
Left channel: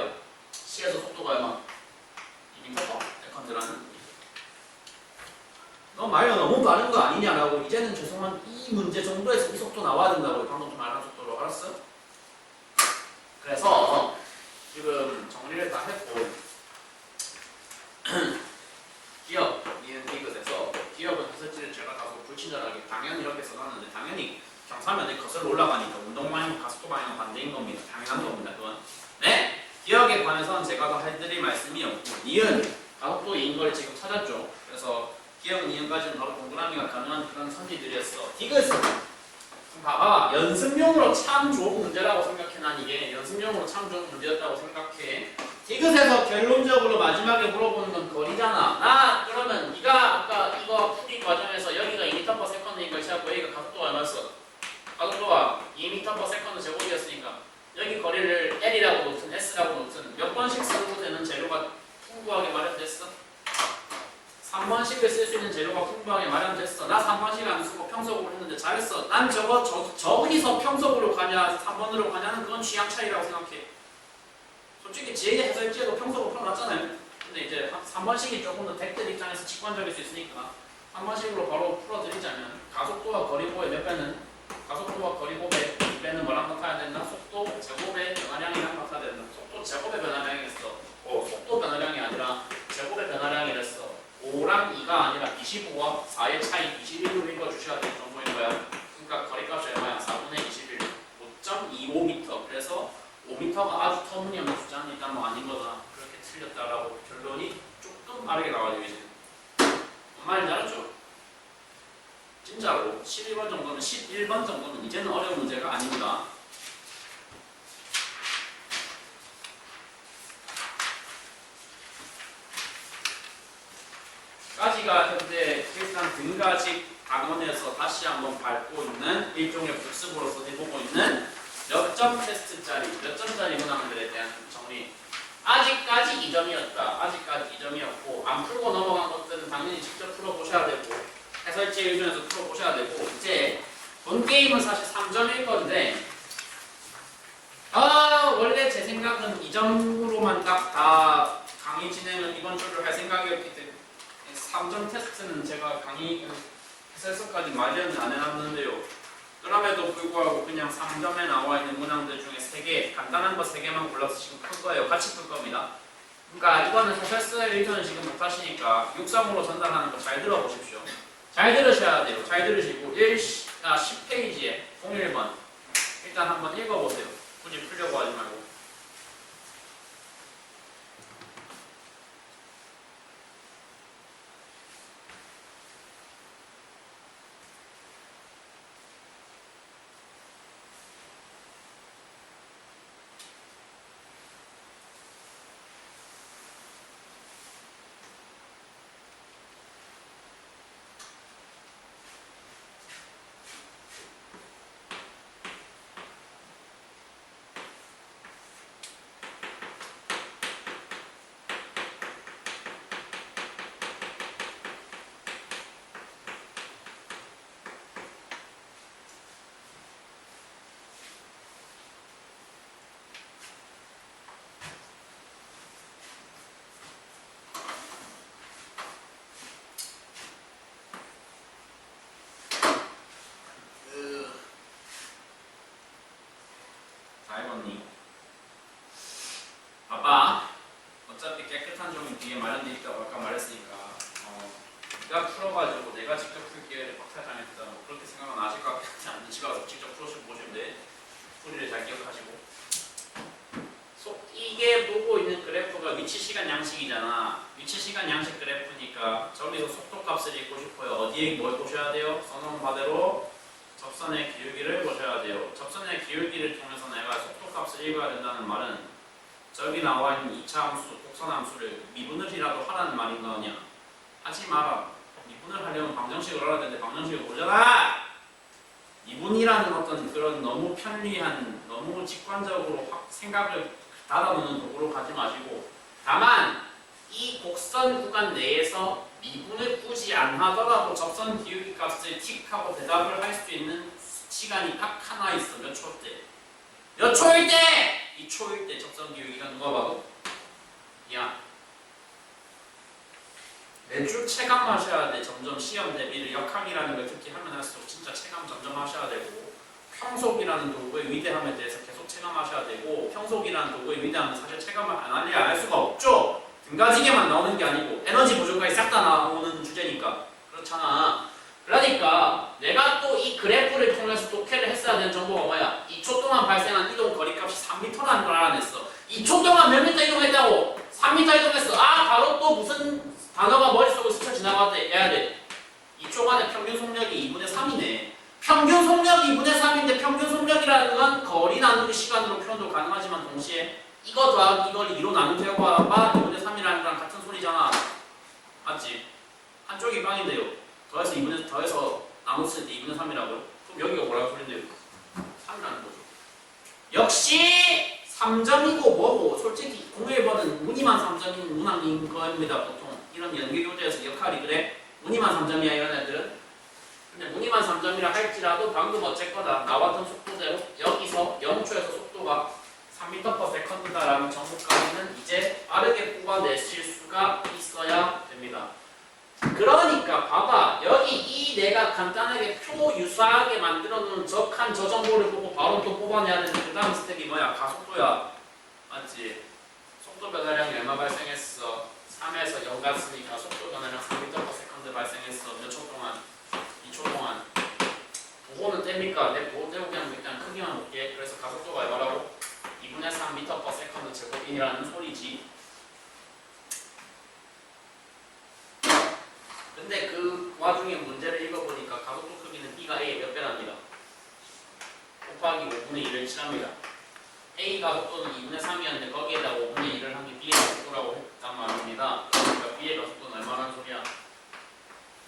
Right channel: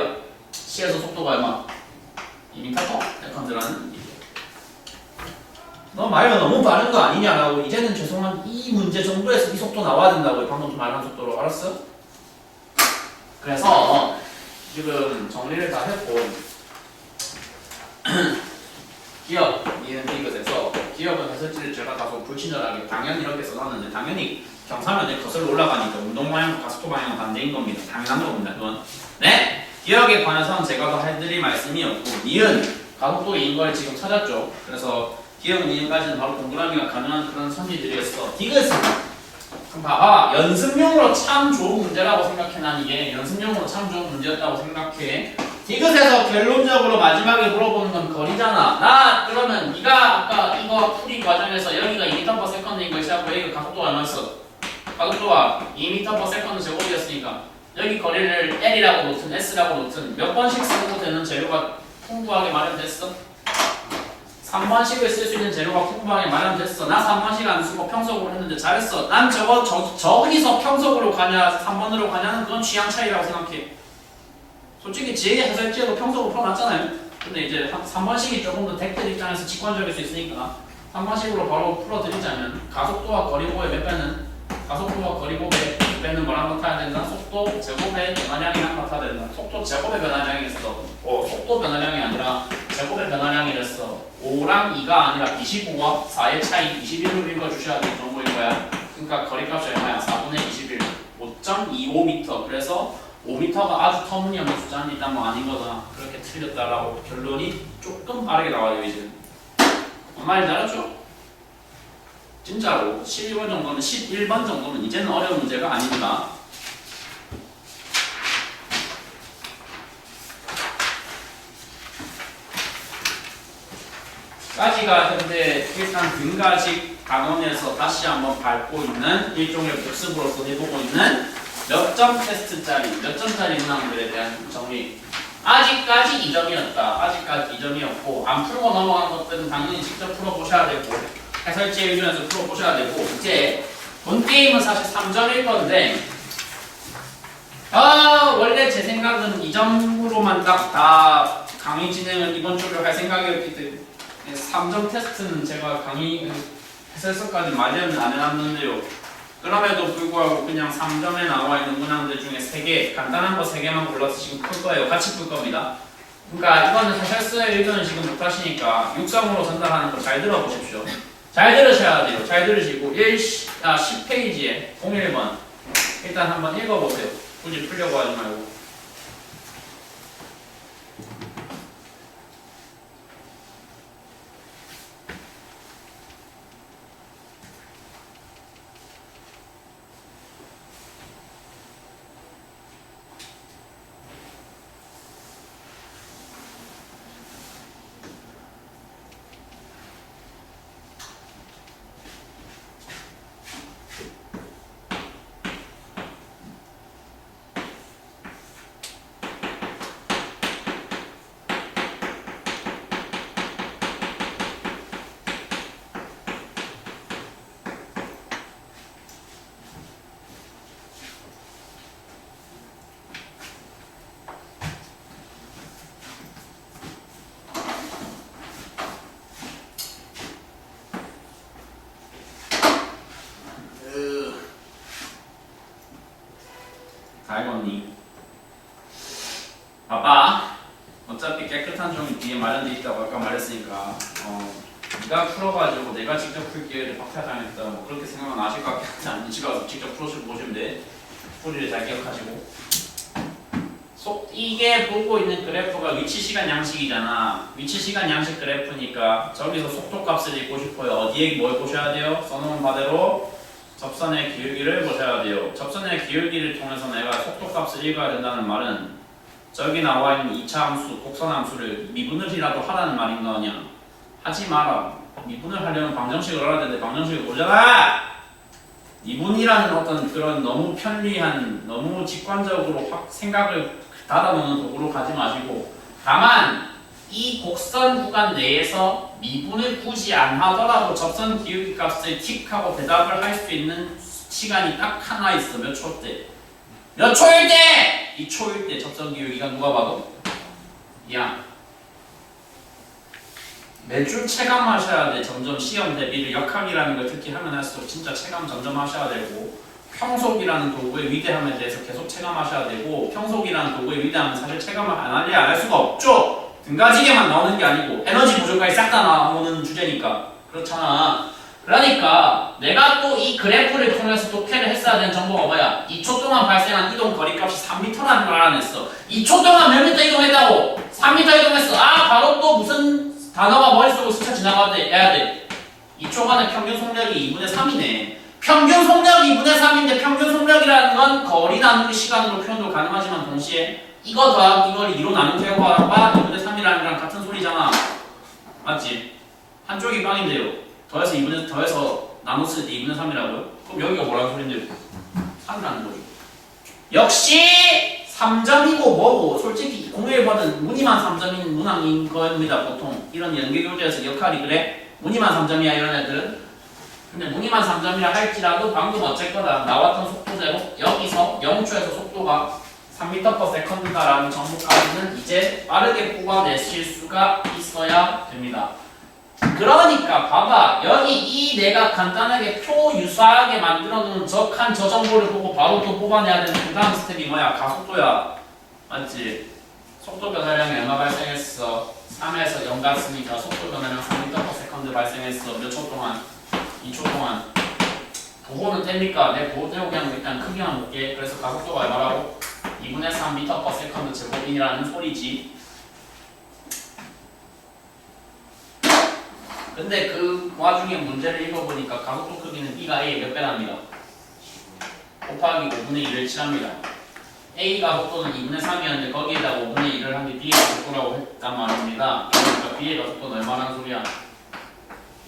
C에서 속도가 얼마? 2m/s라는. 너 말이 너무 빠른 거 아니냐라고. 이제는 죄송한 이 문제 정도에서 이 속도 나와야 된다고. 방금 말한 속도로. 알았어? 그래서 지금 정리를 다 했고 기억, 니은 디귿에서 기억은 했을지 제가 다소 불친절하게 당연히 이렇게 써놨는데 당연히 경사면에 거슬러 올라가니까 운동 방향과 가속도 방향은 반대인 겁니다. 당연한 겁니다. 그건 네? 기억에 관해서는 제가 더 해드릴 말씀이 없고 니은 가속도인 걸 지금 찾았죠. 그래서 기억 니은까지는 바로 동그라미가 가능한 그런 선지들이었어. 디귿은 봐봐 연습용으로 참 좋은 문제라고 생각해. 난 이게 연습용으로 참 좋은 문제였다고 생각해. 디귿에서 결론적으로 마지막에 물어보는 건 거리잖아. 나 그러면 네가 아까 이거 풀이 과정에서 여기가 2m/s인 걸 시작하고 여기가 가속도가 얼마였어? 가속도가 2m/s 제곱이었으니까 여기 거리를 L이라고 놓든 S라고 놓든 몇 번씩 써도 되는 재료가 풍부하게 마련됐어? 3번씩을 쓸 수 있는 재료가 풍부하게 마련됐어. 나 3번씩 안 쓰고 평속으로 했는데 잘했어. 난 저기서 평속으로 가냐 3번으로 가냐는 그건 취향 차이라고 생각해. 솔직히 지혜의 해설지에도 평속으로 풀어놨잖아요. 근데 이제 3번씩이 조금 더 덱들 입장에서 직관적일 수 있으니까 3번씩으로 바로 풀어드리자면 가속도와 거리고의 몇 배는 가속도와 거리고의 배는 뭐랑 같아야 된다? 속도 제곱의 변화량이랑 같아야 된다. 속도 제곱의 변화량이랬어. 속도 변화량이 아니라 제곱의 변화량이랬어. 5랑 2가 아니라 25와 4의 차이 21로 읽어주셔야 될 정도일 거야. 그러니까 거리값이 얼마야? 4분의 21 5.25m. 그래서 5m가 아주 터무니없는 숫자인데 일단 뭐 아닌 거다. 그렇게 틀렸다라고 결론이 조금 빠르게 나와요 이제. 뭔 말인지 알았죠? 진짜로 11번 정도는 11번 정도는 이제는 어려운 문제가 아닙니다. 까지가 현재 일단 등가직 단원에서 다시 한번 밟고 있는 일종의 복습으로서 해보고 있는 몇 점 테스트짜리, 몇 점짜리 문항들에 대한 정리. 아직까지 2점이었다. 아직까지 2점이었고 안 풀고 넘어간 것들은 당연히 직접 풀어보셔야 되고 해설지 의존해서 풀어보셔야 되고 이제 본 게임은 사실 3점일 건데 원래 제 생각은 2점으로만 딱 다 강의 진행을 이번 주를 할 생각이었기 때문에 3점 테스트는 제가 강의 해설서까지 마련은 안 해놨는데요. 그럼에도 불구하고 그냥 3점에 나와 있는 문항들 중에 3개, 간단한 거 3개만 골라서 지금 풀 거예요. 같이 풀 겁니다. 그러니까 이거는 해설서의 의견을 지금 못 하시니까 육성으로 전달하는 거 잘 들어보십시오. 잘 들으셔야 돼요. 잘 들으시고 10페이지에 01번 일단 한번 읽어보세요. 굳이 풀려고 하지 말고. 다 읽었니? 봐봐. 어차피 깨끗한 종이 뒤에 마련돼 있다고 아까 말했으니까 네가 풀어가지고 내가 직접 풀 기회를 박탈당했다 뭐 그렇게 생각은 아실 것 같긴 한데 집에 가서 직접 풀어서 보시면 돼. 풀이를 잘 기억하시고 이게 보고 있는 그래프가 위치시간 양식이잖아. 위치시간 양식 그래프니까 저기서 속도값을 읽고 싶어요. 어디에 뭘 보셔야 돼요? 써놓은 바대로 접선의 기울기를 보셔야 돼요. 접선의 기울기를 통해서 내가 속도값을 읽어야 된다는 말은 저기 나와 있는 2차 함수, 곡선 함수를 미분을이라도 하라는 말인 거냐? 하지 마라. 미분을 하려면 방정식을 알아야 되는데 방정식을 보잖아! 미분이라는 어떤 그런 너무 편리한, 너무 직관적으로 확 생각을 닫아놓는 도구로 가지 마시고 다만 이 곡선 구간 내에서 미분을 굳이 안 하더라도 접선 기울기 값을 틱하고 대답을 할 수 있는 시간이 딱 하나 있어. 몇 초 때? 몇 초일 때! 2초일 때 접선 기울기가 누가 봐도 야 매주 체감하셔야 돼. 점점 시험 대비를 역학이라는 걸 특히 하면 할수록 진짜 체감 점점 하셔야 되고 평속이라는 도구의 위대함에 대해서 계속 체감하셔야 되고 평속이라는 도구의 위대함은 사실 체감을 안 할 수가 없죠. 등가지게만 나오는 게 아니고 에너지 부족까지 싹 다 나오는 주제니까 그렇잖아. 그러니까 내가 또 이 그래프를 통해서 독해를 했어야 되는 정보가 뭐야? 2초 동안 발생한 이동 거리값이 3m라는 걸 알아냈어. 2초 동안 몇 미터 이동했다고? 3m 이동했어. 아 바로 또 무슨 단어가 머릿속으로 스쳐 지나가야 돼. 2초간의 평균 속력이 2분의 3이네. 평균 속력이 2분의 3인데 평균 속력이라는 건 거리 나누기 시간으로 표현도 가능하지만 동시에 이거 더하기 이걸 2로 나눈 결과가 2분의 3이라는 거랑 같은 소리잖아. 맞지? 한쪽이 빵인데요. 더해서 나눴을 때 2분의 3이라고요? 그럼 여기가 뭐라는 소린데요? 3이라는 거죠. 역시 3점이고 뭐고 솔직히 01번은 무늬만 3점인 문항인 겁니다. 보통 이런 연계교재에서 역할이 그래. 무늬만 3점이야 이런 애들은. 근데 무늬만 3점이라 할지라도 방금 어쨌거나 나왔던 속도대로 여기서 0초에서 속도가 3m/s다라는 정보까지는 이제 빠르게 뽑아내실 수가 있어야 됩니다. 그러니까 봐봐 여기 이 내가 간단하게 표 유사하게 만들어 놓은 적한 저 정보를 보고 바로 또 뽑아내야 되는 그 다음 스텝이 뭐야? 가속도야. 맞지? 속도 변화량이 얼마 발생했어? 3에서 0 갔으니까 속도 변화량 3m/s 발생했어. 몇 초 동안? 2초 동안. 부호는 됩니까? 내 부호 되고 그냥 일단 크기만 볼게. 그래서 가속도가 얼마라고? 2분의 3m/s 제곱이라는 소리지. 근데 그 와중에 문제를 읽어보니까 가속도 크기는 B가 A의 몇 배랍니다. 곱하기 5분의 1을 칠합니다. A 가속도는 2분의 3이었는데 거기에다가 5분의 1을 한 게 B의 가속도라고 했단 말입니다. 그러니까 B의 가속도는 얼마라는 소리야?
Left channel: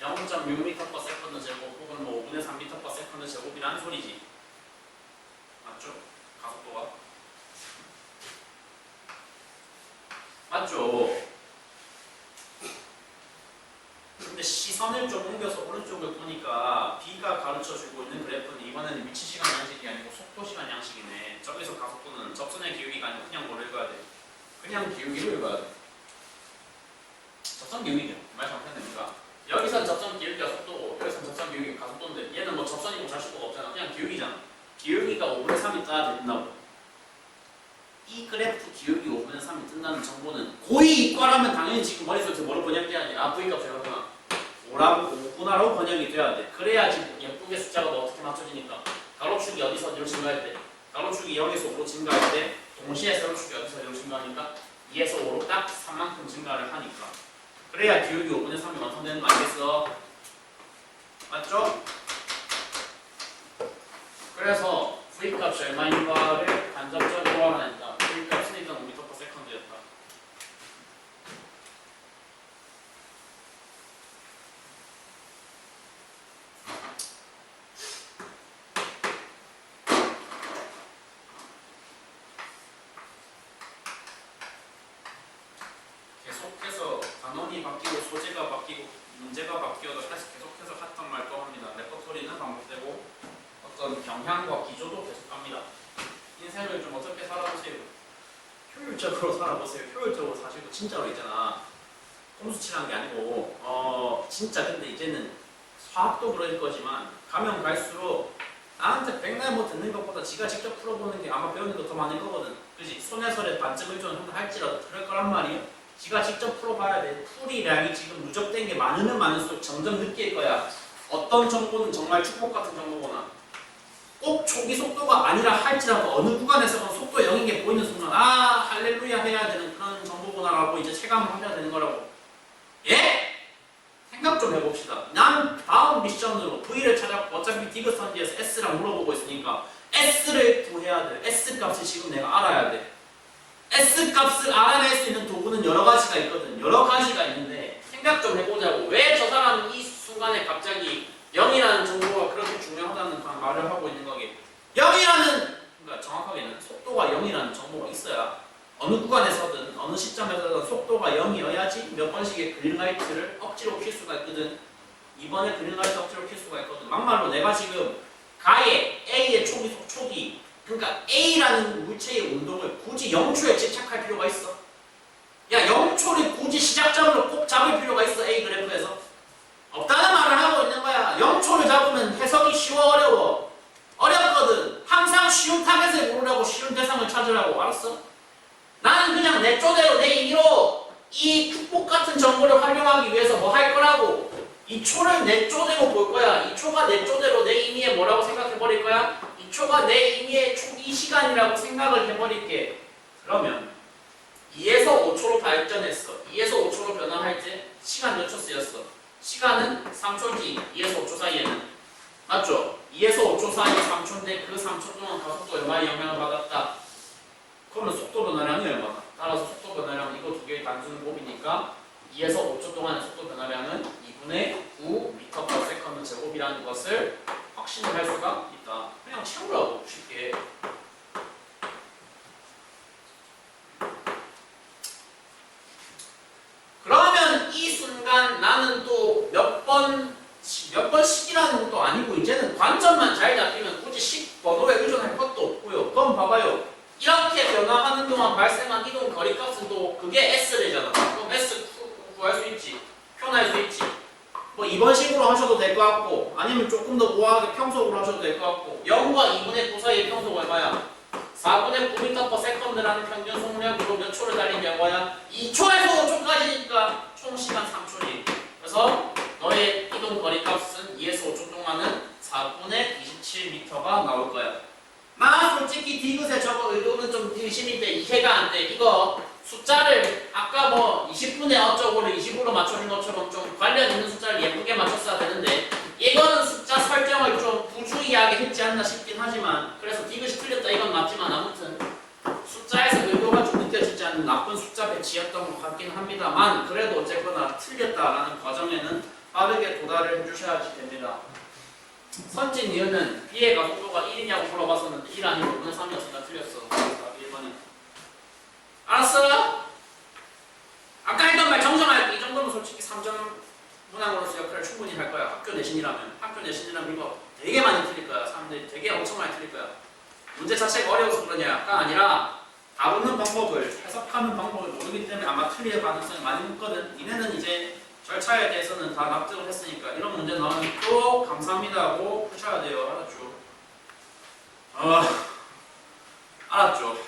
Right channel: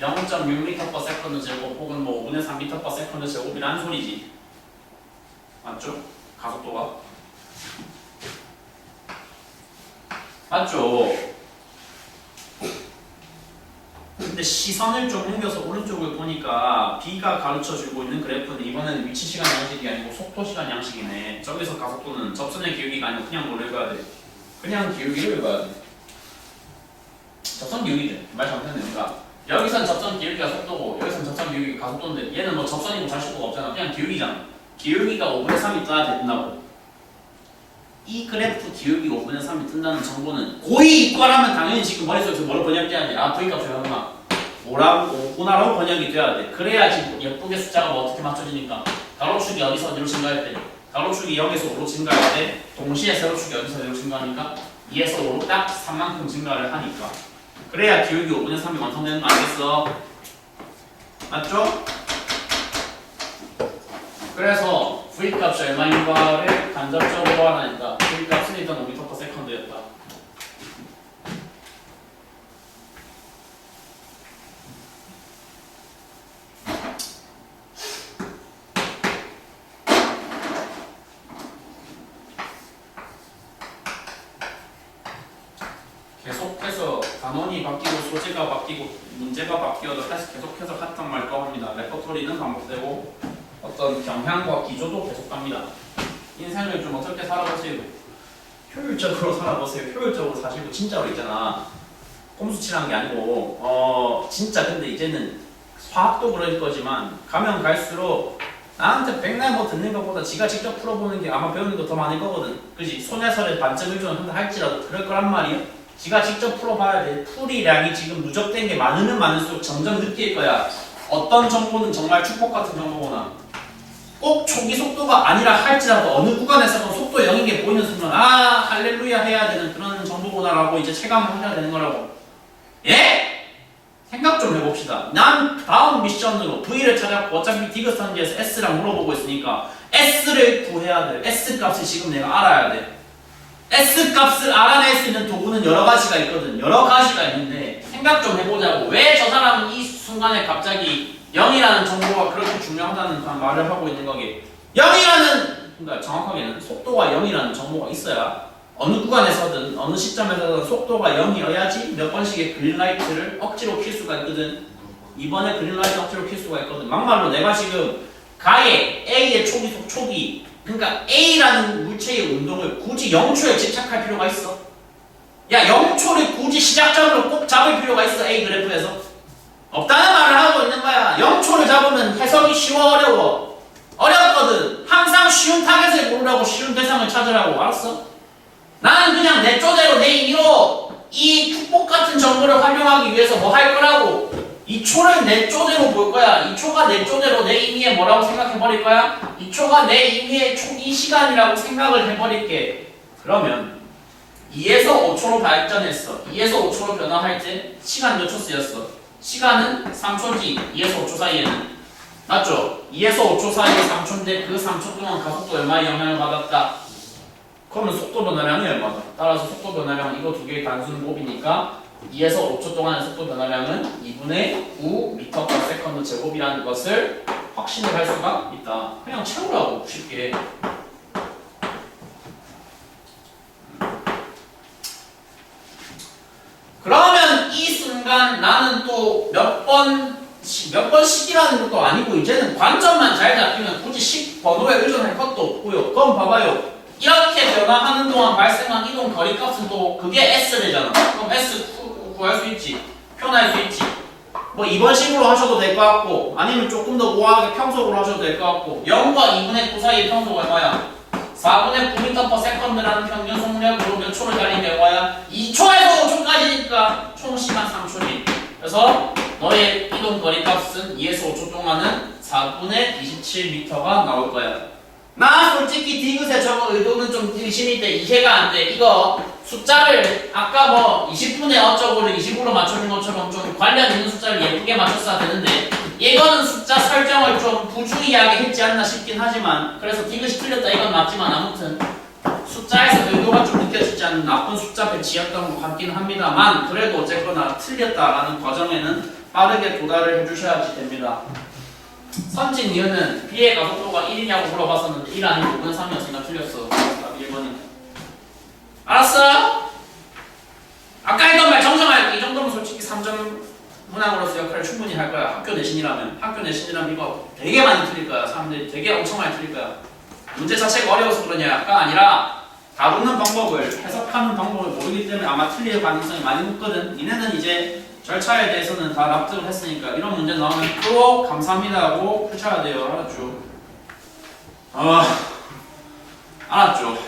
0.6m/s 제곱 혹은 뭐 5분의 3m/s 제곱이라는 소리지. 맞죠? 가속도가 맞죠? 근데 시선을 좀 옮겨서 오른쪽을 보니까 B가 가르쳐주고 있는 그래프는 이번에는 위치 시간 양식이 아니고 속도 시간 양식이네. 저기서 가속도는 접선의 기울기가 아니고 그냥 뭘 읽어야 돼? 그냥 기울기를 읽어야 돼. 접선 기울기죠. 말 잘못했네. 여기선 접선 기울기가 속도고 여기선 접선 기울기가 가속도인데 얘는 뭐 접선이고 자식도가 없잖아. 그냥 기울기잖아. 기울기가 5분의 3이 떠야 된다고. 이 그래프 기울기 5분의 3이 뜬다는 정보는 고의 이과라면 당연히 지금 머릿속에서 뭐로 번역돼야 돼? 아 V값 얼마? 5구나라고 번역이 돼야 돼. 그래야지 예쁘게 숫자가 뭐 어떻게 맞춰지니까 가로축이 어디서 어디로 증가할 때 가로축이 0에서 5로 증가할 때 동시에 세로축이 어디서 어디로 증가하니까 2에서 5로 딱 3만큼 증가를 하니까 그래야 기울기 5분의 3이 완성되는 거 알겠어? 맞죠? 그래서 V값이 얼마인가를 간접적으로 알아낸다. V값은 일단 5m/s였다. 계속해서 단원이 바뀌고 소재가 바뀌고 문제가 바뀌어도 다시 계속해서 같은 말과 합니다. 레퍼토리는 반복되고 어떤 경향과 기조도 계속 갑니다. 인생을 좀 어떻게 살아보세요? 효율적으로 살아보세요. 효율적으로 사시고 진짜로 있잖아. 꼼수치라는 게 아니고 진짜 근데 이제는 화학도 그럴 거지만 가면 갈수록 나한테 백날 뭐 듣는 것보다 지가 직접 풀어보는 게 아마 배우는 거 더 많을 거거든. 그지? 손해설에 반점 의존을 할지라도 그럴 거란 말이야. 지가 직접 풀어봐야 돼. 풀이량이 지금 누적된 게 많으면 많을수록 점점 느낄 거야. 어떤 정보는 정말 축복 같은 정보구나. 꼭 초기 속도가 아니라 할지라도 어느 구간에서는 속도 0인 게 보이는 순간 아 할렐루야 해야 되는 그런 정보구나라고 이제 체감을 하셔야 되는 거라고. 예? 생각 좀 해봅시다. 난 다음 미션으로 V를 찾았고 어차피 디귿선지에서 S랑 물어보고 있으니까 S를 구해야 돼. S 값을 지금 내가 알아야 돼. S 값을 알아낼 수 있는 도구는 여러 가지가 있거든. 여러 가지가 있는데 생각 좀 해보자고. 왜 저 사람은 이 순간에 갑자기 0이라는 정보가 그렇게 중요하다는 그런 말을 하고 있는 거게. 0이라는 그러니까 정확하게는 속도가 0이라는 정보가 있어야 어느 구간에서든 어느 시점에서든 속도가 0이어야지 몇 번씩의 그린라이트를 억지로 킬 수가 있거든. 이번에 그린라이트 억지로 킬 수가 있거든. 막말로 내가 지금 가에 A의 초기 그러니까 A라는 물체의 운동을 굳이 0초에 집착할 필요가 있어? 야 0초를 굳이 시작점으로 꼭 잡을 필요가 있어 A 그래프에서? 없다는 말을 하고 있는 거야. 0초를 잡으면 해석이 쉬워 어려워? 어렵거든. 항상 쉬운 타겟을 고르라고 쉬운 대상을 찾으라고. 알았어? 나는 그냥 내 쪼대로 내 임의로 이 축복 같은 정보를 활용하기 위해서 뭐 할 거라고. 이 초를 내 쪼대로 볼 거야. 이 초가 내 쪼대로 내 임의의 뭐라고 생각해 버릴 거야? 이 초가 내 임의의 초기 시간이라고 생각을 해버릴게. 그러면 2에서 5초로 발전했어. 2에서 5초로 변화할 때 시간 몇 초 쓰였어? 시간은 3초지. 2에서 5초 사이에는. 맞죠? 2에서 5초 사이에 3초인데 그 3초 동안 가속도 얼마의 영향을 받았다? 그러면 속도 변화량이 얼마다? 따라서 속도 변화량은 이거 두 개의 단순 곱이니까 2에서 5초 동안의 속도 변화량은 2분의 9m/s 제곱이라는 것을 확신을 할 수가 있다. 그냥 채우라고 쉽게. 그러면 이 순간 나는 또 몇 번씩이라는 것도 아니고 이제는 관점만 잘 잡히면 굳이 식 번호에 의존할 것도 없고요. 그럼 봐봐요. 이렇게 변화하는 동안 발생한 이동 거리값은 또 그게 S래잖아. 그럼 S 구할 수 있지. 표현할 수 있지. 뭐 이번 식으로 하셔도 될 것 같고 아니면 조금 더 우아하게 평속으로 하셔도 될 것 같고 0과 2분의 9 사이의 평속 얼마야? 4분의 9m/s라는 평균 속력으로 몇 초를 달린 결과야? 2초에서 5초까지니까 총 시간 3초지. 그래서 너의 이동 거리 값은 2에서 5초 동안은 4분의 27m가 나올 거야. 나 솔직히 디귿에 저거 의도는 좀 의심이 돼. 이해가 안 돼. 이거 숫자를 아까 뭐 20분의 어쩌고를 20으로 맞춰준 것처럼 좀 관련 있는 숫자를 예쁘게 맞췄어야 되는데 이거는 숫자 설정을 좀 부주의하게 했지 않나 싶긴 하지만 그래서 디귿이 틀렸다 이건 맞지만 아무튼 숫자에서 의도가 좀 느껴지지 않는 나쁜 숫자 배치였던 것 같긴 합니다만 그래도 어쨌거나 틀렸다라는 과정에는 빠르게 도달을 해주셔야지 됩니다. 선진 이유는 B의 가속도가 1이냐고 물어봤었는데 1 아니고 5분 3이었으니까 틀렸어. 답 1번이. 알았어? 아까 했던 말 정정할게. 이 정도면 솔직히 3점 문항으로서 역할을 충분히 할 거야. 학교 내신이라면 이거 되게 많이 틀릴 거야. 사람들이 되게 엄청 많이 틀릴 거야. 문제 자체가 어려워서 그러냐가 아니라 다루는 방법을 해석하는 방법을 모르기 때문에 아마 틀릴 가능성이 많이 높거든. 니네는 이제 절차에 대해서는 다 납득을 했으니까 이런 문제 나오면 또 감사합니다 하고 푸셔야 돼요. 알았죠? 알았죠?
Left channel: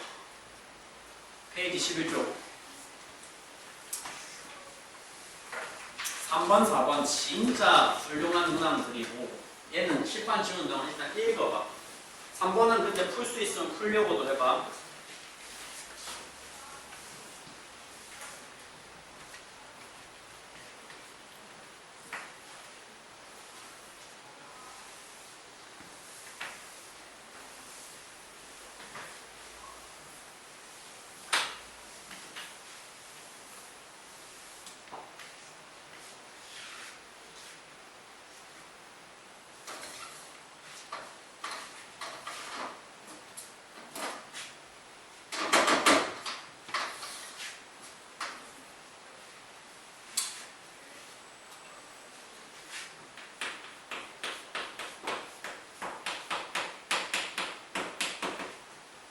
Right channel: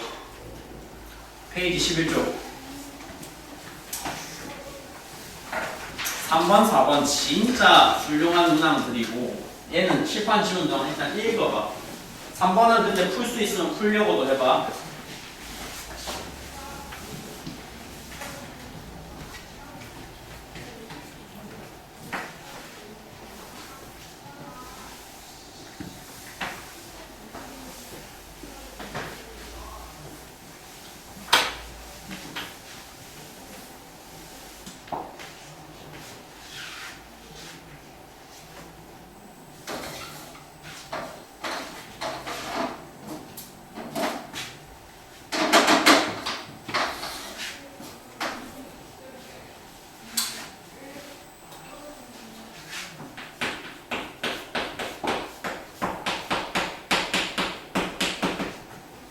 페이지 11쪽 3번 4번 진짜 훌륭한 문항들이고 얘는 칠판 지운 동안 일단 읽어봐. 3번은 근데 풀 수 있으면 풀려고도 해봐.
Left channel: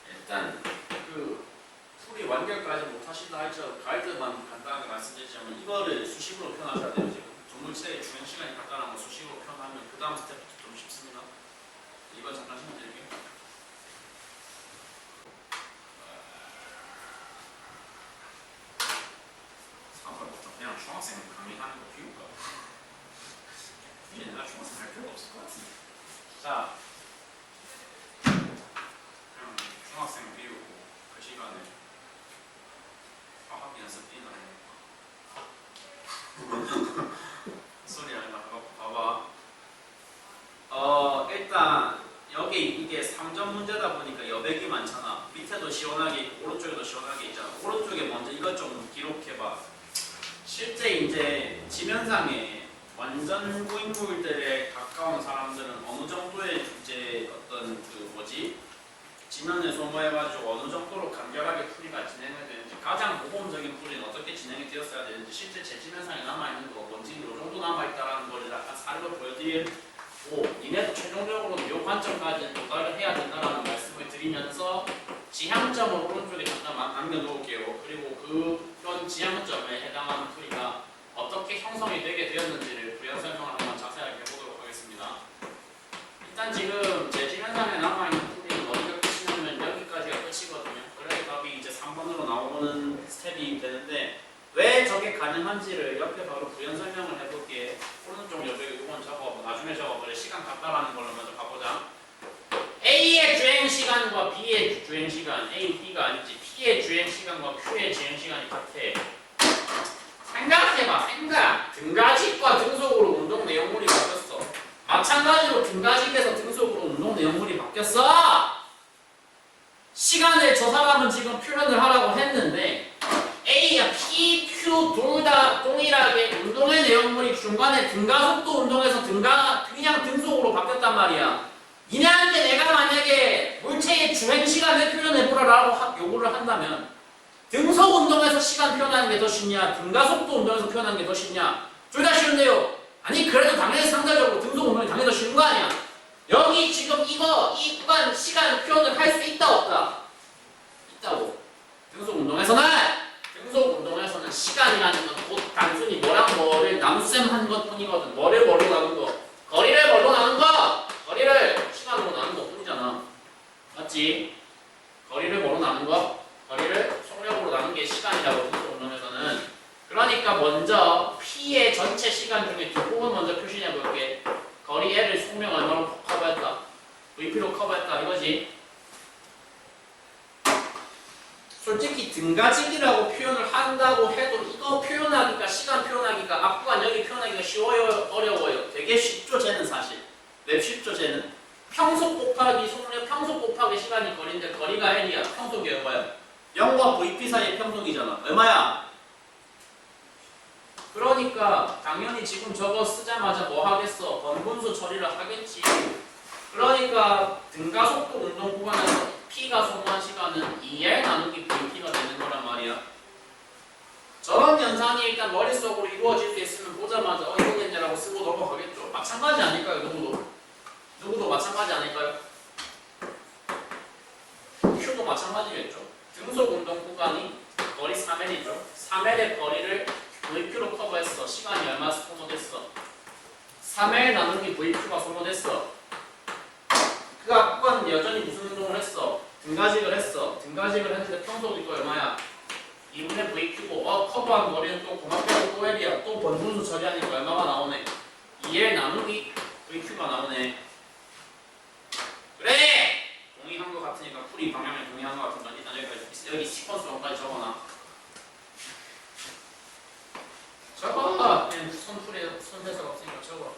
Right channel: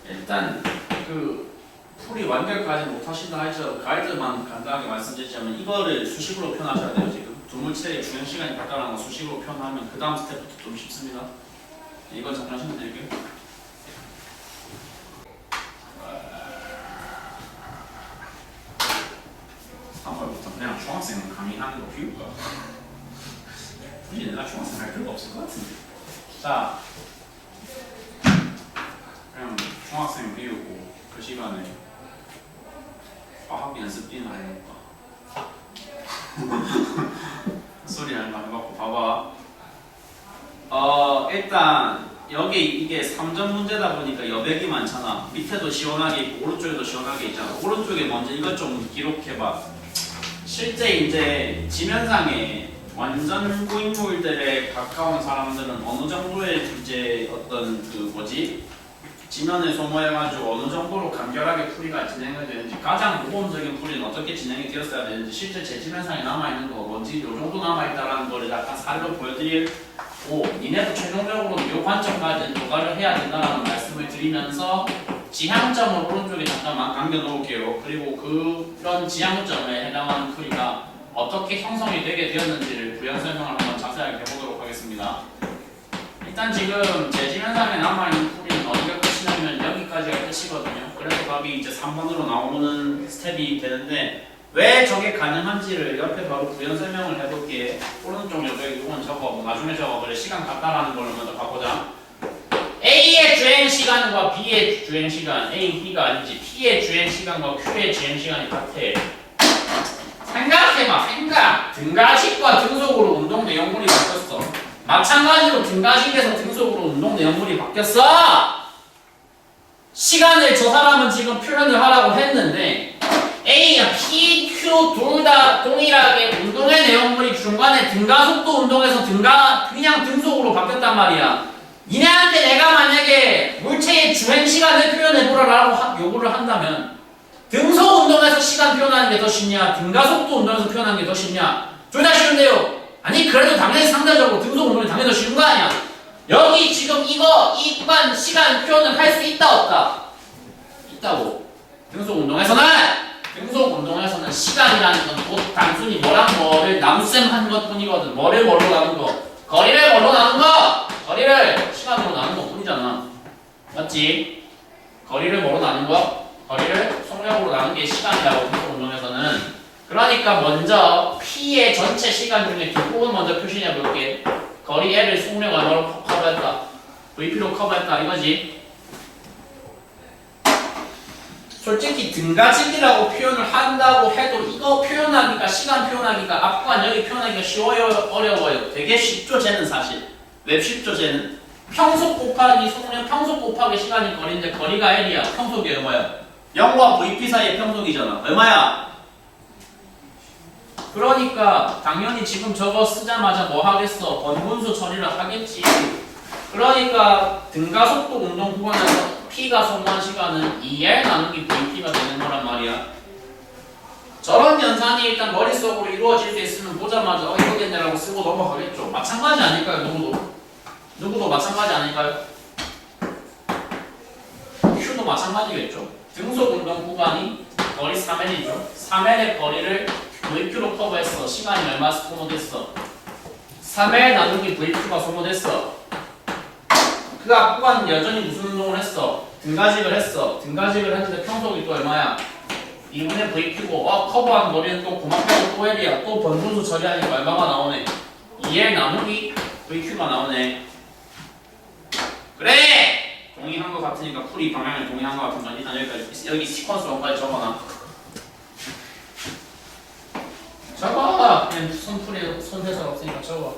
일단 그 풀이 완결까지 못하신다 할지라도 가이드만 간단하게 말씀드리자면 이거를 수식으로 표현하셔야 돼요. 지금 두물체의 주행 시간이 발달하는 거 수식으로 표현하면 그 다음 스텝부터 좀 쉽습니다. 이건 잠깐 신경 드릴게요. 부터 그냥 중학생 강의하는 거 비울까? 굳이 내가 중학생 할 필요가 없을 것 같은데. 자, 그냥 중학생 비우고 그 시간에 과학 연습 비는 아니니까 소리 하나 해갖고 봐봐. 일단 여기 이게 3점 문제다 보니까 여백이 많잖아. 밑에도 시원하게 있고 오른쪽에도 시원하게 있잖아. 오른쪽에 먼저 이것 좀 기록해봐. 실제 이제 지면상에 완전 고인물들에 가까운 사람들은 어느 정도의 이제 어떤 그 뭐지 지면을 소모해가지고 어느 정도로 간결하게 풀이가 진행이 되는지 가장 모범적인 풀이는 어떻게 진행이 되었어야 되는지 실제 제 지면상에 남아있는 거 뭔지 이 정도 남아있다라는 거를 약간 사례로 보여드리고 니네도 최종적으로 이 관점까지 도달을 해야 된다라는 말씀을 드리면서 지향점을 오른쪽에 잠깐만 남겨놓을게요. 그리고 그런 지향점에 해당하는 풀이가 어떻게 형성이 되게 되었는지를 부연 설명을 한번 자세하게 해보도록 하겠습니다. 일단 지금 제 지면상에 남아있는 풀이는 어디가 끝이냐면 여기까지가 끝이거든요. 그래서 답이 이제 3번으로 나오는 스텝이 되는데 왜 저게 가능한지를 옆에 바로 구현 설명을 해볼게. 오른쪽 옆에 이건 적어. 나중에 적어. 그래 시간 같다라는 걸 먼저 바꾸자. A의 주행 시간과 B의 주행 시간, A, B가 아니지. P의 주행 시간과 Q의 주행 시간이 같아. 생각해봐. 생각. 등가식과 등속으로 운동 내용물이 바뀌었어. 마찬가지로 등가식에서 등속으로 운동 내용물이 바뀌었어. 시간을 저 사람은 지금 표현을 하라고 했는데 A야 P, Q 둘 다 동일하게 운동의 내용물이 중간에 등가속도 운동에서 그냥 등속으로 바뀌었단 말이야. 니네한테 내가 만약에 물체의 주행 시간을 표현해보라라고 요구를 한다면 등속 운동에서 시간 표현하는 게 더 쉽냐 등가속도 운동에서 표현하는 게 더 쉽냐? 둘 다 쉬운데요. 아니 그래도 당연히 상대적으로 등속 운동이 당연히 더 쉬운 거 아니야? 여기 지금 이 구간 시간 표현을 할 수 있다 없다? 있다고. 등속 운동에서는 시간이라는 건 곧 단순히 뭐랑 뭐를 나눗셈 한 것뿐이거든. 뭐를 뭘로 나눈 거? 거리를 뭘로 나눈 거? 거리를 시간으로 나눈 것 뿐이잖아. 맞지? 거리를 뭐로 나눈 거? 거리를 속력으로 나눈 게 시간이라고 등속 운동에서는. 그러니까 먼저 P의 전체 시간 중에 뒷부분 먼저 표시해 볼게. 거리 L을 속력 얼마로 커버했다. VP로 커버했다 이거지. 솔직히 등가직이라고 표현을 한다고 해도 이거 표현하기가 시간 표현하기가 앞구간 여기 표현하기가 쉬워요 어려워요? 되게 쉽죠 쟤는 사실. 왜 쉽죠 쟤는? 평속 곱하기 속력 평속 곱하기 시간이 거리인데 거리가 L이야. 평속이 얼마야? 0과 VP 사이의 평속이잖아. 얼마야? 그러니까 당연히 지금 저거 쓰자마자 뭐 하겠어? 번분수 처리를 하겠지. 그러니까 등가속도 운동 구간에서 P가 소모한 시간은 2L 나누기 VP가 되는 거란 말이야. 저런 현상이 일단 머릿속으로 이루어질 수 있으면 보자마자 이거겠네라고 쓰고 넘어가겠죠. 마찬가지 아닐까요? 누구도 마찬가지 아닐까요? Q도 마찬가지겠죠. 등속 운동 구간이 거리 3L이죠. 3L의 거리를 VQ로 커버했어. 시간이 얼마 소모됐어? 3L 나누기 VQ가 소모됐어. 그 앞구간은 여전히 무슨 운동을 했어? 등가직을 했어. 등가직을 했는데 평속이 또 얼마야? 2분의 VQ고 커버한 거리는 또 고맙게도 또 L이야. 또 번분수 처리하니까 얼마가 나오네? 2L 나누기 VQ가 나오네. 그래! 동의한 것 같으니까 풀이 방향을 동의한 것 같으면 일단 여기 시퀀스 원까지 적어놔. 적어! 그냥 손풀이 손대설 없으니까 적어.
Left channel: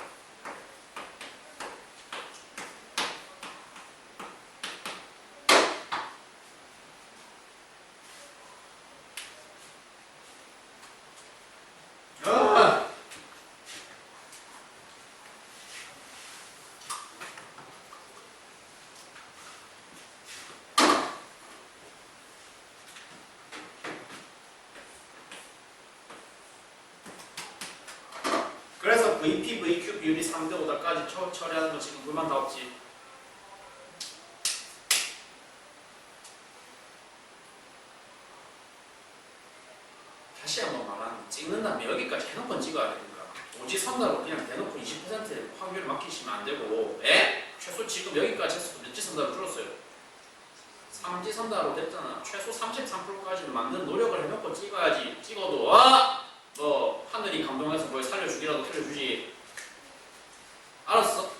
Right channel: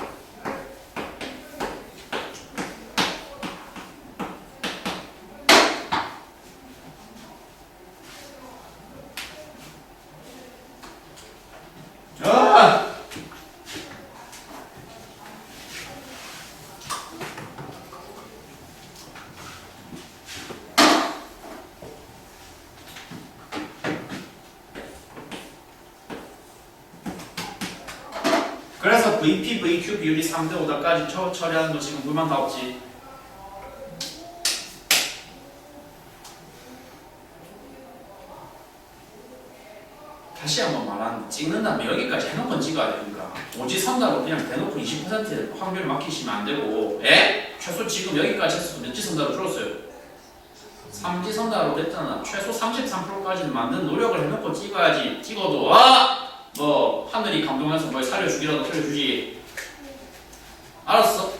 그래서 VP, VQ 비율이 3대 5다까지 처리하는 거 지금 물만 다 없지. 다시 한번 말하는데 찍는다면 여기까지 해놓고 찍어야 되니까 오지선다로 그냥 대놓고 20% 확률을 맡기시면 안 되고 최소 지금 여기까지 해서 몇 지선다로 줄었어요? 3지선다로 됐잖아. 최소 33%까지는 만든 노력을 해놓고 찍어야지. 찍어도 뭐 하늘이 감동해서 뭘 살려주기라도 살려주지. 알았어?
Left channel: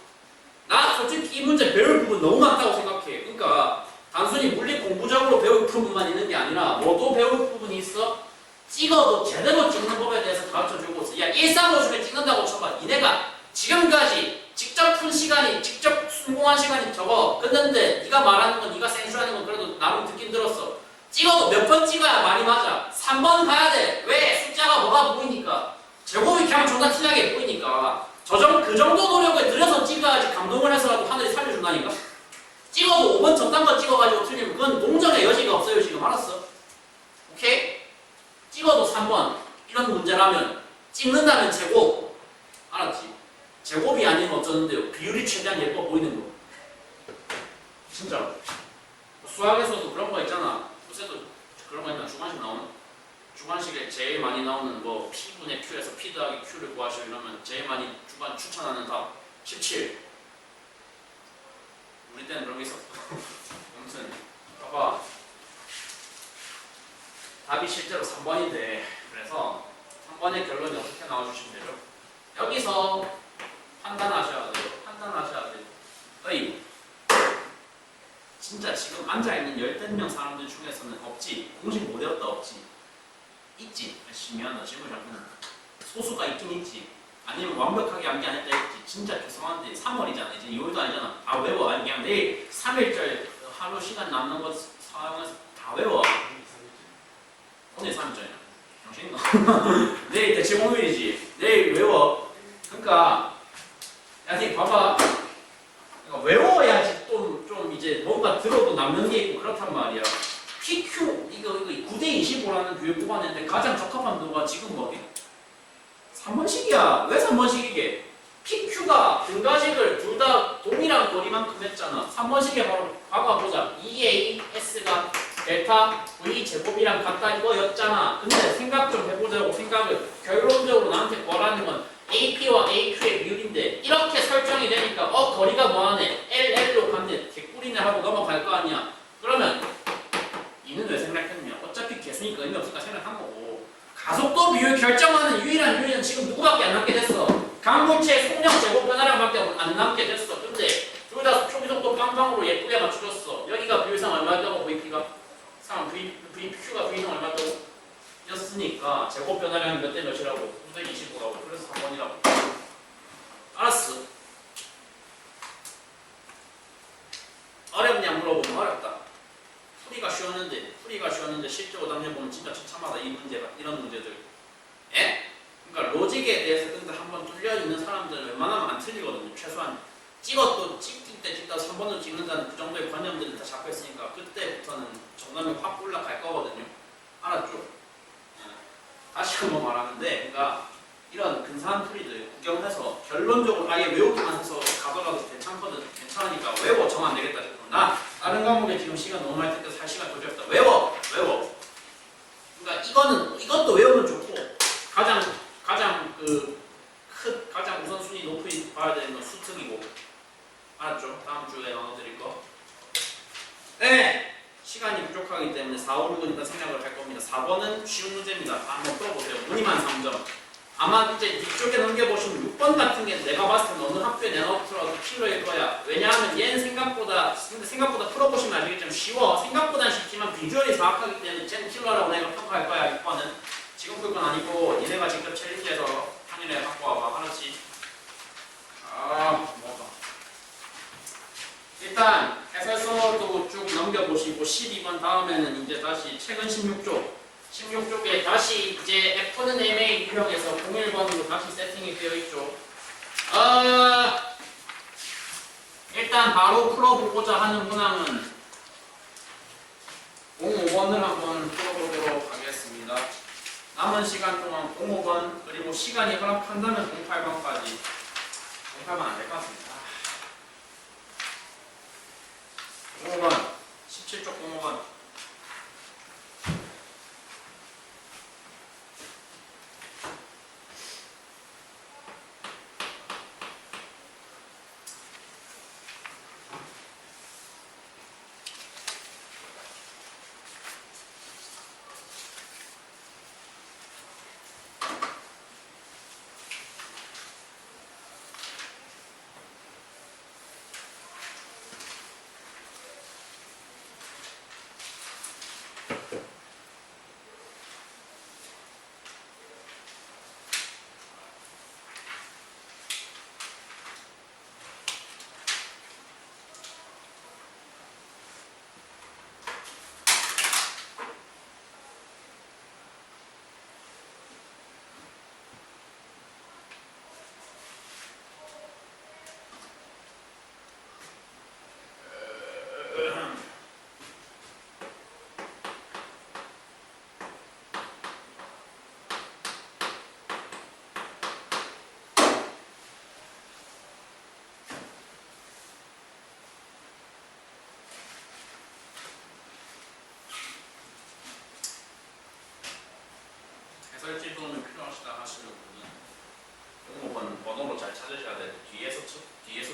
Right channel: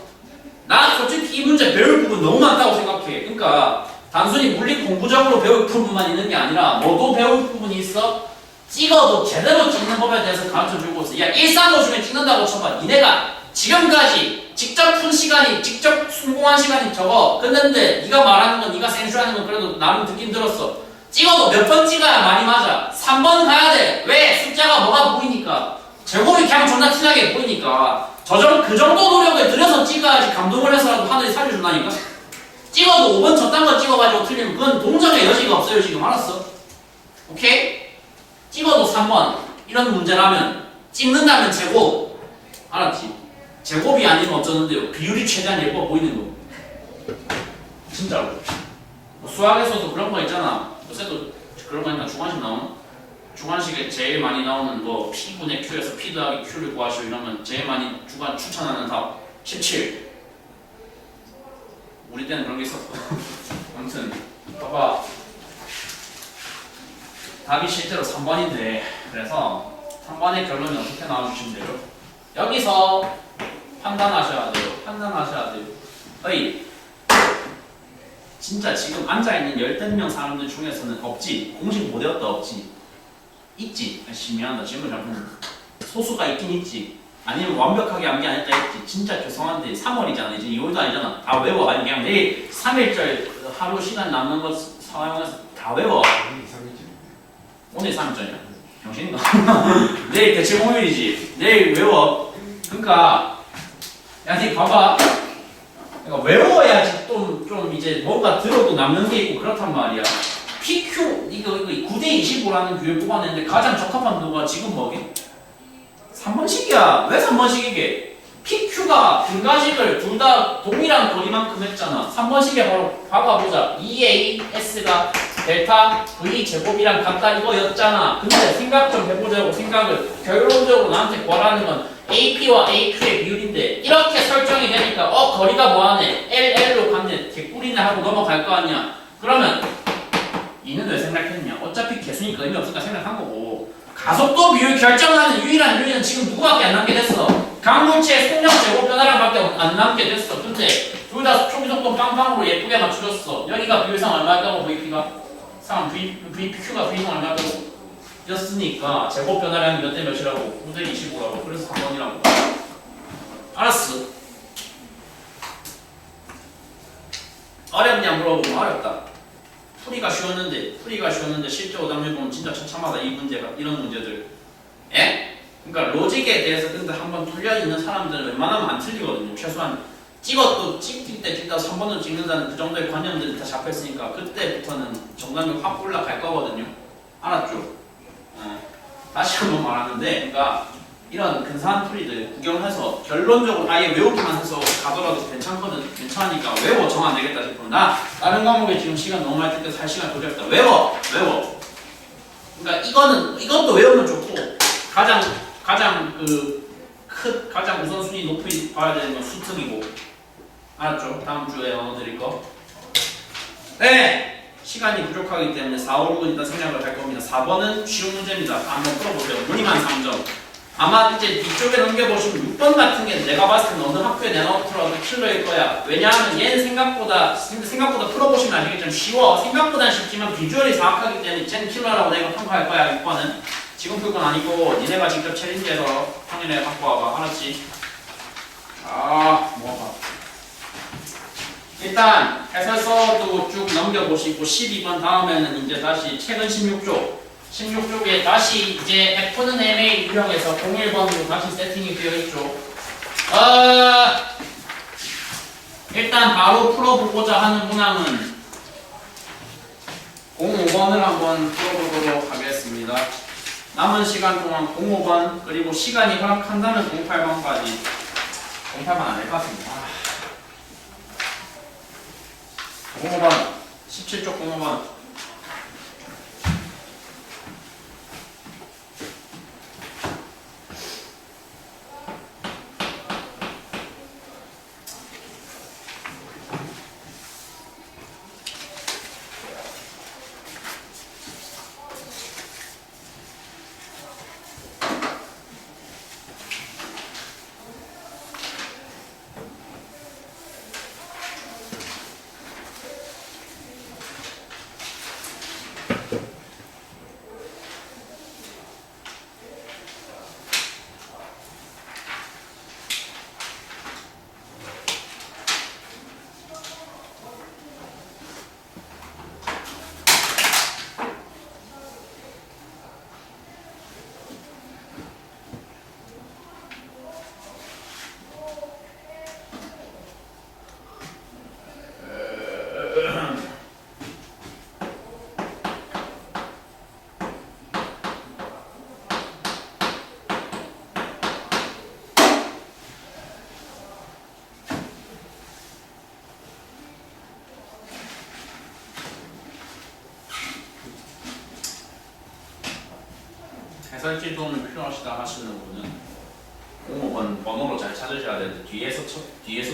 나 솔직히 이 문제 배울 부분 너무 많다고 생각해. 그러니까 단순히 물리 공부적으로 배울 부분만 있는 게 아니라 뭐도 배울 부분이 있어? 찍어도 제대로 찍는 법에 대해서 가르쳐주고 있어. 야 135 중에 찍는다고 쳐봐. 니네가 지금까지 직접 푼 시간이 직접 성공한 시간이 적어 끝냈는데 네가 말하는 건 네가 생쇼하는 건 그래도 나름 듣긴 들었어. 찍어도 몇 번 찍어야 많이 맞아. 3번 가야 돼. 왜? 숫자가 뭐가 보이니까. 제곱이 그냥 존나 티나게 보이니까. 그 정도 노력을 들여서 찍어야지 감동을 해서라도 하늘이 살려준다니까. 찍어도 5번 저딴 거 찍어가지고 틀리면 그건 동정의 여지가 없어요 지금. 알았어? 오케이? 찍어도 3번 이런 문제라면 찍는다면 제곱. 알았지? 제곱이 아니면 어쩌는데요? 비율이 최대한 예뻐 보이는 거. 진짜로. 뭐 수학에서도 그런 거 있잖아. 요새도 그런 거 있나? 주관식 나오나? 주관식에 제일 많이 나오는 뭐 P분의 Q에서 P 더하기 Q를 구하시오 이러면 제일 많이 추천하는 답 17. 우리 때는 그런 게 있었어. 아무튼 봐봐. 답이 실제로 3번인데 그래서 3번의 결론이 어떻게 나와주시면 되죠? 여기서 판단하셔야 돼요. 판단하셔야 돼요. 어이, 진짜 지금 앉아있는 10명 사람들 중에서는 없지. 공식 못 외웠다 없지. 있지. 미안하다. 질문 잘못했네. 소수가 있긴 있지. 아니면 완벽하게 암기 안 했다 했지. 진짜 죄송한데 3월이잖아. 이제 2월도 아니잖아. 다 외워. 아니 그냥 내일 3일절 하루 시간 남는 거 사용해서 다 외워. 오늘 3일절이야. 정신인가? 내일 대체 공휴일이지. 내일 외워. 그러니까 야, 니 봐봐. 그러니까 외워야지 좀 이제 뭔가 들어도 남는 게 있고 그렇단 말이야. PQ 이거 9대 25라는 교육 뽑아냈는데 가장 적합한 누가 지금 뭐게? 3번씩이야. 왜 3번씩이게? PQ가 분가식을 둘 다 동일한 거리만큼 했잖아. 3번씩에 바로 봐봐보자. 2AS가 델타 V 제곱이랑 같다 이거였잖아. 근데 생각 좀 해보자고. 생각을 결론적으로 나한테 구하라는 건 AP와 AQ의 비율인데 이렇게 설정이 되니까 거리가 뭐하네? LL로 갔네. 개꿀이네 하고 넘어갈 거 아니야. 그러면 이는 왜 생각했냐? 어차피 개수니까 의미 없으니까 생각한 거고. 가속도 비율 결정하는 유일한 요인은 지금 누구밖에 안 남게 됐어? 강물체의 속력 제곱 변화량밖에 안 남게 됐어. 근데 둘 다 초기속도 빵빵으로 예쁘게 맞춰줬어. 여기가 비율상 얼마였다고 VP가? VPQ가 V상 얼마였다고? 였으니까 제곱 변화량이 몇 대 몇이라고? 9대 25라고. 그래서 3번이라고. 알았어. 어렵냐 물어보면 어렵다. 풀이가 쉬웠는데 실제 오답률 보면 진짜 처참하다. 이 문제가 이런 문제들. 에? 그러니까 로직에 대해서 근데 한번 뚫려 있는 사람들은 웬만하면 안 틀리거든요. 최소한 찍을 때 찍다 3번을 찍는다는 그 정도의 관념들이 다 잡혀 있으니까 그때부터는 정답률 확 올라갈 거거든요. 알았죠? 다시 한번 말하는데, 그러니까 이런 근사한 풀이들 구경해서 결론적으로 아예 외우기만 해서 가더라도 괜찮으니까 외워. 정 안 되겠다 싶으면 나 다른 과목에 지금 시간 너무 많이 뜯겨서 할 시간 도저히 없다. 외워. 그러니까 이것도 외우면 좋고 가장 우선순위 높이 봐야 되는 건 수특이고. 알았죠? 다음 주에 언어 드릴 거. 네. 시간이 부족하기 때문에 4, 5, 6은 일단 생략을 할 겁니다. 4번은 쉬운 문제입니다. 한번 풀어보세요. 무늬만 3점. 아마 이제 뒤쪽에 넘겨보시면 6번 같은 게 내가 봤을 때는 어느 학교에 내놓더라도 킬러일 거야. 왜냐하면 얘는 생각보다 풀어보시면 아시겠지만 쉬워. 생각보다는 쉽지만 비주얼이 정확하기 때문에 쟤는 킬러라고 내가 평가할 거야. 6번은. 지금 풀 건 아니고 니네가 직접 챌린지해서 평일에 갖고 와봐. 알았지? 뭐가 일단 해설서도 쭉 넘겨보시고 12번 다음에는 이제 다시 최근 16쪽에 다시 이제 F는 MA 유형에서 01번으로 다시 세팅이 되어 있죠. 일단 바로 풀어보고자 하는 문항은 05번을 한번 풀어보도록 하겠습니다. 남은 시간 동안 05번 그리고 시간이 허락한다면 08번까지 08번 안 될 것 같습니다. 05번 17쪽 05번 해설지 도움이 필요하시다 하시는 분은 05번 번호로 잘 찾으셔야 되는데 뒤에서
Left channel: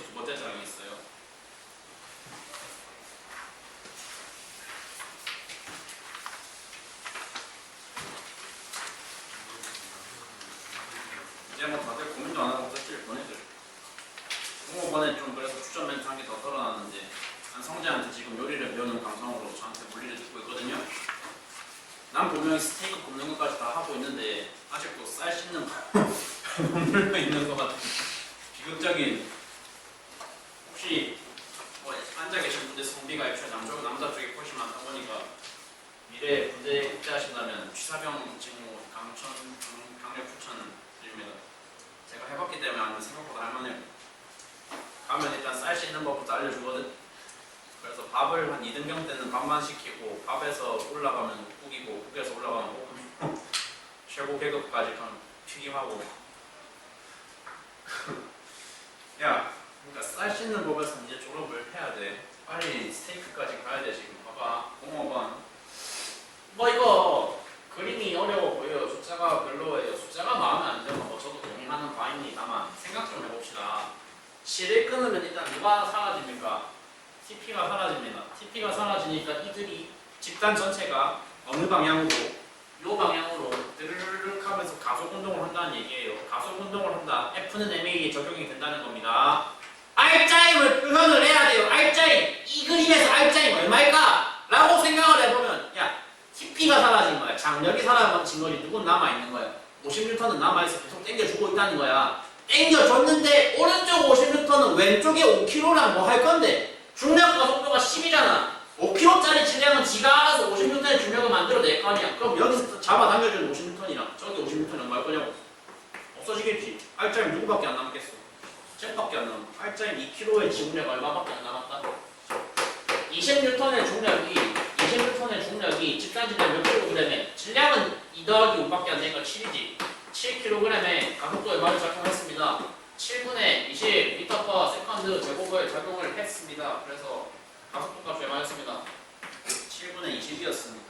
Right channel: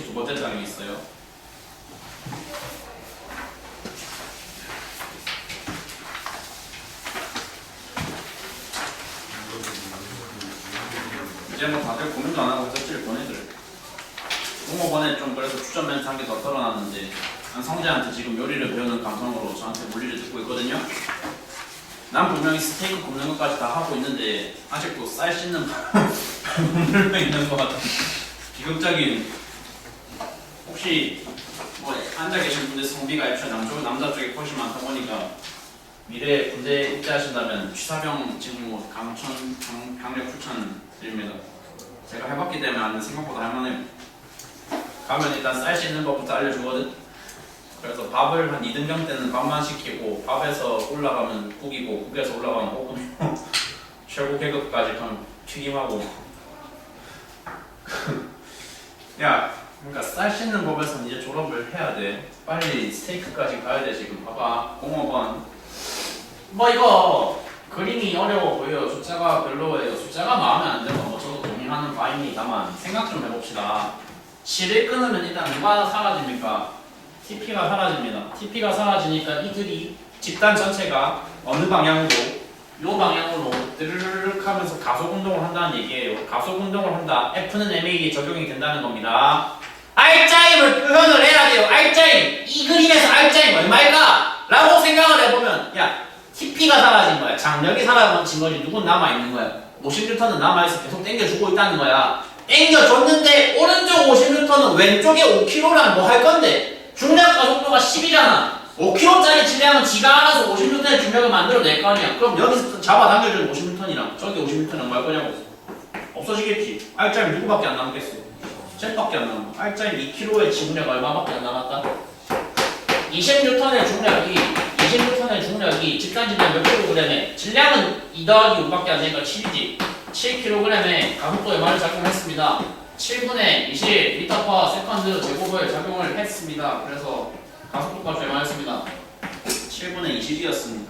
두 번째 장이 있어요. 이제 뭐 다들 고민도 안 하고 섭취를 보내들. 공모번에 좀 그래서 추천 멘트 한 개 더 떨어놨는데 성재한테 지금 요리를 배우는 감성으로 저한테 물리를 듣고 있거든요. 난 분명히 스테이크 굽는 것까지 다 하고 있는데 아직도 쌀 씻는 못 눌러 있는 것 같은 비극적인. 혹시 뭐 앉아 계신 분들 성비가 애초에 남자 쪽에 훨씬 많다 보니까 미래에 군대 입대하신다면 취사병 직무 강력 추천드립니다. 제가 해봤기 때문에 아는 생각보다 할만해요. 가면 일단 쌀 씻는 법부터 알려주거든. 그래서 밥을 한 2등병 때는 밥만 시키고 밥에서 올라가면 국이고 국에서 올라가면 볶음 최고 계급까지 그럼 튀김하고 야 그러니까 쌀 씻는 법에서는 이제 졸업을 해야 돼. 빨리 스테이크까지 가야 돼. 지금 봐봐 공업원 뭐 이거 그림이 어려워 보여요. 숫자가 별로예요. 숫자가 마음에 안 들면 뭐 저도 동의하는 바입니다만 생각 좀 해봅시다. 실을 끊으면 일단 누가 사라집니까? TP가 사라집니다. TP가 사라지니까 이들이 집단 전체가 어느 방향으로 요 방향으로 드르륵 하면서 가속 운동을 한다는 얘기예요. 가속 운동을 한다. F는 MA에 적용이 된다는 겁니다. R자임을 표현을 해야 돼요. R자임. 이 그림에서 R자임 얼마일까? 라고 생각을 해보면 야 TP가 사라진 거야. 장력이 사라진 거지. 누군 남아있는 거야. 50N은 남아있어. 계속 당겨주고 있다는 거야. 당겨줬는데 오른쪽 50N은 왼쪽에 5kg랑 뭐 할 건데 중력 가속도가 10이잖아. 5kg짜리 질량은 지가 알아서 50N의 중력을 만들어낼 거 아니야. 그럼 여기서 잡아당겨주는 50N이랑 저기 50N은 뭐 할 거냐고. 없어지겠지. R자임 누구밖에 안 남겠어. 쟤밖에 안 남아. R자임 2kg의 지중력 얼마밖에 안 남았다? 20N의 중력이 집단 질량 몇 kg에 질량은 2 더하기 5밖에 안 되니까 7이지. 7kg에 가속도에 말을 작용했습니다. 7분의 20 m/s 제곱을 작용을 했습니다. 그래서 가속도값 얼마였습니다? 7분의 20이었습니다.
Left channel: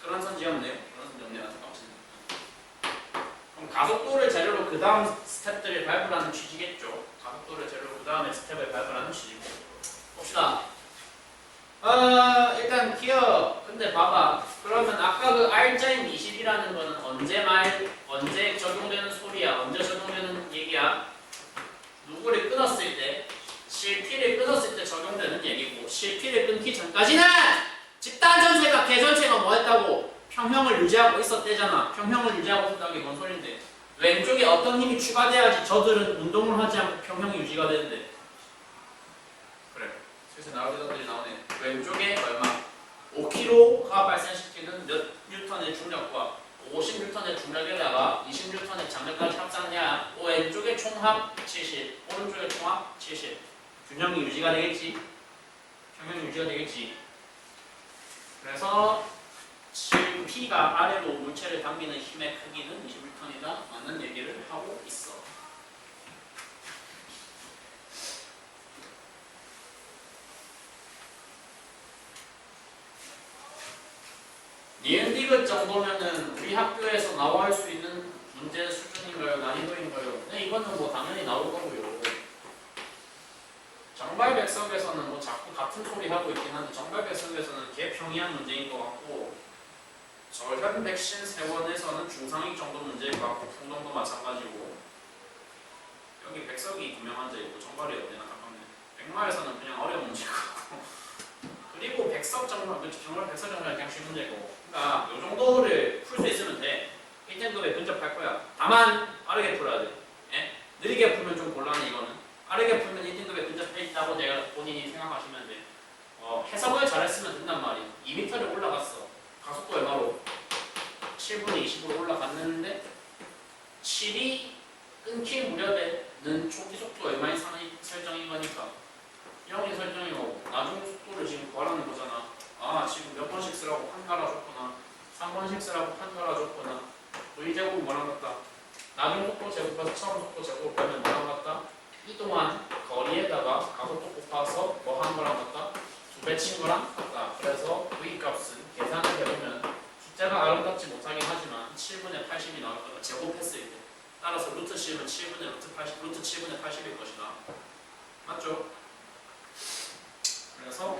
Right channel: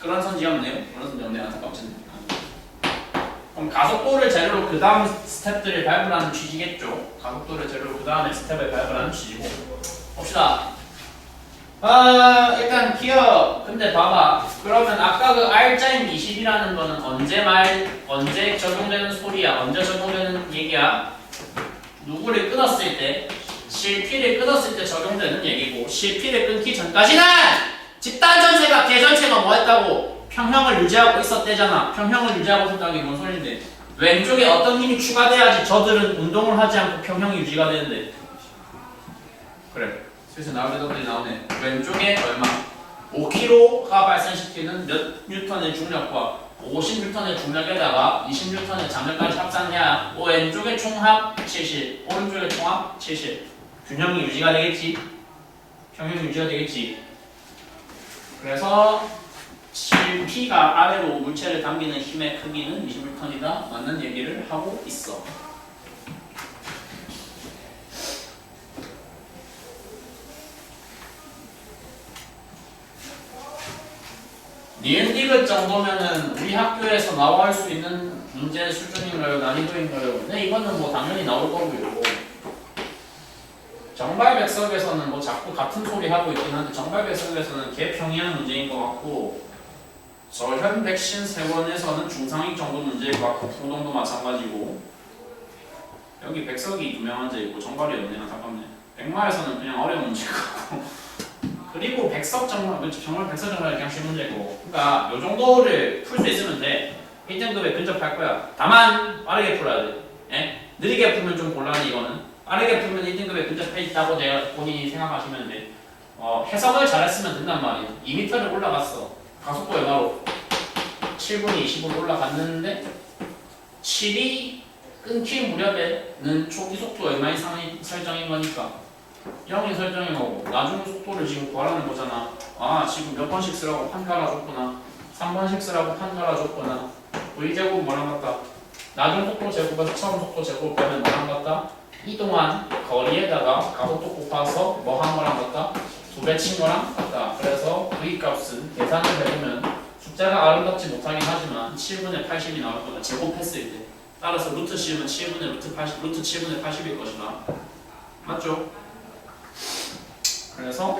그런 선지 없네요. 그런 선지 없네요. 안타깝지. 그럼 가속도를 재료로 그 다음 스텝들을 밟으라는 취지겠죠. 가속도를 재료로 그 다음에 스텝을 밟으라는 취지고. 봅시다. 일단 기억. 근데 봐봐. 그러면 아까 그 R자임 20이라는 거는 언제 적용되는 소리야? 언제 적용되는 얘기야? 누구를 끊었을 때? 실피를 끊었을 때 적용되는 얘기고, 실피를 끊기 전까지는 집단 전체가 개전체가 뭐 했다고? 평형을 유지하고 있었대잖아. 평형을 유지하고 있었다는 게 뭔 소린데? 왼쪽에 어떤 힘이 추가돼야지 저들은 운동을 하지 않고 평형이 유지가 되는데. 그래. 슬슬 나올 대답들이 나오네. 왼쪽에 얼마? 5kg가 발생시키는 몇 뉴턴의 중력과 50뉴턴의 중력에다가 20뉴턴의 장력까지 합산해야 왼쪽의 총합 70, 오른쪽의 총합 70. 균형이 유지가 되겠지? 평형이 유지가 되겠지? 그래서 7P가 아래로 물체를 당기는 힘의 크기는 20뉴턴이다 맞는 얘기를 하고 있어. 니은디귿 정도면은 우리 학교에서 나올 수 있는 문제 수준인가요? 난이도인가요? 근데 이거는 뭐 당연히 나올 거고요. 정발백석에서는 뭐 자꾸 같은 소리 하고 있긴 한데 정발백석에서는 개평이한 문제인 것 같고 저현 백신 세원에서는 중상위 정도 문제일 것 같고 풍동도 마찬가지고 여기 백석이 두명 앉아있고 정발이 없네. 안타깝네. 백마에서는 그냥 어려운 문제일 것 같고 그리고 백석 정말 백석 정말 그냥 쉬운 문제고, 그러니까 요 정도를 풀 수 있으면 돼. 1등급에 근접할 거야. 다만 빠르게 풀어야 돼. 예? 느리게 풀면 좀 곤란해. 이거는 빠르게 풀면 1등급에 근접해 있다고 내가 본인이 생각하시면 돼. 해석을 잘했으면 된단 말이야. 2m를 올라갔어. 가속도 얼마로? 7분의 20으로 올라갔는데 7이 끊길 무렵에는 초기 속도 얼마 이상이 설정인 거니까 0이 설정인 거고 나중 속도를 지금 구하라는 거잖아. 아 지금 몇 번씩 쓰라고 판 깔아줬구나. 3번씩 쓰라고 판 깔아줬구나. V제곱 뭐랑 같다? 나중 속도 제곱에서 처음 속도 제곱 빼면 뭐랑 같다? 이동한 거리에다가 가속도 곱해서 뭐 한 거랑 같다? 2배 친 거랑 같다. 그래서 V 값은 계산을 해보면 숫자가 아름답지 못하긴 하지만 7분의 80이 나올 거다. 제곱했을 때. 따라서 루트 씌우면 7분의 루트 80, 루트 7분의 80일 것이다. 맞죠? 그래서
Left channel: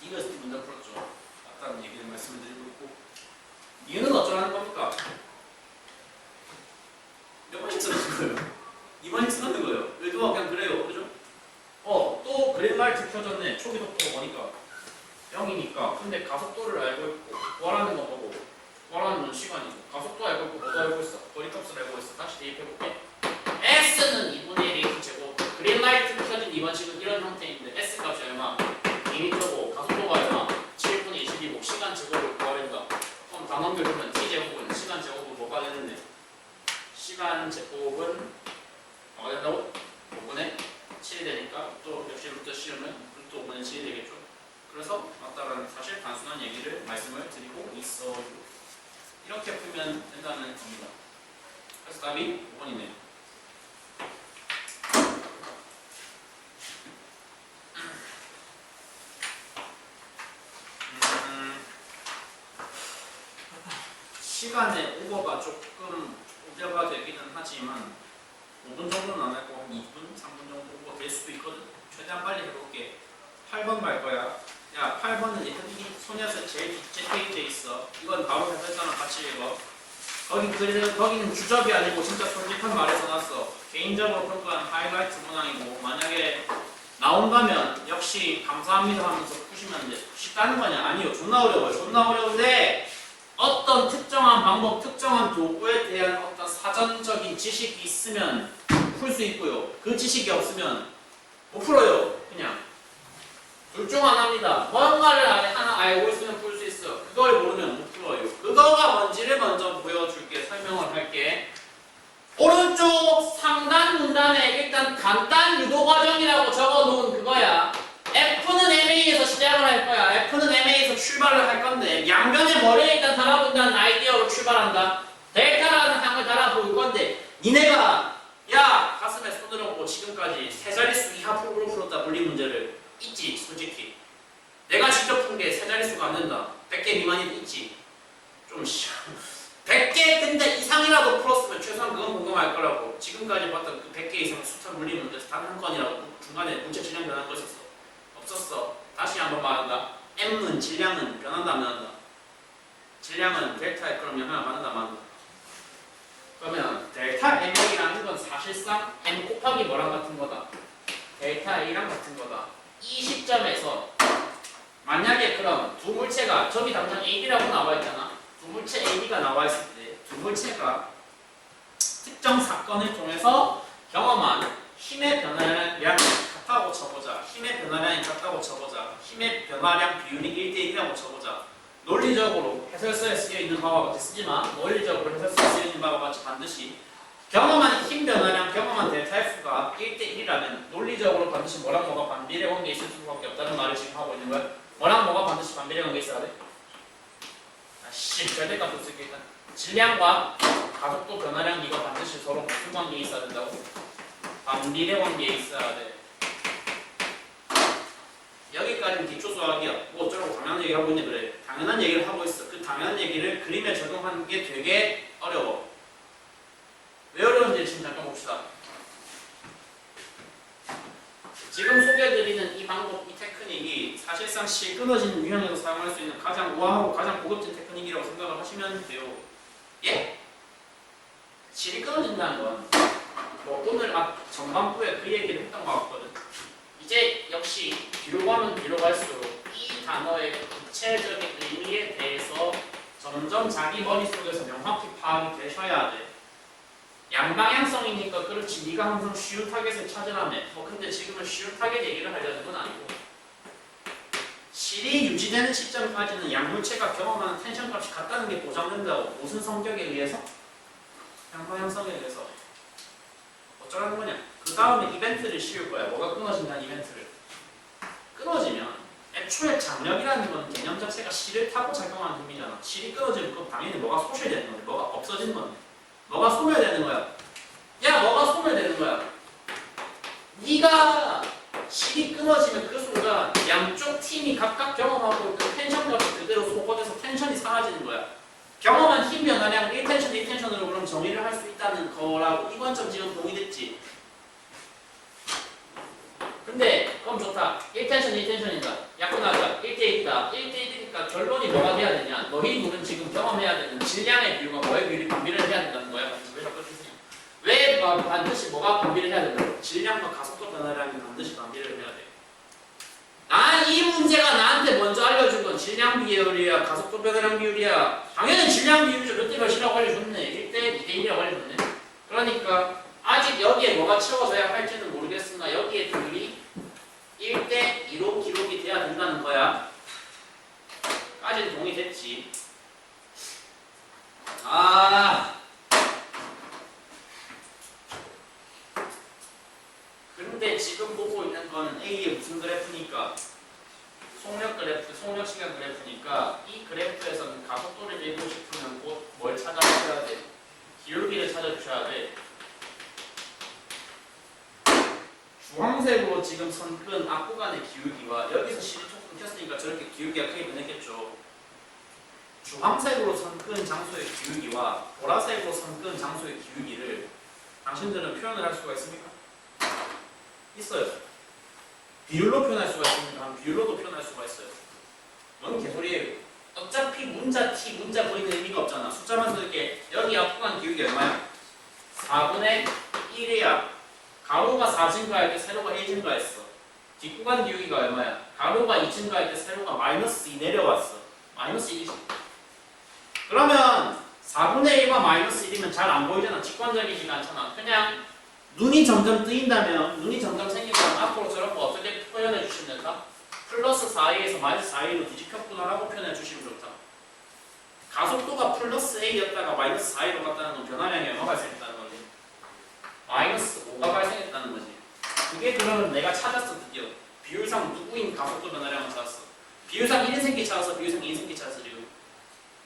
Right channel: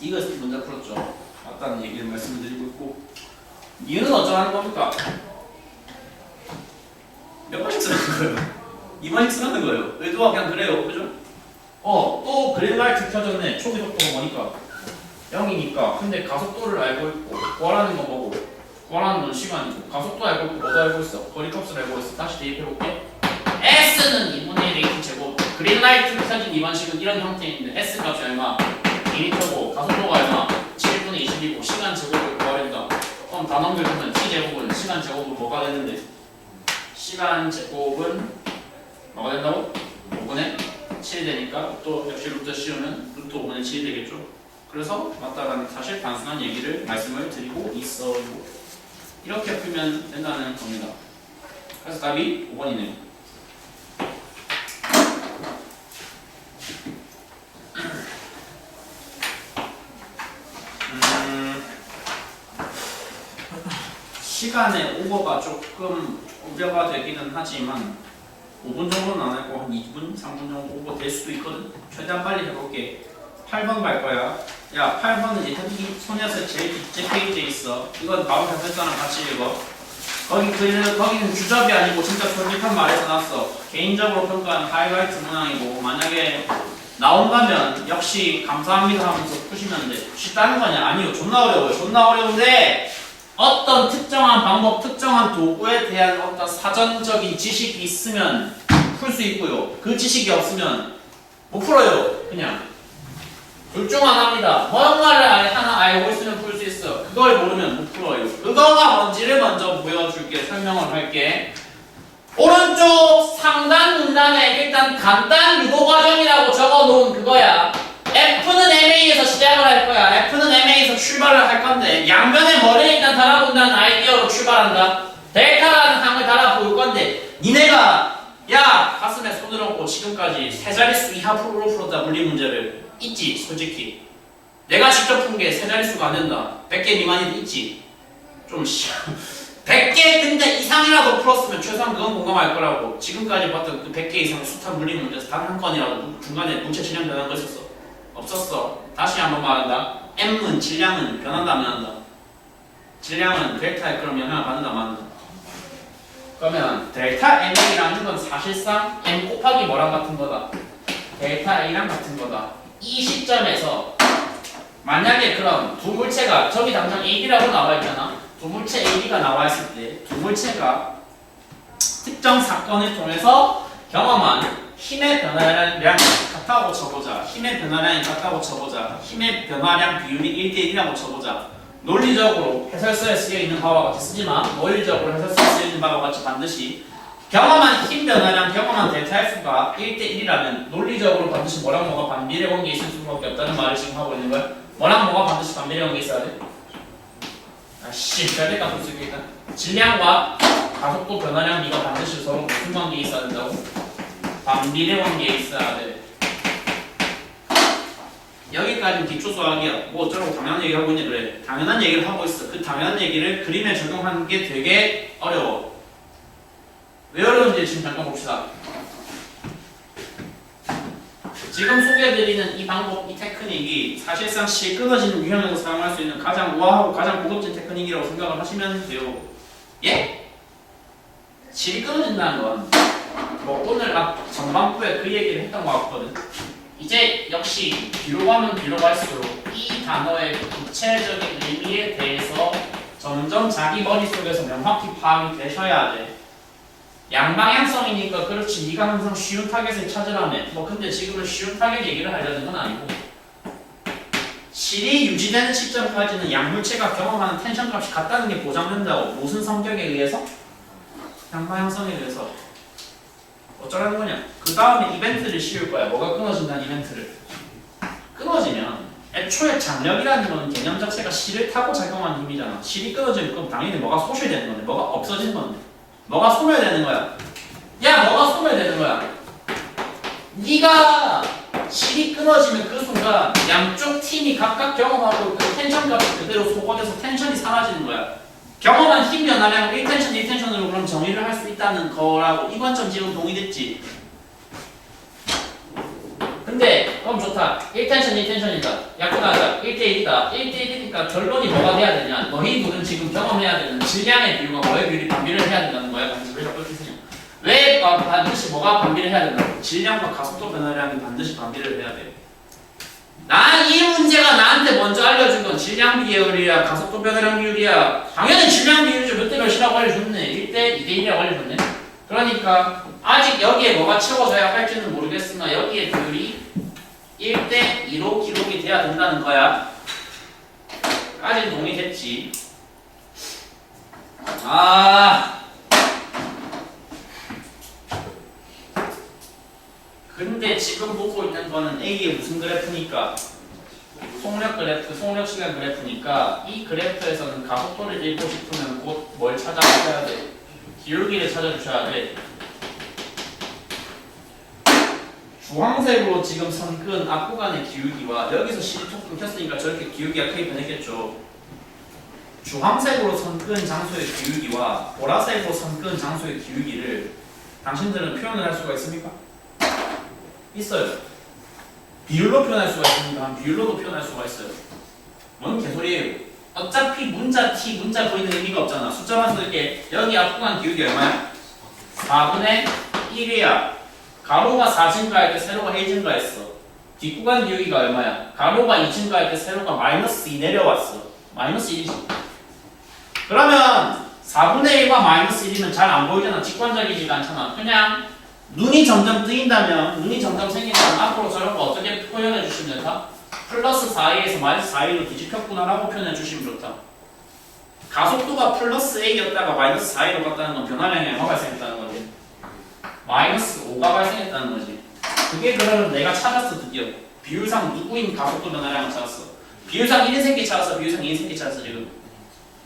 이것을 문제 풀었죠. 맞다는 얘기를 말씀드리고 있고, 이유는 어쩌라는 겁니까? 몇 번씩 쓰는 거예요? 2번씩 쓰는 거예요. 의도가 그냥 그래요. 그죠? 또 그린라이트 켜졌네. 초기 속도가 뭐니까? 0이니까. 근데 가속도를 알고 있고 구하라는 건 뭐고? 구하라는 건 시간이고 가속도 알고 있고 뭐도 알고 있어? 거리값을 알고 있어. 다시 대입해볼게. S는 2분의 1 AT 제곱. 그린라이트 켜진 2번식은 이런 형태인데 S 값이 얼마? 2m고 가속도가 얼마? 7분의 20이고 시간 제곱을 구해야 된다. 그럼 다 넘겨주면 T 제곱은 시간 제곱은 뭐가 되는데? 시간 제곱은 뭐가 된다고? 5분의 7이 되니까 또 역시 루트 씌우면 루트 5분의 7이 되겠죠. 그래서 맞다라는 사실 단순한 얘기를 말씀을 드리고 있어요. 이렇게 풀면 된다는 겁니다. 그래서 답이 5번이네요. 시간의 오버가 조금 우려가 되기는 하지만 5분 정도는 안 하고 한 2분, 3분 정도 오버 될 수도 있거든. 최대한 빨리 해볼게. 8번 갈 거야. 야, 8번은 예태기 소녀서 제일 뒷째 페이지에 있어. 이건 바로 해설자랑 같이 읽어. 거기는 주접이 아니고 진짜 솔직한 말에 써놨어. 개인적으로 평가하는 하이라이트 문항이고 만약에 나온다면 역시 감사합니다 하면서 푸시면 돼. 쉽다는 거냐? 아니요. 존나 어려워요. 존나 어려운데 어떤 특정한 방법, 특정한 도구에 대한 어떤 사전적인 지식이 있으면 풀 수 있고요. 그 지식이 없으면 못 풀어요. 그냥 둘 중 하나입니다. 뭔가를 하나 알고 있으면 풀 수 있어. 그걸 모르면 못 풀어요. 그거가 뭔지를 먼저 보여줄게. 설명을 할게. 오른쪽 상단 문단에 일단 간단 유도 과정이라고 적어놓은 그거야. F는 MA에서 시작을 할 거야. F는 MA에서 출발을 할 건데 양변에 머리를 일단 달아본다는 아이디어로 출발한다. 델타라는 항을 달아볼 건데 니네가 야 가슴에 손을 얹고 지금까지 세 자릿수 이하 프로로 풀었다 물리 문제를 있지 솔직히. 내가 직접 푼 게 세 자릿수가 안 된다. 100개 미만이도 있지. 좀 100개 근데 이상이라도 풀었으면 최소한 그건 공감할 거라고. 지금까지 봤던 그 100개 이상의 숱한 물리 문제에서 단 한 건이라도 중간에 물체 질량 변한 거 있었어? 없었어. 다시 한번 말한다. M은 질량은 변한다 안 변한다? 질량은 델타에 그럼 영향을 받는다 안 받는다? 그러면 델타 MA라는 건 사실상 M 곱하기 뭐랑 같은 거다? 델타 A랑 같은 거다. 이 시점에서 만약에 그럼 두 물체가 저기 당장 AB라고 나와 있잖아. 두 물체 AB가 나와 있을 때 두 물체가 특정 사건을 통해서 경험한 힘의 변화량이 같다고 쳐보자. 힘의 변화량이 같다고 쳐보자. 힘의 변화량 비율이 1대1이라고 쳐보자. 논리적으로 해설서에 쓰여있는 바와 같이 쓰지만 논리적으로 해설서에 쓰여있는 바와 같이 반드시 경험한 힘 변화량, 경험한 델타 F가 1대1이라면 논리적으로 반드시 뭐랑 뭐가 반비례 관계에 있을 수밖에 없다는 말을 지금 하고 있는 거야. 뭐랑 뭐가 반드시 반비례 관계에 있어야 돼? 아씨, 절대값 볼 수 있겠다. 질량과 가속도 변화량 비가 반드시 서로 무슨 관계에 있어야 된다고? 반비례 관계에 있어야 돼. 여기까지는 기초수학이야. 뭐 어쩌라고 당연한 얘기를 하고 있냐 그래. 당연한 얘기를 하고 있어. 그 당연한 얘기를 그림에 적용하는 게 되게 어려워. 왜 어려운지 지금 잠깐 봅시다. 지금 소개해드리는 이 방법, 이 테크닉이 사실상 실 끊어지는 유형에서 사용할 수 있는 가장 우아하고 가장 고급진 테크닉이라고 생각을 하시면 돼요. 예? 실이 끊어진다는 건 뭐 오늘 전반부에 그 얘기를 했던 것 같거든. 이제 역시 뒤로 가면 뒤로 갈수록 이 단어의 구체적인 의미에 대해서 점점 자기 머릿속에서 명확히 파악이 되셔야 돼. 양방향성이니까 그렇지. 네가 항상 쉬운 타겟을 찾으라며. 뭐 근데 지금은 쉬운 타겟 얘기를 하려는 건 아니고 실이 유지되는 시점까지는 양물체가 경험하는 텐션 값이 같다는 게 보장된다고. 무슨 성격에 의해서? 양방향성에 의해서. 어쩌라는 거냐? 그 다음에 이벤트를 씌울 거야. 뭐가 끊어진다는 이벤트를. 끊어지면 애초에 장력이라는 건 개념 자체가 실을 타고 작용하는 힘이잖아. 실이 끊어지면 그럼 당연히 뭐가 소실되는 건데 뭐가 없어지는 건데 뭐가 소멸되는 거야. 야, 뭐가 소멸되는 거야. 네가 실이 끊어지면 그 순간 양쪽 팀이 각각 경험하고 그 텐션 값이 그대로 소거돼서 텐션이 사라지는 거야. 경험한 힘 변화량을 1텐션, 2텐션으로 그럼 정의를 할 수 있다는 거라고 이 관점 지금 동의됐지? 근데 그럼 좋다. 1텐션, 2텐션이다. 약분하자. 1대1이다. 1대1이니까 결론이 뭐가 돼야 되냐? 너희 둘은 지금 경험해야 되는 질량의 비율과 뭐의 비율이 반비를 해야 된다는 거야. 왜 자꾸 이렇게 쓰냐? 왜 반드시 뭐가 반비를 해야 된다고? 질량과 가속도 변화량이 반드시 반비를 해야 돼. 난 이 문제가 나한테 먼저 알려준 건 질량 비율이야, 가속도 변화량 비율이야. 당연히 질량 비율이죠. 몇 대 몇이라고 알려줬네. 1대 2대 1이라고 알려줬네. 그러니까 아직 여기에 뭐가 채워져야 할지는 모르겠으나 여기에 비율이 1대 2로 기록이 돼야 된다는 거야. 까지는 동의됐지. 근데 지금 보고 있는 거는 A의 무슨 그래프니까? 속력 그래프, 속력 시간 그래프니까 이 그래프에서는 가속도를 읽고 싶으면 곧 뭘 찾아주셔야 돼? 기울기를 찾아주셔야 돼. 주황색으로 지금 선끈 앞구간의 기울기와 여기서 시리토크 켰으니까 저렇게 기울기가 크게 변했겠죠. 주황색으로 선끈 장소의 기울기와 보라색으로 선끈 장소의 기울기를 당신들은 표현을 할 수가 있습니까? 있어요. 비율로 표현할 수가 있습니다. 비율로도 표현할 수가 있어요. 뭔 개소리예요. 어차피 문자 t, 문자 v는 의미가 없잖아. 숫자만 쓸게. 여기 앞구간 기울기 얼마야? 4분의 1이야. 가로가 4 증가할 때 세로가 1 증가했어. 뒷구간 기울기가 얼마야? 가로가 2 증가할 때 세로가 마이너스 2 내려왔어. 마이너스 1이지. 그러면 4분의 1과 마이너스 1이면 잘 안 보이잖아. 직관적이지가 않잖아. 그냥 눈이 점점 뜨인다면, 눈이 점점 생긴다면 앞으로 저런 거 어떻게 표현해 주시면 될까? 플러스 4a에서 마이너스 4a로 뒤집혔구나라고 표현해 주시면 좋다. 가속도가 플러스 a였다가 마이너스 4a로 갔다는 건 변화량이 얼마 발생했다는 거지? 마이너스 5가 발생했다는 거지. 그게 그러면 내가 찾았어. 드디어 비율상 누구인 가속도 변화량을 찾았어. 비율상 1인생끼 찾았어. 비율상 2인생끼 찾았어. 지금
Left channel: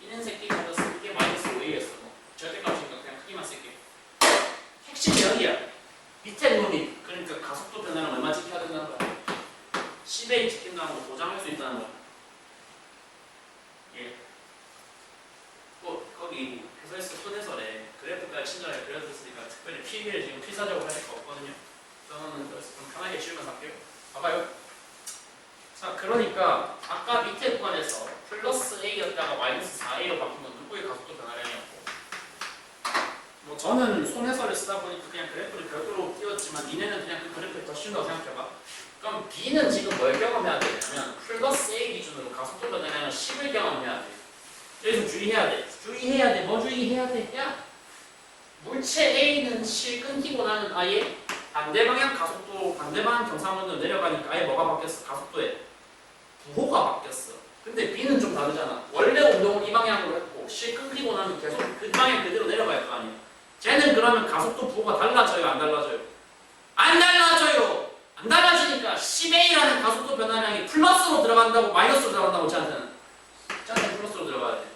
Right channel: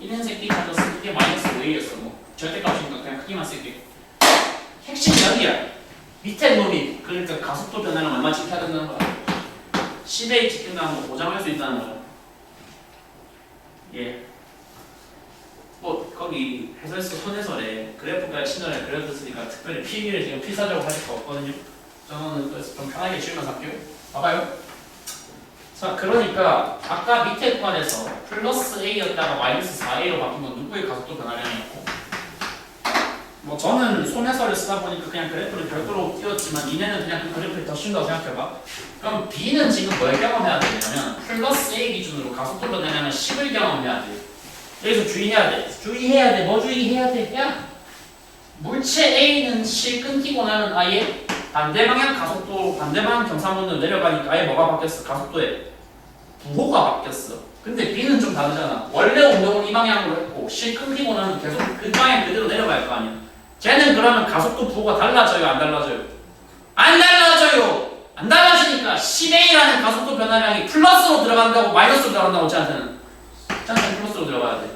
1인생끼 찾았어. 그게 마이너스 5a였어. 뭐 절대값이니까 그냥 크기만 쓸게. 핵심이 여기야. 밑에 놈이 그러니까 가속도 변화량 얼마 지켜야 된다는 거야. 10A 지킨다는 거 보장할 수 있다는 거야. 예. 뭐 거기 해설서 손해설에 그래프까지 친절하게 그려줬으니까 특별히 필기를 지금 필사적으로 하실 거 없거든요. 저는 그래서 좀 편하게 쉬면서 할게요. 봐봐요. 자, 그러니까 아까 밑에 구간에서 플러스 A였다가 마이너스 4A로 바뀐 건 누구의 가속도 변화량이었고, 뭐 저는 손해설을 쓰다 보니까 그냥 그래프를 별도로 띄웠지만 니네는 그냥 그 그래프를 더 쉰다고 생각해봐. 그럼 B는 지금 뭘 경험해야 되냐면 플러스 A 기준으로 가속도 변화량은 10을 경험해야 돼. 여기서 주의해야 돼. 주의해야 돼. 뭐 주의해야 돼? 야, 물체 A는 실 끊기고 나면 아예 반대 방향 가속도, 반대 방향 경사면으로 내려가니까 아예 뭐가 바뀌었어? 가속도에 부호가 바뀌었어. 근데 B는 좀 다르잖아. 원래 운동은 이 방향으로 했고 실 끊기고 나면 계속 그 방향 그대로 내려갈 거 아니야. 쟤는 그러면 가속도 부호가 달라져요? 안 달라져요? 안 달라져요. 안 달라지니까 10A라는 가속도 변화량이 플러스로 들어간다고 마이너스로 들어간다고 쟤한테는 플러스로 들어가야 돼.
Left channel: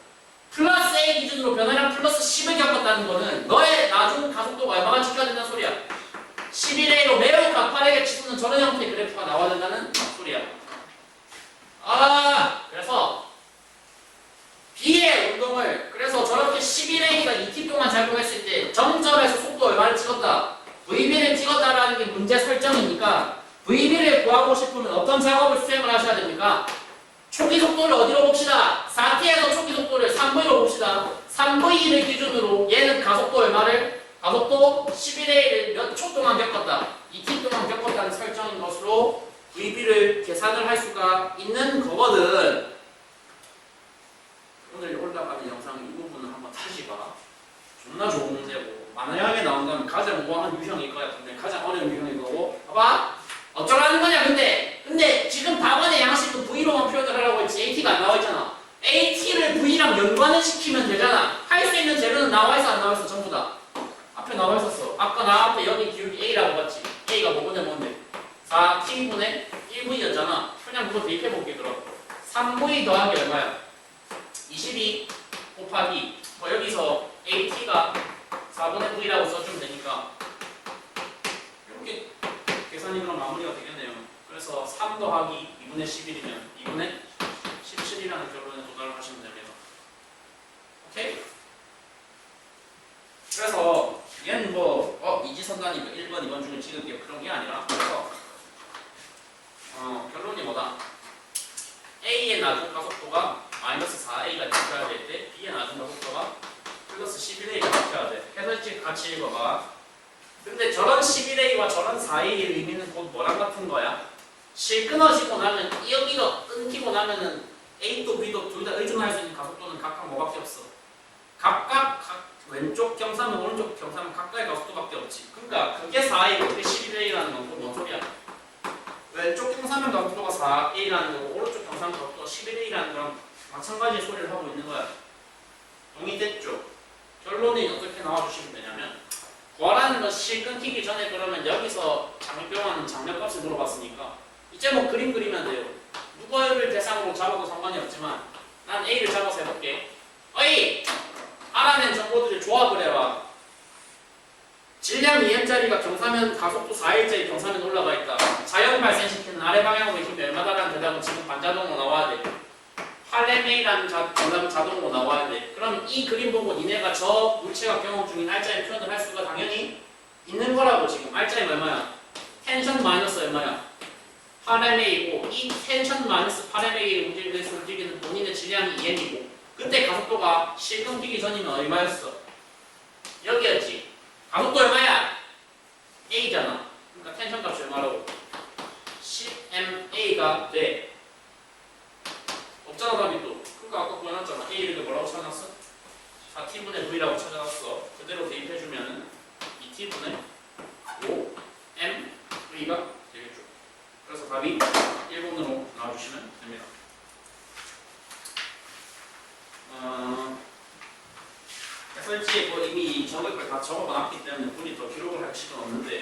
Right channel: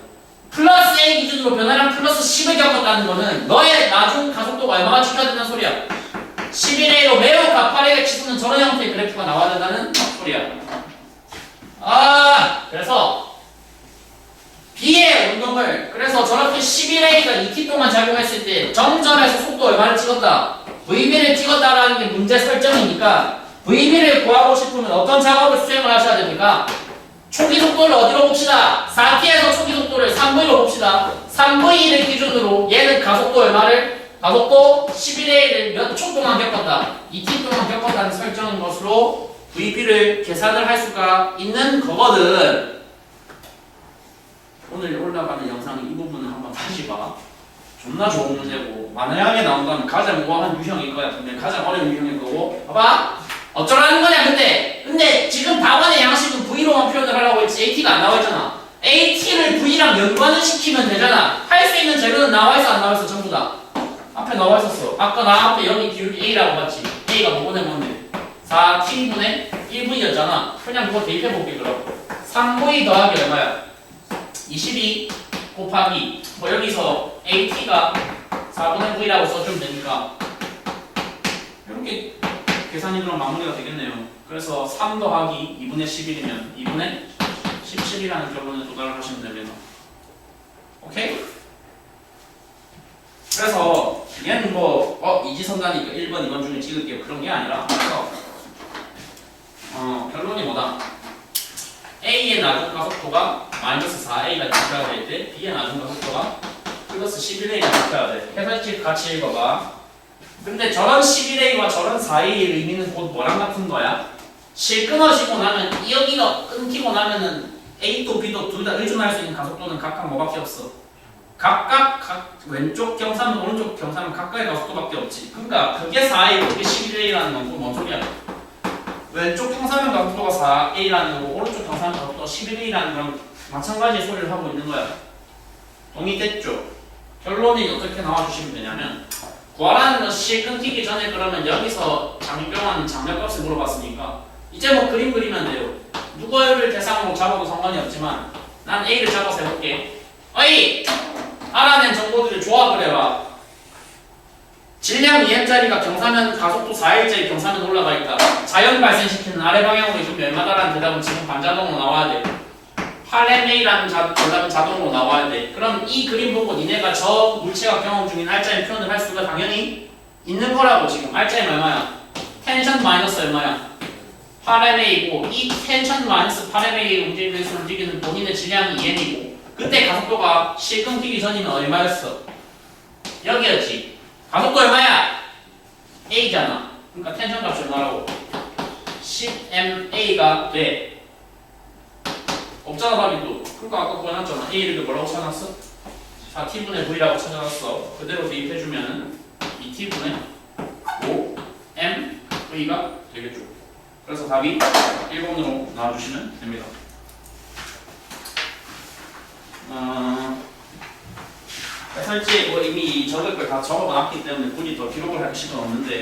플러스 A 기준으로 변화량 플러스 10을 겪었다는 거는 너의 나중 가속도가 얼마나 지켜야 된다는 소리야. 11A로 매우 가파르게 치솟는 저런 형태의 그래프가 나와야 된다는 소리야. 그래서 B의 운동을, 그래서 저렇게 11A가 2t 동안 작용했을 때 정점에서 속도 얼마를 찍었다? VB를 찍었다라는 게 문제 설정이니까 VB를 구하고 싶으면 어떤 작업을 수행을 하셔야 됩니까? 초기 속도를 어디로 봅시다. 4t에서 초기 속도를 3v로 봅시다. 3v를 기준으로 얘는 가속도 얼마를? 가속도 11A를 몇 초 동안 겪었다. 2t 동안 겪었다는 설정인 것으로 VB를 계산을 할 수가 있는 거거든. 오늘 올라가는 영상의 이 부분을 한번 다시 봐. 존나 좋은 문제고 만약에 나온다면 가장 우아한 유형일 거야. 근데 가장 어려운 유형일 거고. 봐봐. 어쩌라는 거냐 근데 지금 답안의 양식은 V로만 표현을 하라고 했지 AT가 안 나와 있잖아. AT를 V랑 연관을 시키면 되잖아. 할 수 있는 재료는 나와 있어 안 나와 있어? 전부 다 앞에 나와 있었어. 아까 나 앞에 여기 기울기 A라고 봤지. A가 뭔데 4T분의 1V였잖아. 그냥 그거 대입해 볼게. 그럼 3V 더하기 얼마야? 22 곱하기 뭐 여기서 AT가 4분의 V라고 써주면 되니까 이렇게 계산이 그럼 마무리가 되겠네요. 그래서 3 더하기 2분의 11이면 2분의 17이라는 결론에 도달을 하시면 됩니다. 오케이? 그래서 얘는 뭐 이지선다니까 1번, 2번 중에 찍을게요. 그런 게 아니라 그래서 결론이 뭐다? A의 나중 가속도가 마이너스 4A가 지켜야 될 때 B의 나중 가속도가 플러스 11A가 지켜야 돼. 해설집 같이 읽어봐. 근데 저런 11A와 저런 4A의 의미는 곧 뭐랑 같은 거야? 실 끊어지고 나면 여기가 끊기고 나면은 A도 B도 둘 다 의존할 수 있는 가속도는 각각 뭐밖에 없어? 각각 왼쪽 경사면 오른쪽 경사면 각각의 가속도밖에 없지. 그러니까 그게 4A고 그게 11A라는 건 또 뭔 소리야? 왼쪽 경사면 가속도가 4A라는 거고 오른쪽 경사면 가속도가 11A라는 거랑 마찬가지의 소리를 하고 있는 거야. 동의됐죠? 결론이 어떻게 나와주시면 되냐면 구하라는 건 실 끊기기 전에 그러면 여기서 장병한 장력값을 물어봤으니까 이제 뭐 그림 그리면 돼요. 누구를 대상으로 잡아도 상관이 없지만 난 A를 잡아서 해볼게. 어이! 알아낸 정보들을 조합을 해봐. 질량 2m짜리가 경사면 가속도 4일짜리 경사면 올라가 있다. 자연 발생시키는 아래 방향으로 이동이 얼마다라는 대답은 지금 반자동으로 나와야 돼. 8ma라는 대답은 자동으로 나와야 돼. 그럼 이 그림 보고 니네가 저 물체가 경험 중인 알짜의 표현을 할 수가 당연히 있는 거라고. 지금 알짜의 얼마야? 텐션 마이너스 얼마야? 8ma이고 이 텐션 마이너스 8ma의 움직임에서 움직이는 본인의 질량이 2m이고 그때 가속도가 실 끊기기 전이면 얼마였어? 여기였지. 가속도 얼마야? a잖아. 그러니까 텐션 값이 얼마라고? 10ma가 돼. 없잖아 답이 또. 그러니까 아까 구해놨잖아. a를 뭐라고 찾아놨어? 4t분의 v라고 찾아놨어. 그대로 대입해주면 2t분의 5mv가 되겠죠. 그래서 답이 1번으로 나와주시면 됩니다. 설치 뭐 이미 적을 걸 다 적어놨기 때문에 굳이 더 기록을 할 필요는 없는데